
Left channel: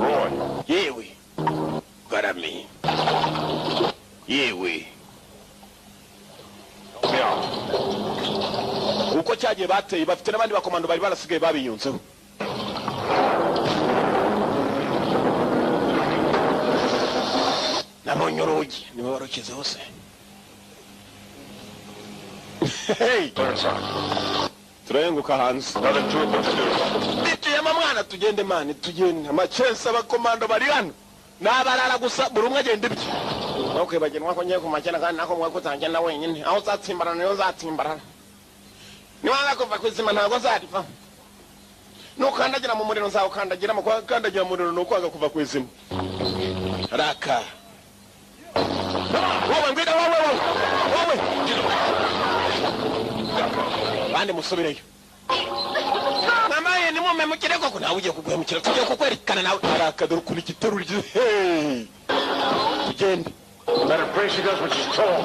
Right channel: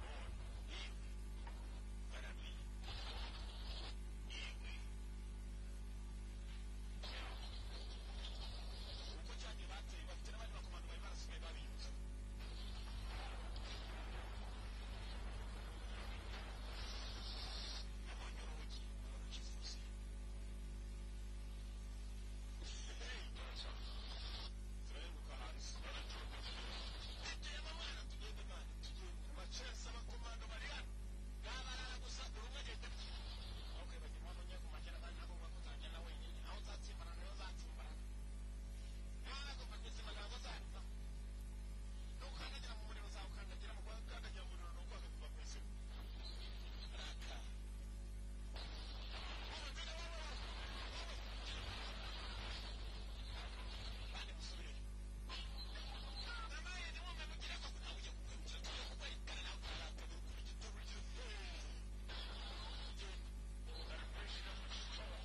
Roy. Yewe. Garami. Yewe. Help me out. Uko cyagiye bateye bafite n'abandi bakomando bari barasigaye babiyunzeho. Nabonye urugi niwe warukize hose. Hey, Turn side. turayenguka hanze. Nothing to it but to do. Bituyemo mwana tugende mani tugende. Amachense abakomando bari hano. Nabarara gusa buri umwe agenda ibye. Okay bagenwa ko ngiye kumakena kandi nako mwe kutangira wenyine. Aho uzatsimbarana niyo uzatsimbarana. Niwanga kuva kwizima ntago zarifa. Nukandagira mu muriro nzawo kandagira mu kandagira mu muriro nukwanga kuva kwizima. Raka. Wowe ngwida wowe. Bande musubireyo. Mamaye ni mume mukireko ko nawe ugiye kugwemukira tugiye kukwerekana nawe. Raka dore kuri giterurije. Hey. Tugende. Better pray she does what she's told.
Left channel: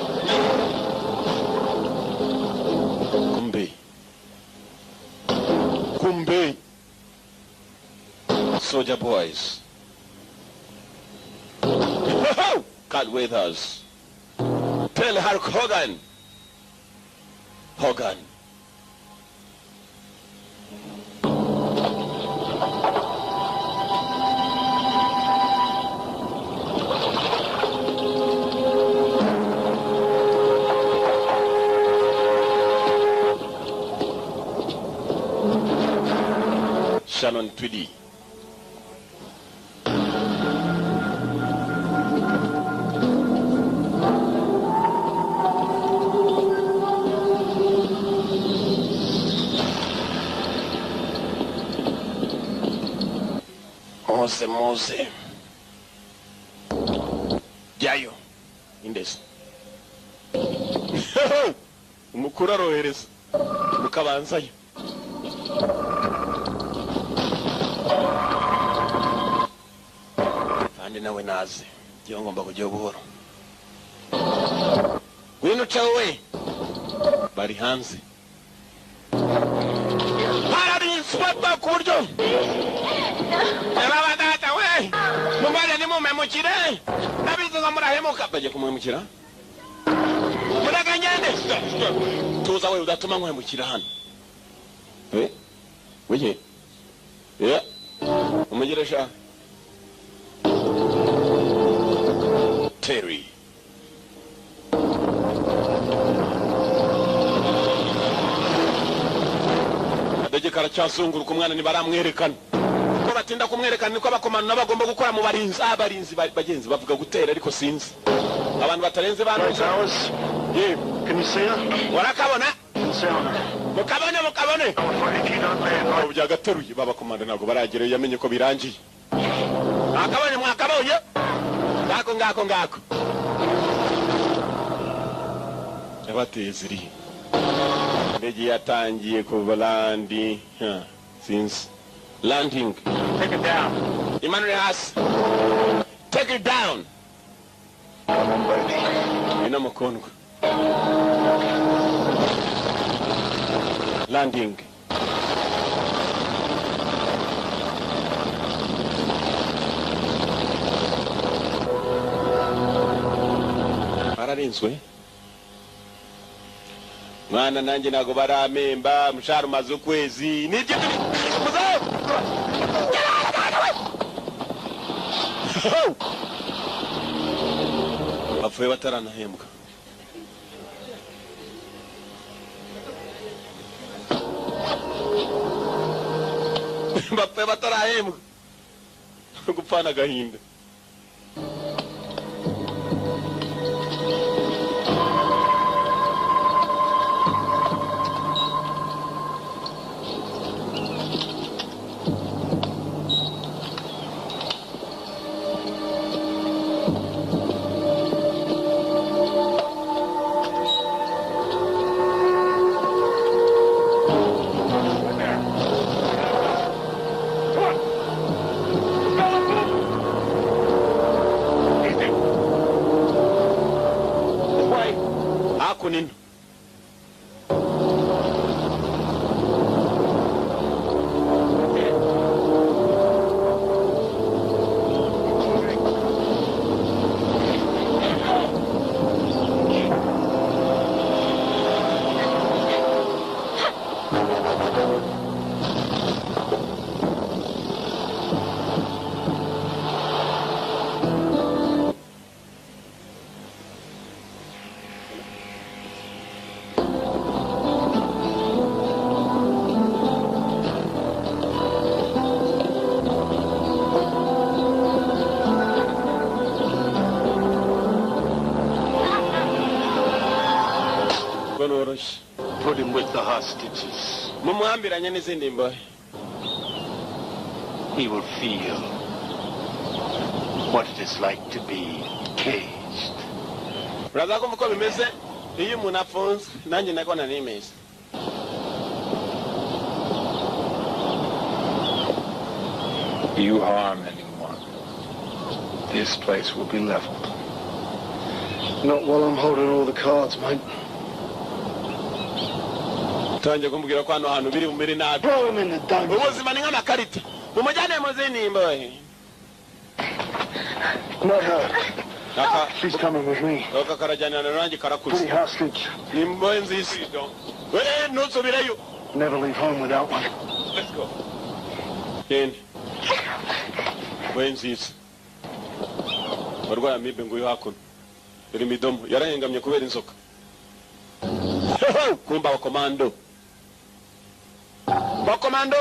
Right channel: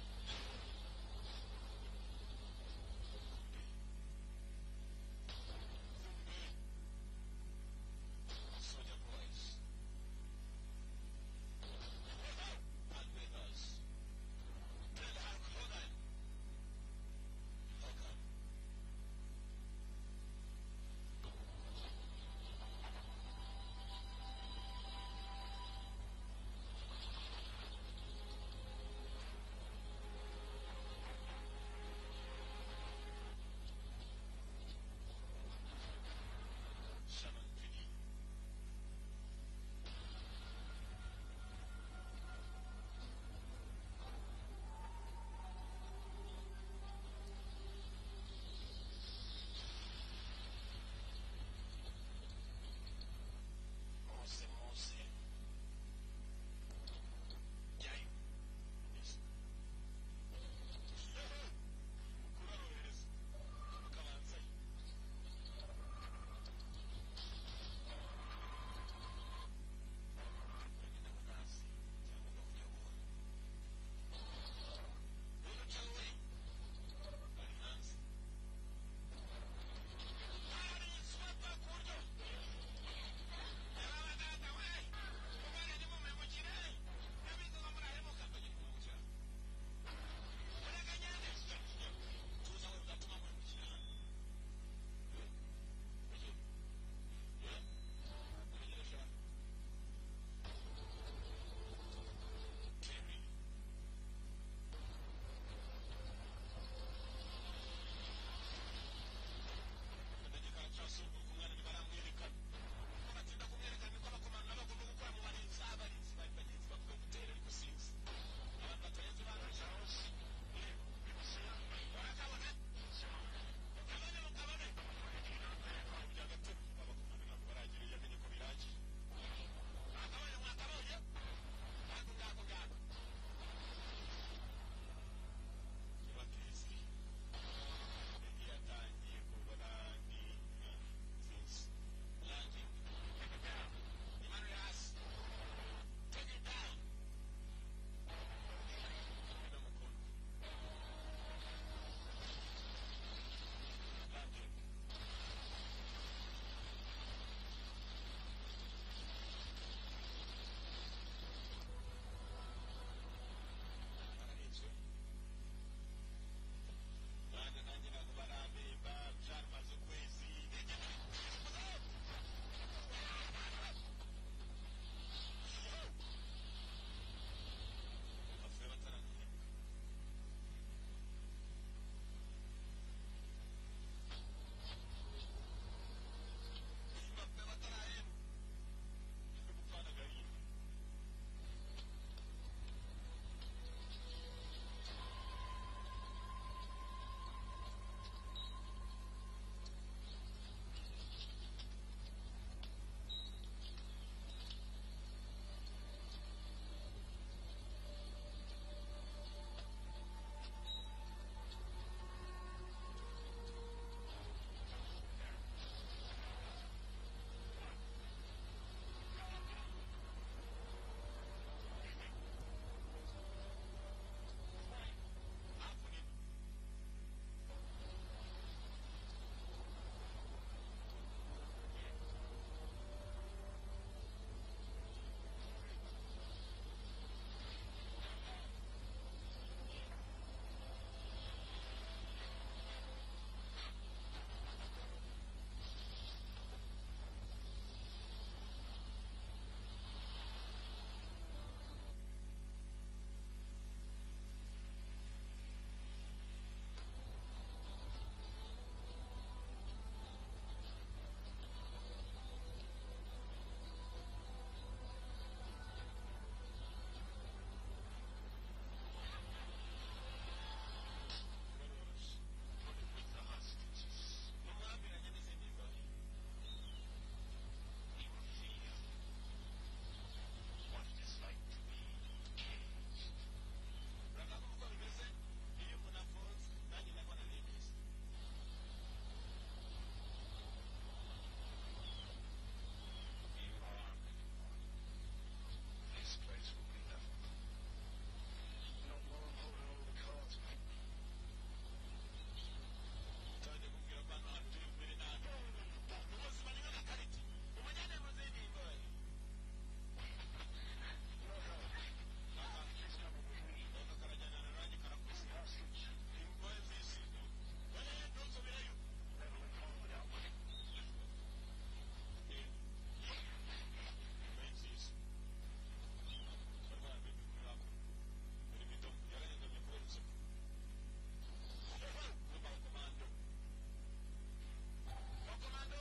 Kumbe. Soldier boys. God with us. Tell Hulk Hogan. Hogan. Shannon Tweedy. Mose. Jayo. Indes. Umukuru arohereza. Mukabanzayo. kandi nawe naze iyo ngomba kujya buhoro wino chawe bari hanze hari inspector ku buryo baba data we mumare ni mumemukire nabizi ngo murahemuka baje kumwemukira muraganyende tuza we udatuma nkwemukira hano wije umugiresha Terry adege karacyazunguruka umwana nibaramwerekana ko batinda kumwerekana niko abakomano n'abagomba gukora mu abarinzi bagenzi bavuga gutera ariko sinzi abantu batarenze bantu Can you see her? warakabona mukabone byagateruye babakomanda ntabwo baragereyo yamenye ko birangiye mwakabonye ngako yabateye ziri indege yatangiye kuva landi since landing. Take it down. Imanure hasi. Take it down. Come on, baby. Ina mkono. Landing. Bararinzwe. Mwana nanjye nago baramemba mushara umaze ukwezi nibyo bapfuye bataranahembwa. Bapfuye batarahembwa gupfana agahinda. Hakunin. Put him with the hostages. Mumuhambiranye n'izindi mbohe. He will feel what it is like to be caged. Uraza kumva uko bimeze iyo umuntu afunzwe nanjye nagona nimeze. You harm anyone, this place will be leveled. Not while I'm holding all the cards, mate. Tanje kumbwira ko hano hantu biri umere nabi. Throw him in the dungeon. Ubuzima ni nk'amakarita. Umujyane mu zindi mbohe. Not her. Kaka, She's coming with me. kaka karajyana nanjye karakuze. Pretty hostage. Ni mbohe nzisi. Ntusubireyo. Never leave home without one. Let's go. Genda. Mbohe nzisi. Barwara amibe nguyu hakuno. Iri midomo yarahengamye kubera inzoka. Kumba wakomando. Wakomando.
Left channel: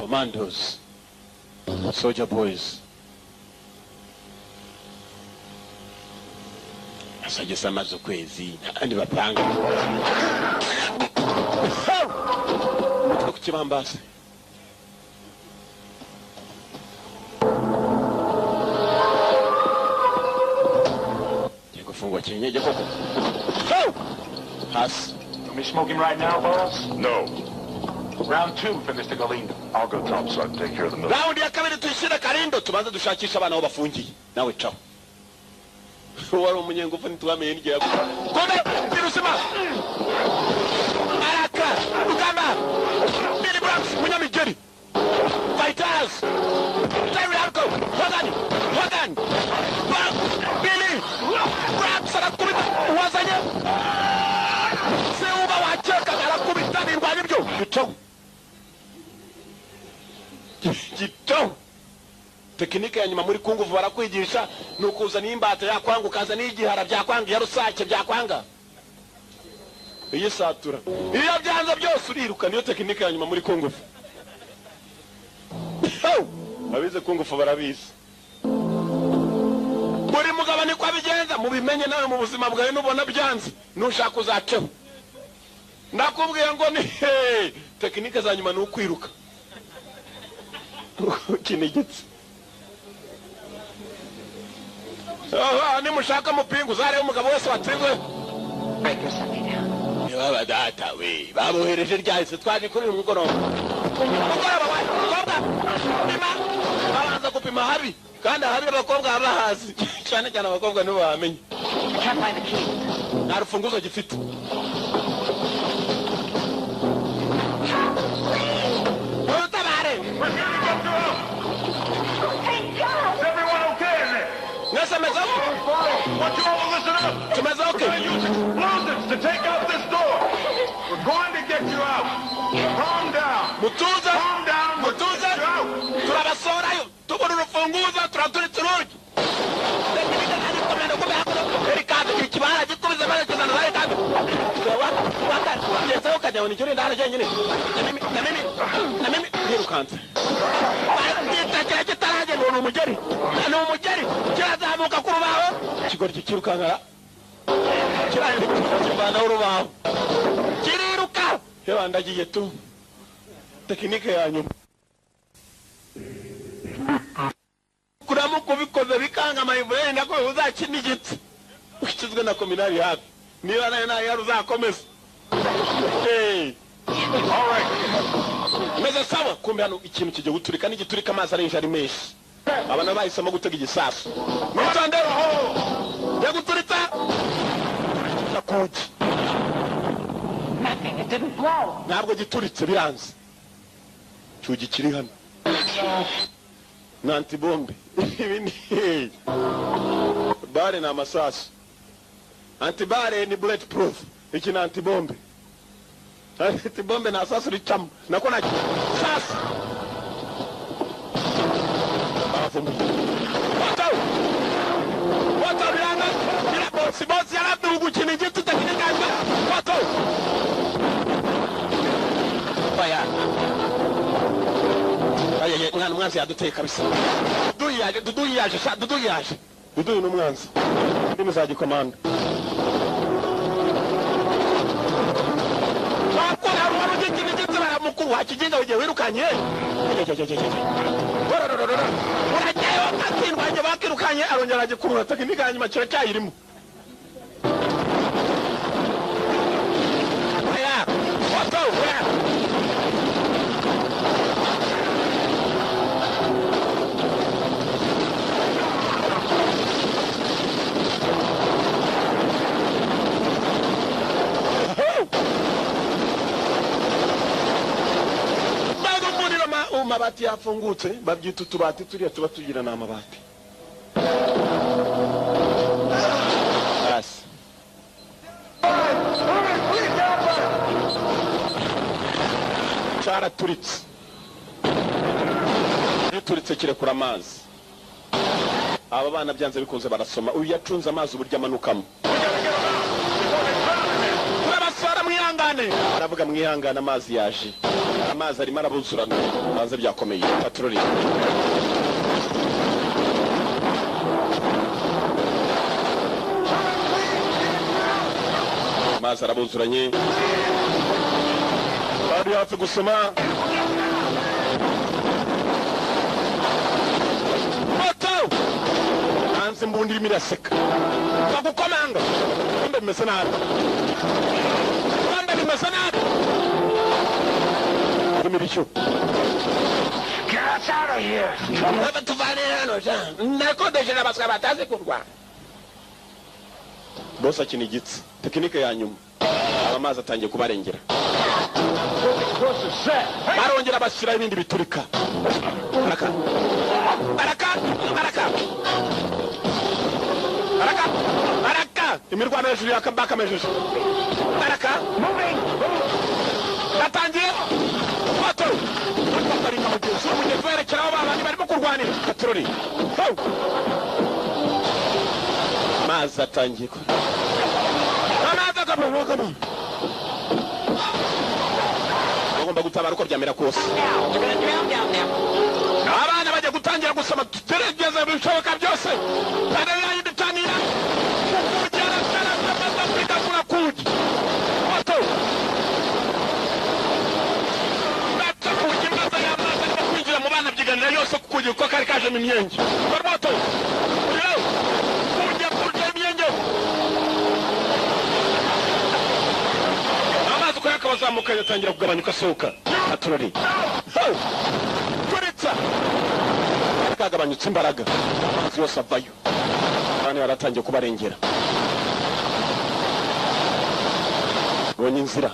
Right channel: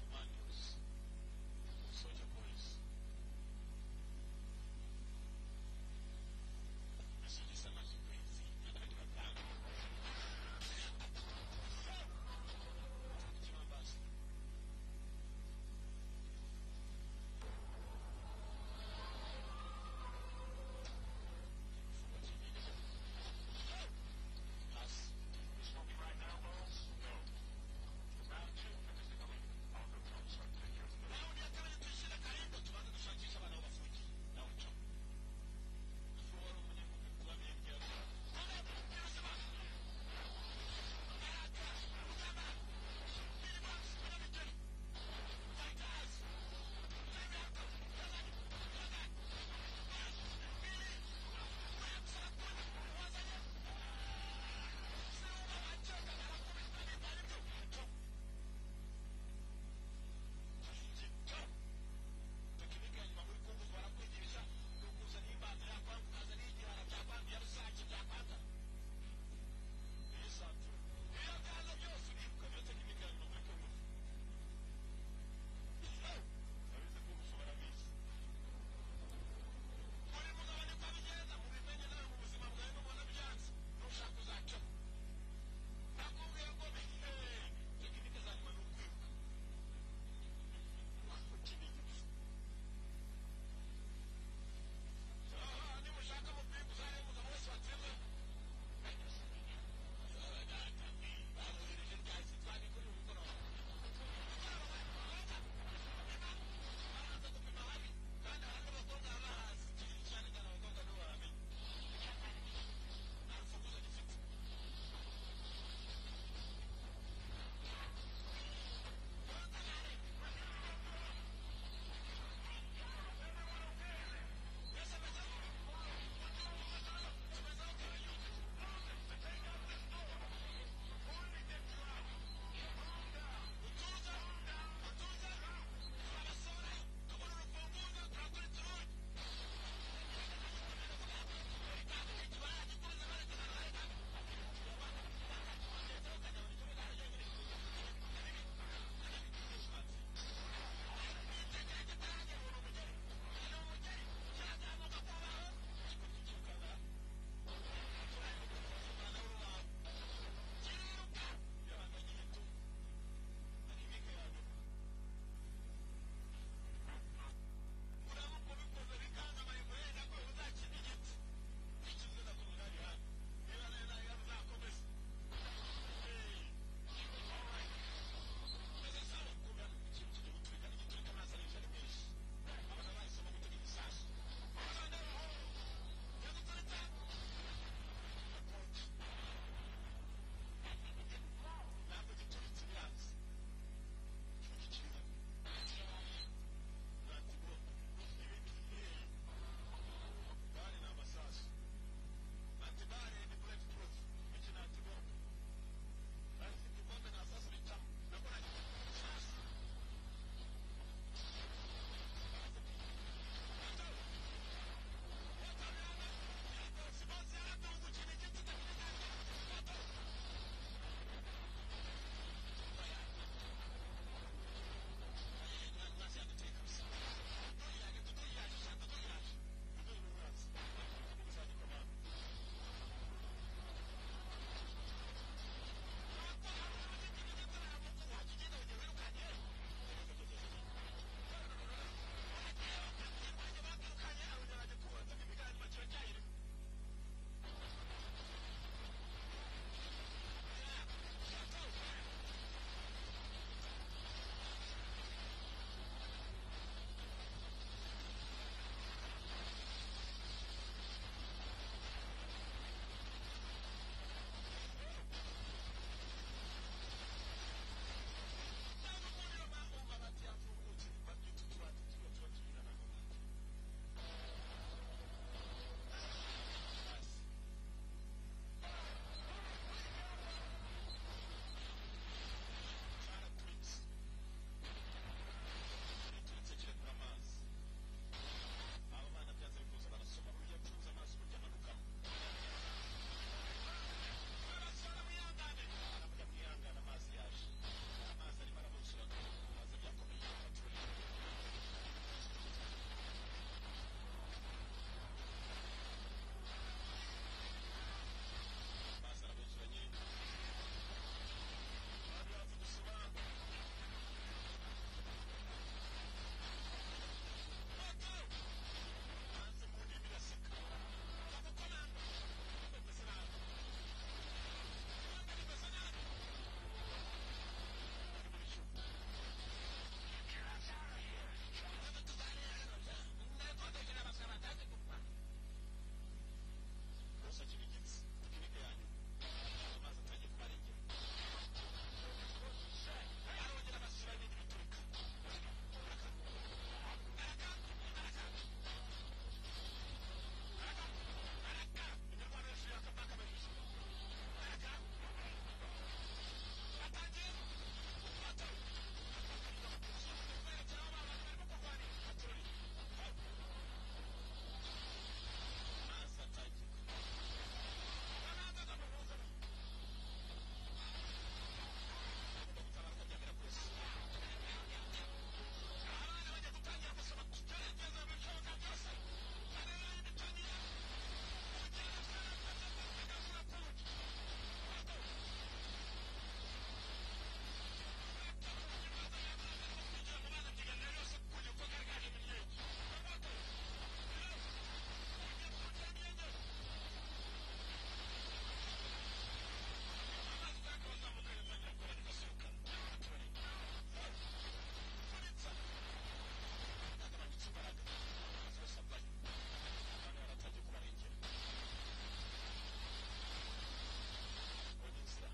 Commandos. Soldier boys. Asajesa amaze ukwezi andi bapanga. Mutwe kukibambase. Fungwa chenyeje koko. Pass. Are we smoking right now, boss? No. Round 2 for Mr. Galindo. I'll go topside and take care of the military. Round ya kabiri tuyishire Galindo tubanze dushakisha abana aho bafungiye. Nawe caho. Wari umunyengufu ntitwamenye n'igihe yaguye. Kome birusima. Araka Uganda. Billy Bronx Munyamigeri. Fighters. Terry Alco. Hogan. Billy. Bronx arakubita uwazanye. Seuba wacheka arakubita n'indwanya byo. Gito. Tekinike ya nyuma muri kunguvu barakwigisha nukuza n'imbata yakwanga ukaza n'igihara byakwanga ya rusake byakwanga. Iyi satura. Iyo byanze byose uriruka niyo tekinike ya nyuma muri kunguvu. Abize kunguvu barabizi. Buri mugabo ni kwa bigenza mubimenye nawe mu buzima bwawe nubona byanze nushaka uzaceho. Ndakubwiye ngo ni tekinike za nyuma n'ukwiruka. Kinigitse. Ni mushaka mupingu zare umugabo wese watsingwe. Break your Sunday down. Yaba data we babohereje ryahise twaje kuri uyu mugoroba. Mugoroba wa kobwa. Pima. Babanza gupima habi. Kandi habi abakobwa abahazi. Cyane abakobwa nibo bamenye. I can't find the keys. Nta rufunguzo gifite. Want you all to listen up. We're going to use explosives to take out this door. We're going to get you out. Calm down. Mutuza. Calm down. Mutuza. Turabasorayo. Tubona urufunguzo turaturitse urugi. Tekinike kandi komenda kube hakuno. Erikado ikibara gikubize mara kizana zari kandi. Yesa ukajya woni cyuri ndara cyanyine. Na mimi nirukanze. Bagiye kitaraje ni umugeri. Ni umugeri. Kirazamuka ku rubaho. Kigori kikirukankara. Kirandi kibana urubaho. Kiriruka. Hewa ndagiye tu. Tekinike yanyu. Kuramu kubikoze bikanga mayivure ndako uzakinigitse. Ukizwe na kominari hafi. Niba nayo yaruzakomeza. All right. Meze sawa kumbe hano ikintu kijye guturika n'igiturika amazi arenje ari menshi. Abana bahisemo gutega igisasu. Mwitondero ho. Ya guturitsa. Nakoje. Nothing. It didn't blow. Ntabwo gituritse biranze. Cyugi kiri hano. Nanti bombe. Ibindi. Bare na masasu. Antibare ni bulletproof. Iki na antibombe. Antibombe na sasu richamu. Nakona sasu. Bafumbi. Wata bilanga. Bila bosi ya labda uguchini jitu tekinika hivyo. Wata. Baya. Aye, mwana mwanzi yaduteye kabisa. Dudu yaje. Dudu n'umwanzi. Ndimi za gikomanda. Mukuru wakijenga uje wirukanye. Urajyayo akatsindwanye bakirukanye arongera agikurura tekinike hanyuma kiracyayirimo. Aya, wato, amabati yafungutse babyita utubati turiya tuba tugira na amabati. Asi. Cyaraturitse. Gituritse kirekura amazi. Aba bana byanze bikunze barasoma. Uyu yacunze amazi uburyo amanukamo. Turabasara mwihangane. Aravuga mwihangane amazi yaje. Amazi arimo arabuzurana. Banze byakomeye. Patroli. Amazi arabuzuranye. Bari hafi gusoma. Moto! Hanze mbundi irimo iraseka. Bagukomanga. Mbe bimeze nabi. Mbe bimeze nabi. imirishyo. Get us out of here. Tuvane hano ja. Nakodeshe n'abaswa batazi kurwana. Boss akinigitse. Tekinike ya nyuma. Amazi atangiye kubarengera. Barongera bashyira ibindi biturika. Baraka. Imirwano hejuru yakambaka mejeje. Baraka. Batangiye. Bato. Baringa mugenzi w'umugenzi werekera abo babandi barimo kurwanira. Katroli. Mazi atangiye ko. Bagomba gutabara uko byamera kose. Abana bajya gutangira gusoma tugerageza bishoboka byose. Kandi yayidutanira. Kugera cyane amaze kwidakura kuki. Bato. Bato kugimaza yamaze kwinjira mu bana byiganira yose kugira uko kari kaje mu myenge. Bato. Kujya kurya imyenge. Bazamuka yatangira kugabanyuka soka aturori. Kuritsa. Kagabanyutse imbaraga. Yose avayo. Bane baratangiye kubarengera. Bonye inzira.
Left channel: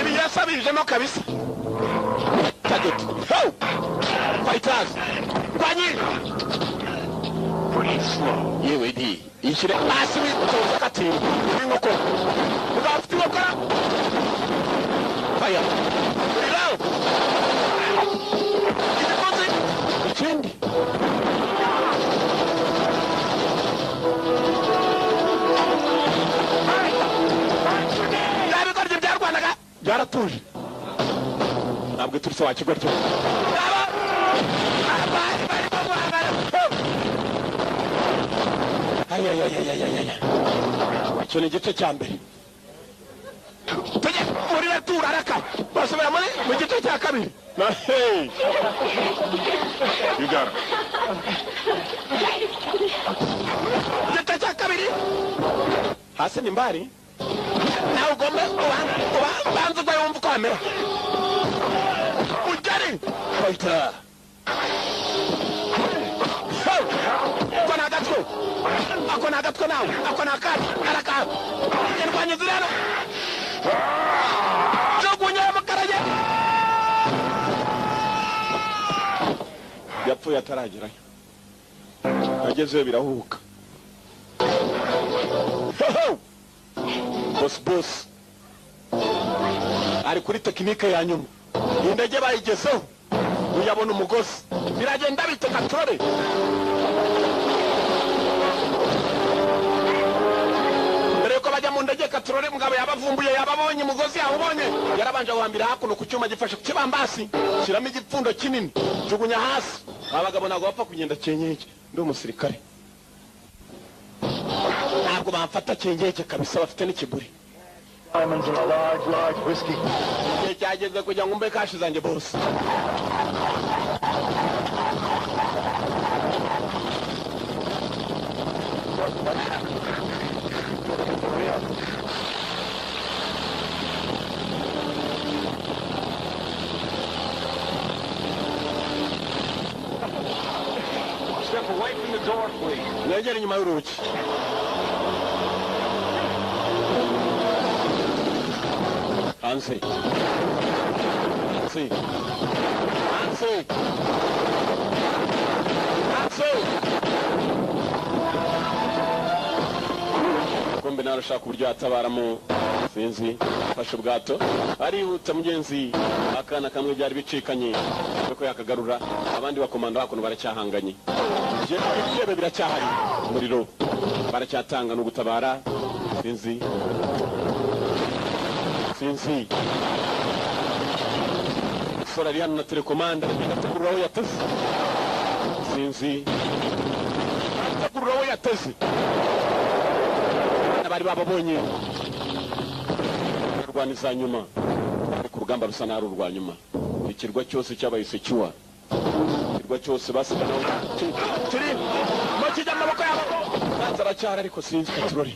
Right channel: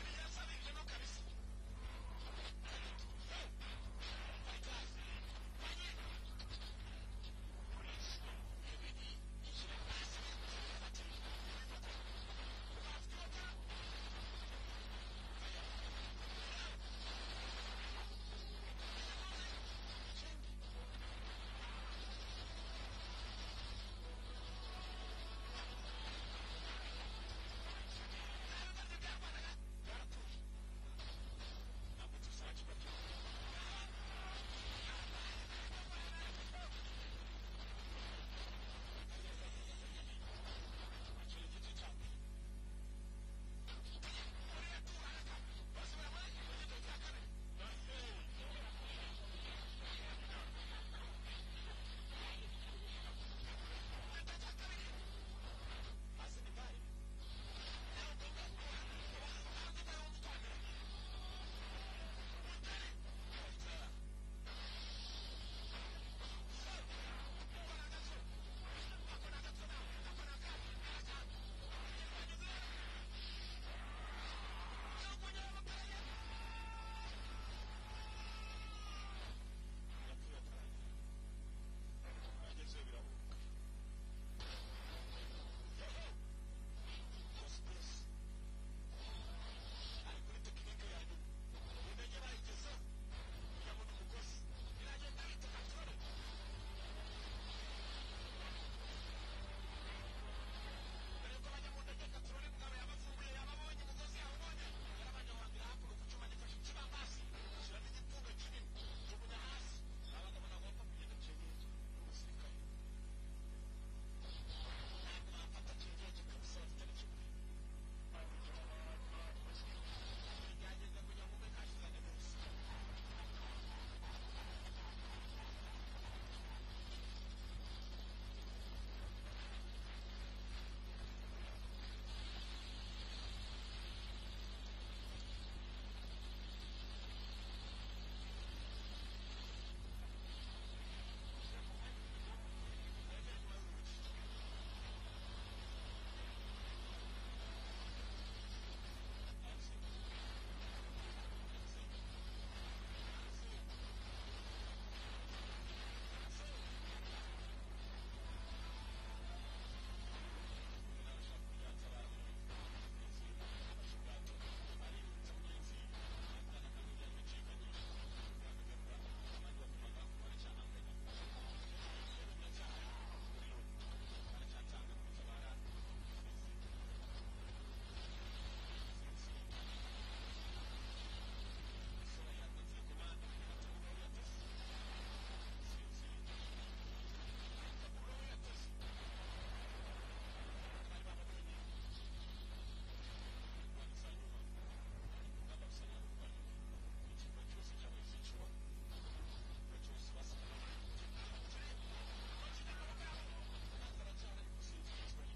Ibi yasabijemo kabisa. Target. Fighters. Kwanyi. Pretty slow. Yewe di. Ishire hasi witoza kati n'ingoko. Uzafite gukora. Fire. Irawo. Igikoze. Ikindi. Yabikorye byarwanaga. Byaratuje. Ntabwo turise wakigoryo. Icyo ni igice cya mbere. Tujye muri retura araka. Basubira mu gice cya kabiri. Hey. You got it. Gice cya kabiri. Hasi ni mbari. Nawe ugomba ubanza ugwa yumva uko hamera. Ujyari. Fighter. Ako na agatwe nawe. Ako na akandi. Araka. Irwanya zirana. Jugunya amakaraye. Yapfuye ataragerayo. Agezeyo birahubuka. Boss. Ari kuri tekinike ya nyuma. Indege bayigezeho. Uyabona umugozi. Biragenda bite Katroli. Ndege Katroli mugabo yabavumbuye yababonye mugozi yawubonye yarabanje guhambira hakuno ku cyuma gifashe ku kibambasi kiramo igipfundo kinini jugunya hasi abagabo nago bapfa kugenda cyenyeke ndi umusirikare ntabwo bamfata cyenyeke kabisa bafite n'ikiguri Diamonds and a large whiskey. cyageze kugira ngo mbe kashi zanjye bose Step away from the door, please. Negera inyuma y'urugi. Hansi. Kumbe narashaka uburyo yatabaramo sinzi fashe ubwato arihuta mugenzi akana kamwe byari bicikanye ko yakagarura abandi bakomanda hakuno baracyahanganye byebe biracyahari umuriro baracyatanga no gutabara sinzi sora ari hano na telekomanda ndakururaho yateze sinzi ndakururaho yateze abari babonye rwaniza nyuma ku rugamba rusa naru rwa nyuma ikirwa cyose cyabaye secure ikirwa cyose basigana kiri mu kijya amaboko yabo bazaracyara ariko sinzi Katroli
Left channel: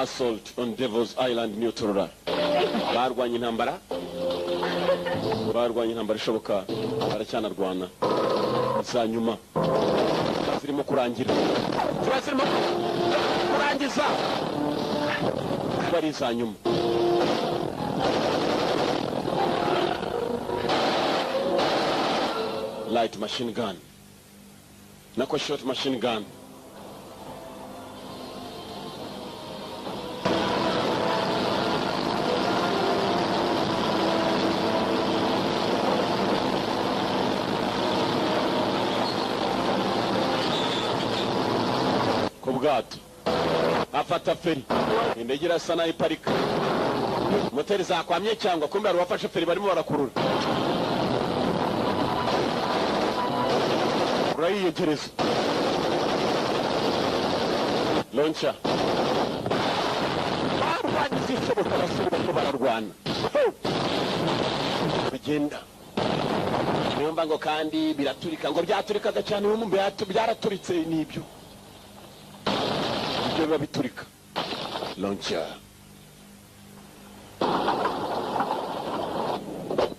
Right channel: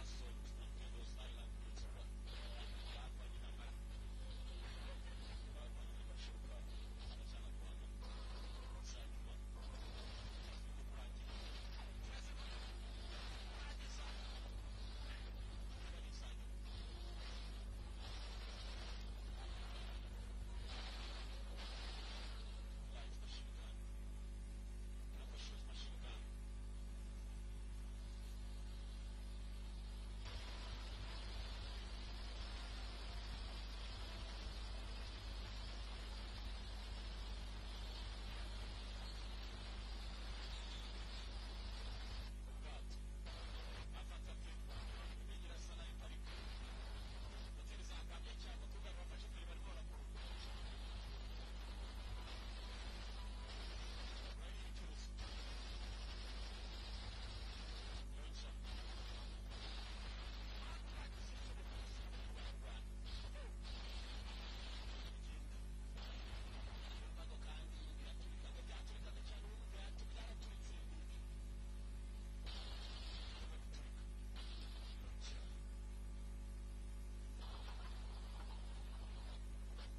assault on Devil's Island Neutral. Barwanye intambara ishoboka, baracyanarwana za nyuma zirimo kurangira, zirimo kurangiza, bari za nyuma. Light machine gun nako short machine gun. Kubwato afata feri, indege irasa nayo iparika, moteri zakwamye cyangwa kumbe ari wafashe feri barimo barakurura. Urayiyegereza launcher barwanyiza ishoboka, barasubira ko bararwana bigenda. Niyo ngo kandi biraturika, ngo byaturikaga cyane ubu byaraturitse. Nibyo biba biturika. Launcher,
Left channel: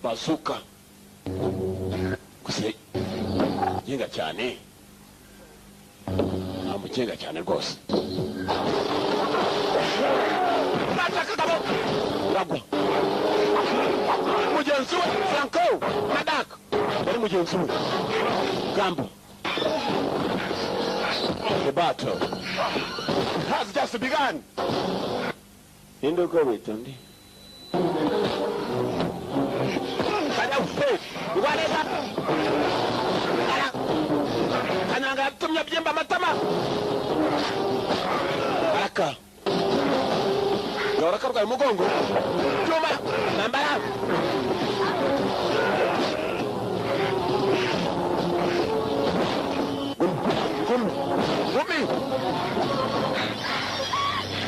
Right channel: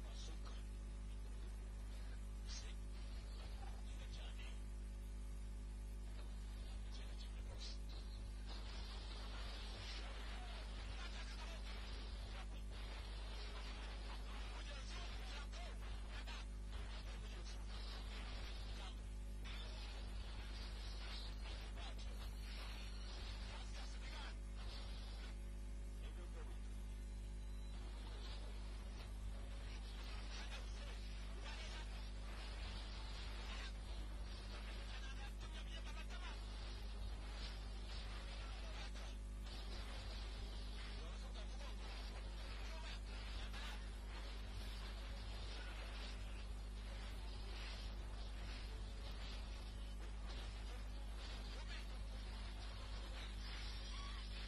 bazooka, gusa mugenga cyane, mugenga cyane rwose. Uragwa mugenzi we Franco Nadak bari mugenzi we Gambo. The battle has just begun. Indo ko witondi kada ufe ubareza kananga tumya byemba amatama araka yoraka rwa mugongo cyuma nambara gumi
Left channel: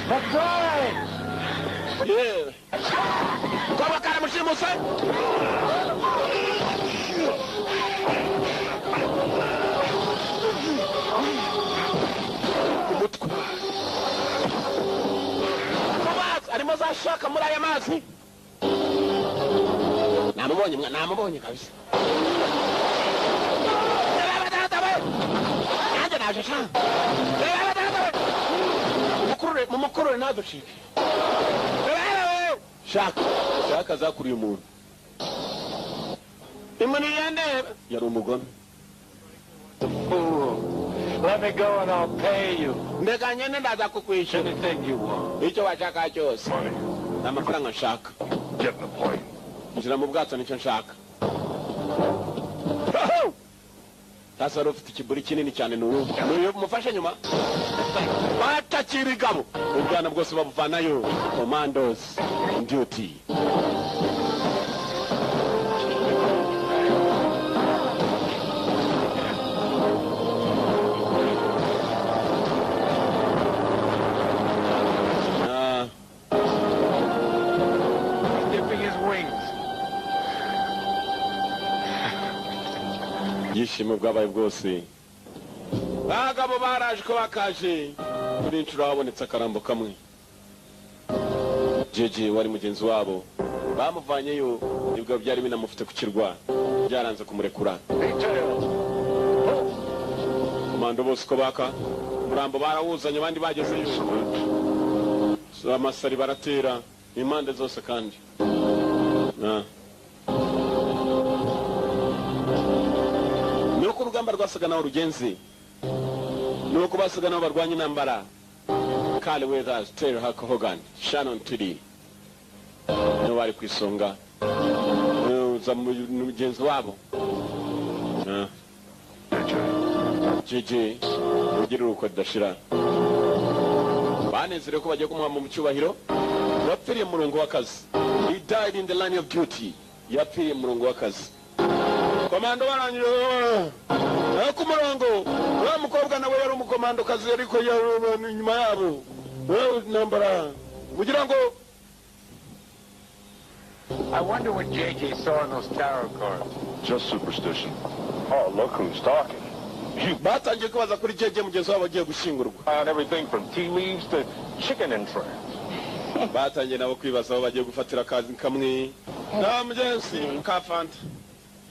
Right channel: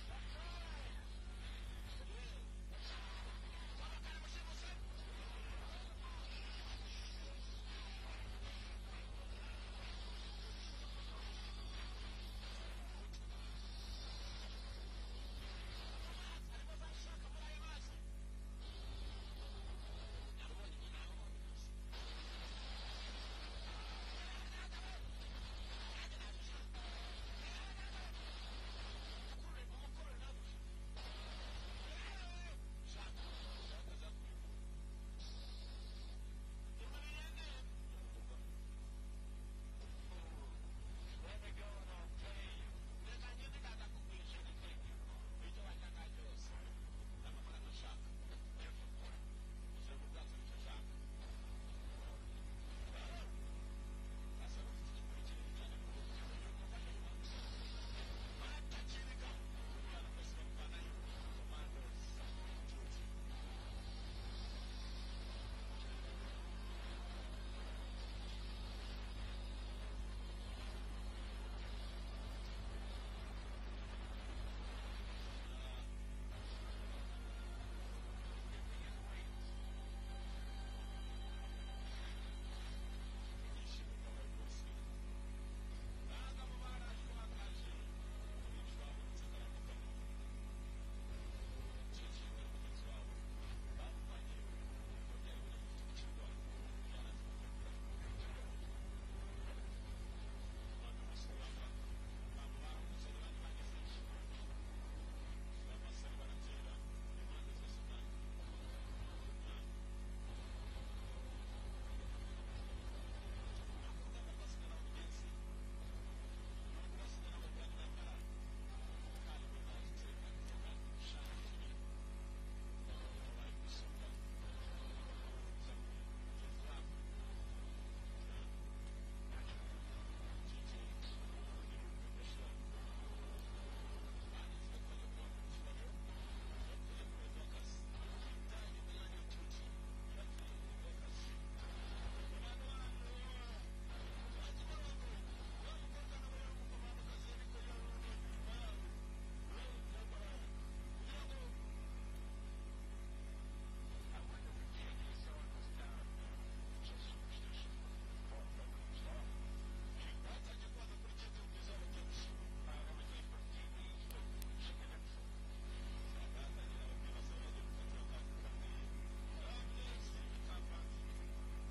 Bakoy! Yeah. Como cara mushimusa? Arimo zashaka muri aya mazi. Namubonye kabisa. Anje naje sha. Mumukurure ntaducike. Shaka zakuriye umuntu. Imani yande yari umugome. Let me go and I'll pay you. Ndeka nyene ndaza kukwishyura. Anything you want. Icyo washaka cyose. N'amafaranga nshaka. Get in the plane. Njira mu bwato nicyo nshaka. Sasa rufite ikiburi kinini cyane n'uyu mufashe nyuma. Batakirigabo ubwana bwose babuvanayo. Commandos on duty. Dipping his wings. Yishimo bwabaye bwose. Bagabo baraje ko bakaje. Kuri inshuro habonetse akarambo kamwe. Jeje wari mugenzi wabo bamuvanyeyo, nibwo byari binamufite ku kirwa, byaranze kumurekura. Komando bose ko baka murambo barawuzanye, abandi bagezeyo. Amasari baratera impande zose kandi. Nuko urugamba rwasaga naho rugenzi. Nuko basaga naho barwanya intambara. Carl Weathers, Terry Hogan, Shannon Tuddy. No bari kwisonga. Za mugenzi wabo. Jeje ugira uko dashira. Banezere ko bagiye kumuha mu cyubahiro. Yapfiriye murongo w'akazi. He died in the line of duty. Yapfiriye murongo w'akazi. Komando barangije ku murongo. Wa mukobwa nawe yari umukomando kazi ariko yari nyuma yabo. Nambara kugira ngo I wonder what JJ saw in those tarot cards. Just superstition. Oh, look who's talking. batangiye kubaza kuri jeje mugenzi wabo agiye gushingurwa. Everything from tea leaves to chicken and fry. Batangiye nabo kwibaza aho bagiye gufatira akazi kamwe. Na mugenzi kafanta.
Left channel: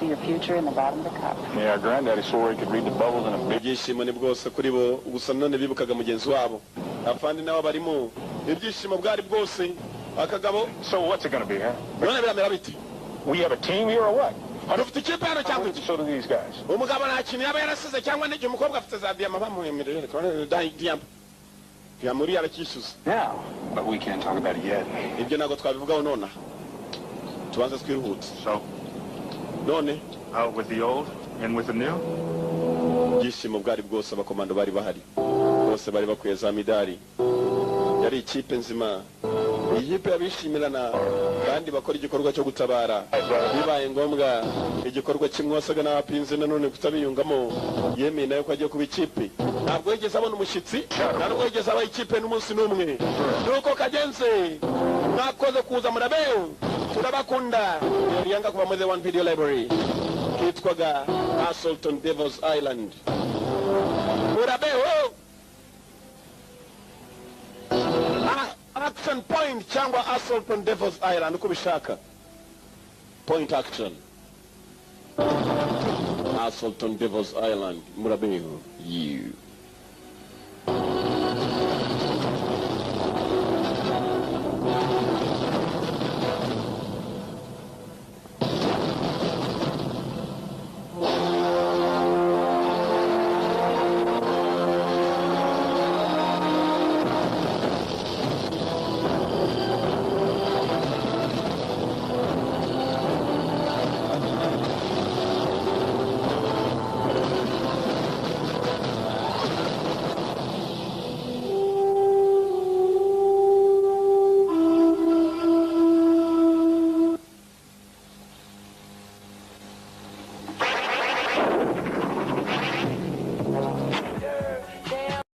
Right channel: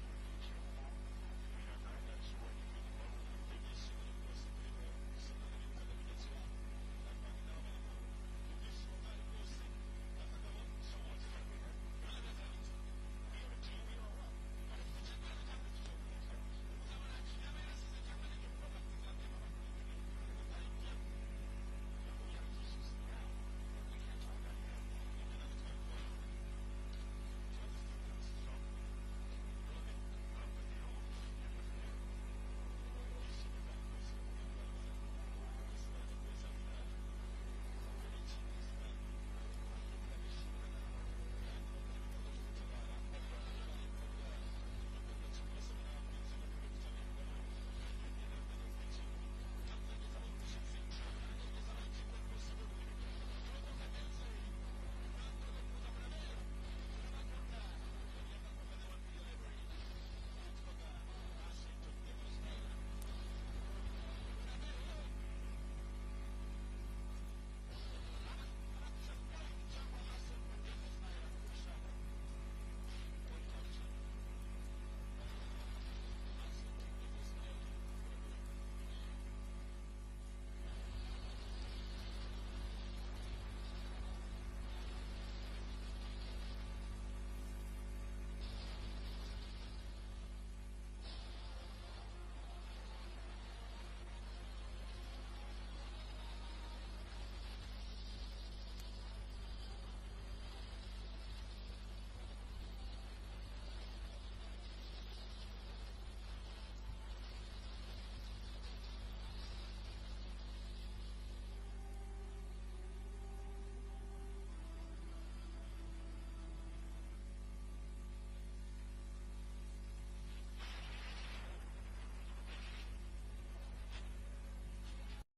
Your future in the bottom of the cup. Yeah, Granddaddy swore he could read the bubbles in a big... Ibyishimo ni bwose kuri bo, gusa none bibukaga mugenzi wabo. Afandi nawe barimo. Ibyishimo bwari bwose. Akagabo. So what's it going to be, huh? None biramera biti. We have a team here or what? Dufite ikipe hano cyangwa iki? So do these guys. Umugabo nta kintu yaba yarasize cyangwa n'igihe umukobwa afite za diyama bamuhemerera. Diyama yarakishyuza. Now, but we can't talk about it yet. Ibyo ntabwo twabivugaho nona. Tubanze twirihutse. So, none out with the old, in with the new? Ibyishimo bwari bwose abakomando bari bahari. Bose bari bakwiye za midari. Yari ikipe nzima. Ikipe yabishimirana kandi bakora igikorwa cyo gutabara. Bibaye ngombwa igikorwa kimwe wasaga n'abapinze nanone kutabiyungamo. Yemeye nayo ko agiye kuba ikipe. Ntabwo yigeze abona umushyitsi. Ntabwo yigeze aba ikipe n'umunsi n'umwe. Nuko kagenze. Mwakoze kuza murabeho. Turabakunda. Yanga kuba muri the One Video Library. Kitwaga Assault on Devil's Island. Murabeho. Action point cyangwa Assault on Devil's Island uko bishaka. Point action. Assault on Devil's Island. Murabeho. You.